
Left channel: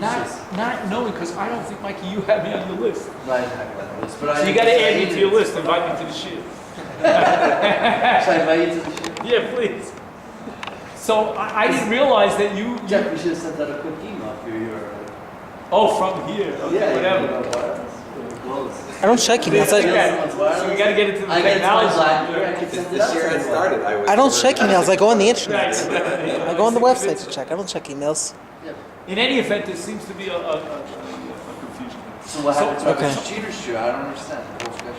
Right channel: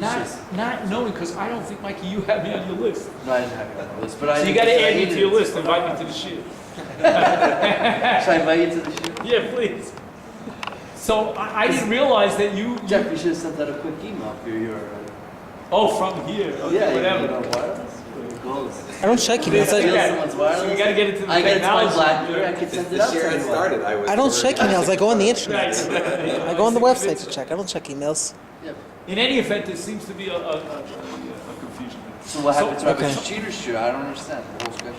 not knowing, because I don't think, Mikey, you have me on your list. No, I didn't have it on the list, but I. So you gotta add me to your list, invite me to the shit. Should I invite you to the shoot? Yeah, please. So I didn't realize that you. Jeff, you should have sent out a quick email for your. Oh, from here. Okay, Yeah, whatever. you know, wireless. Goals. I don't check emails. So Someone's we gotta get into the I got it to my technology. BlackBerry. I could send it The out. year to I anyone. started, I was. I don't check emails. I go on the internet. Right. I go on the website to check. I don't check emails. Yeah. In any event, there seems to be a confusion. So what happens So- if Okay. it's cheaters shoe? I don't understand the whole schedule.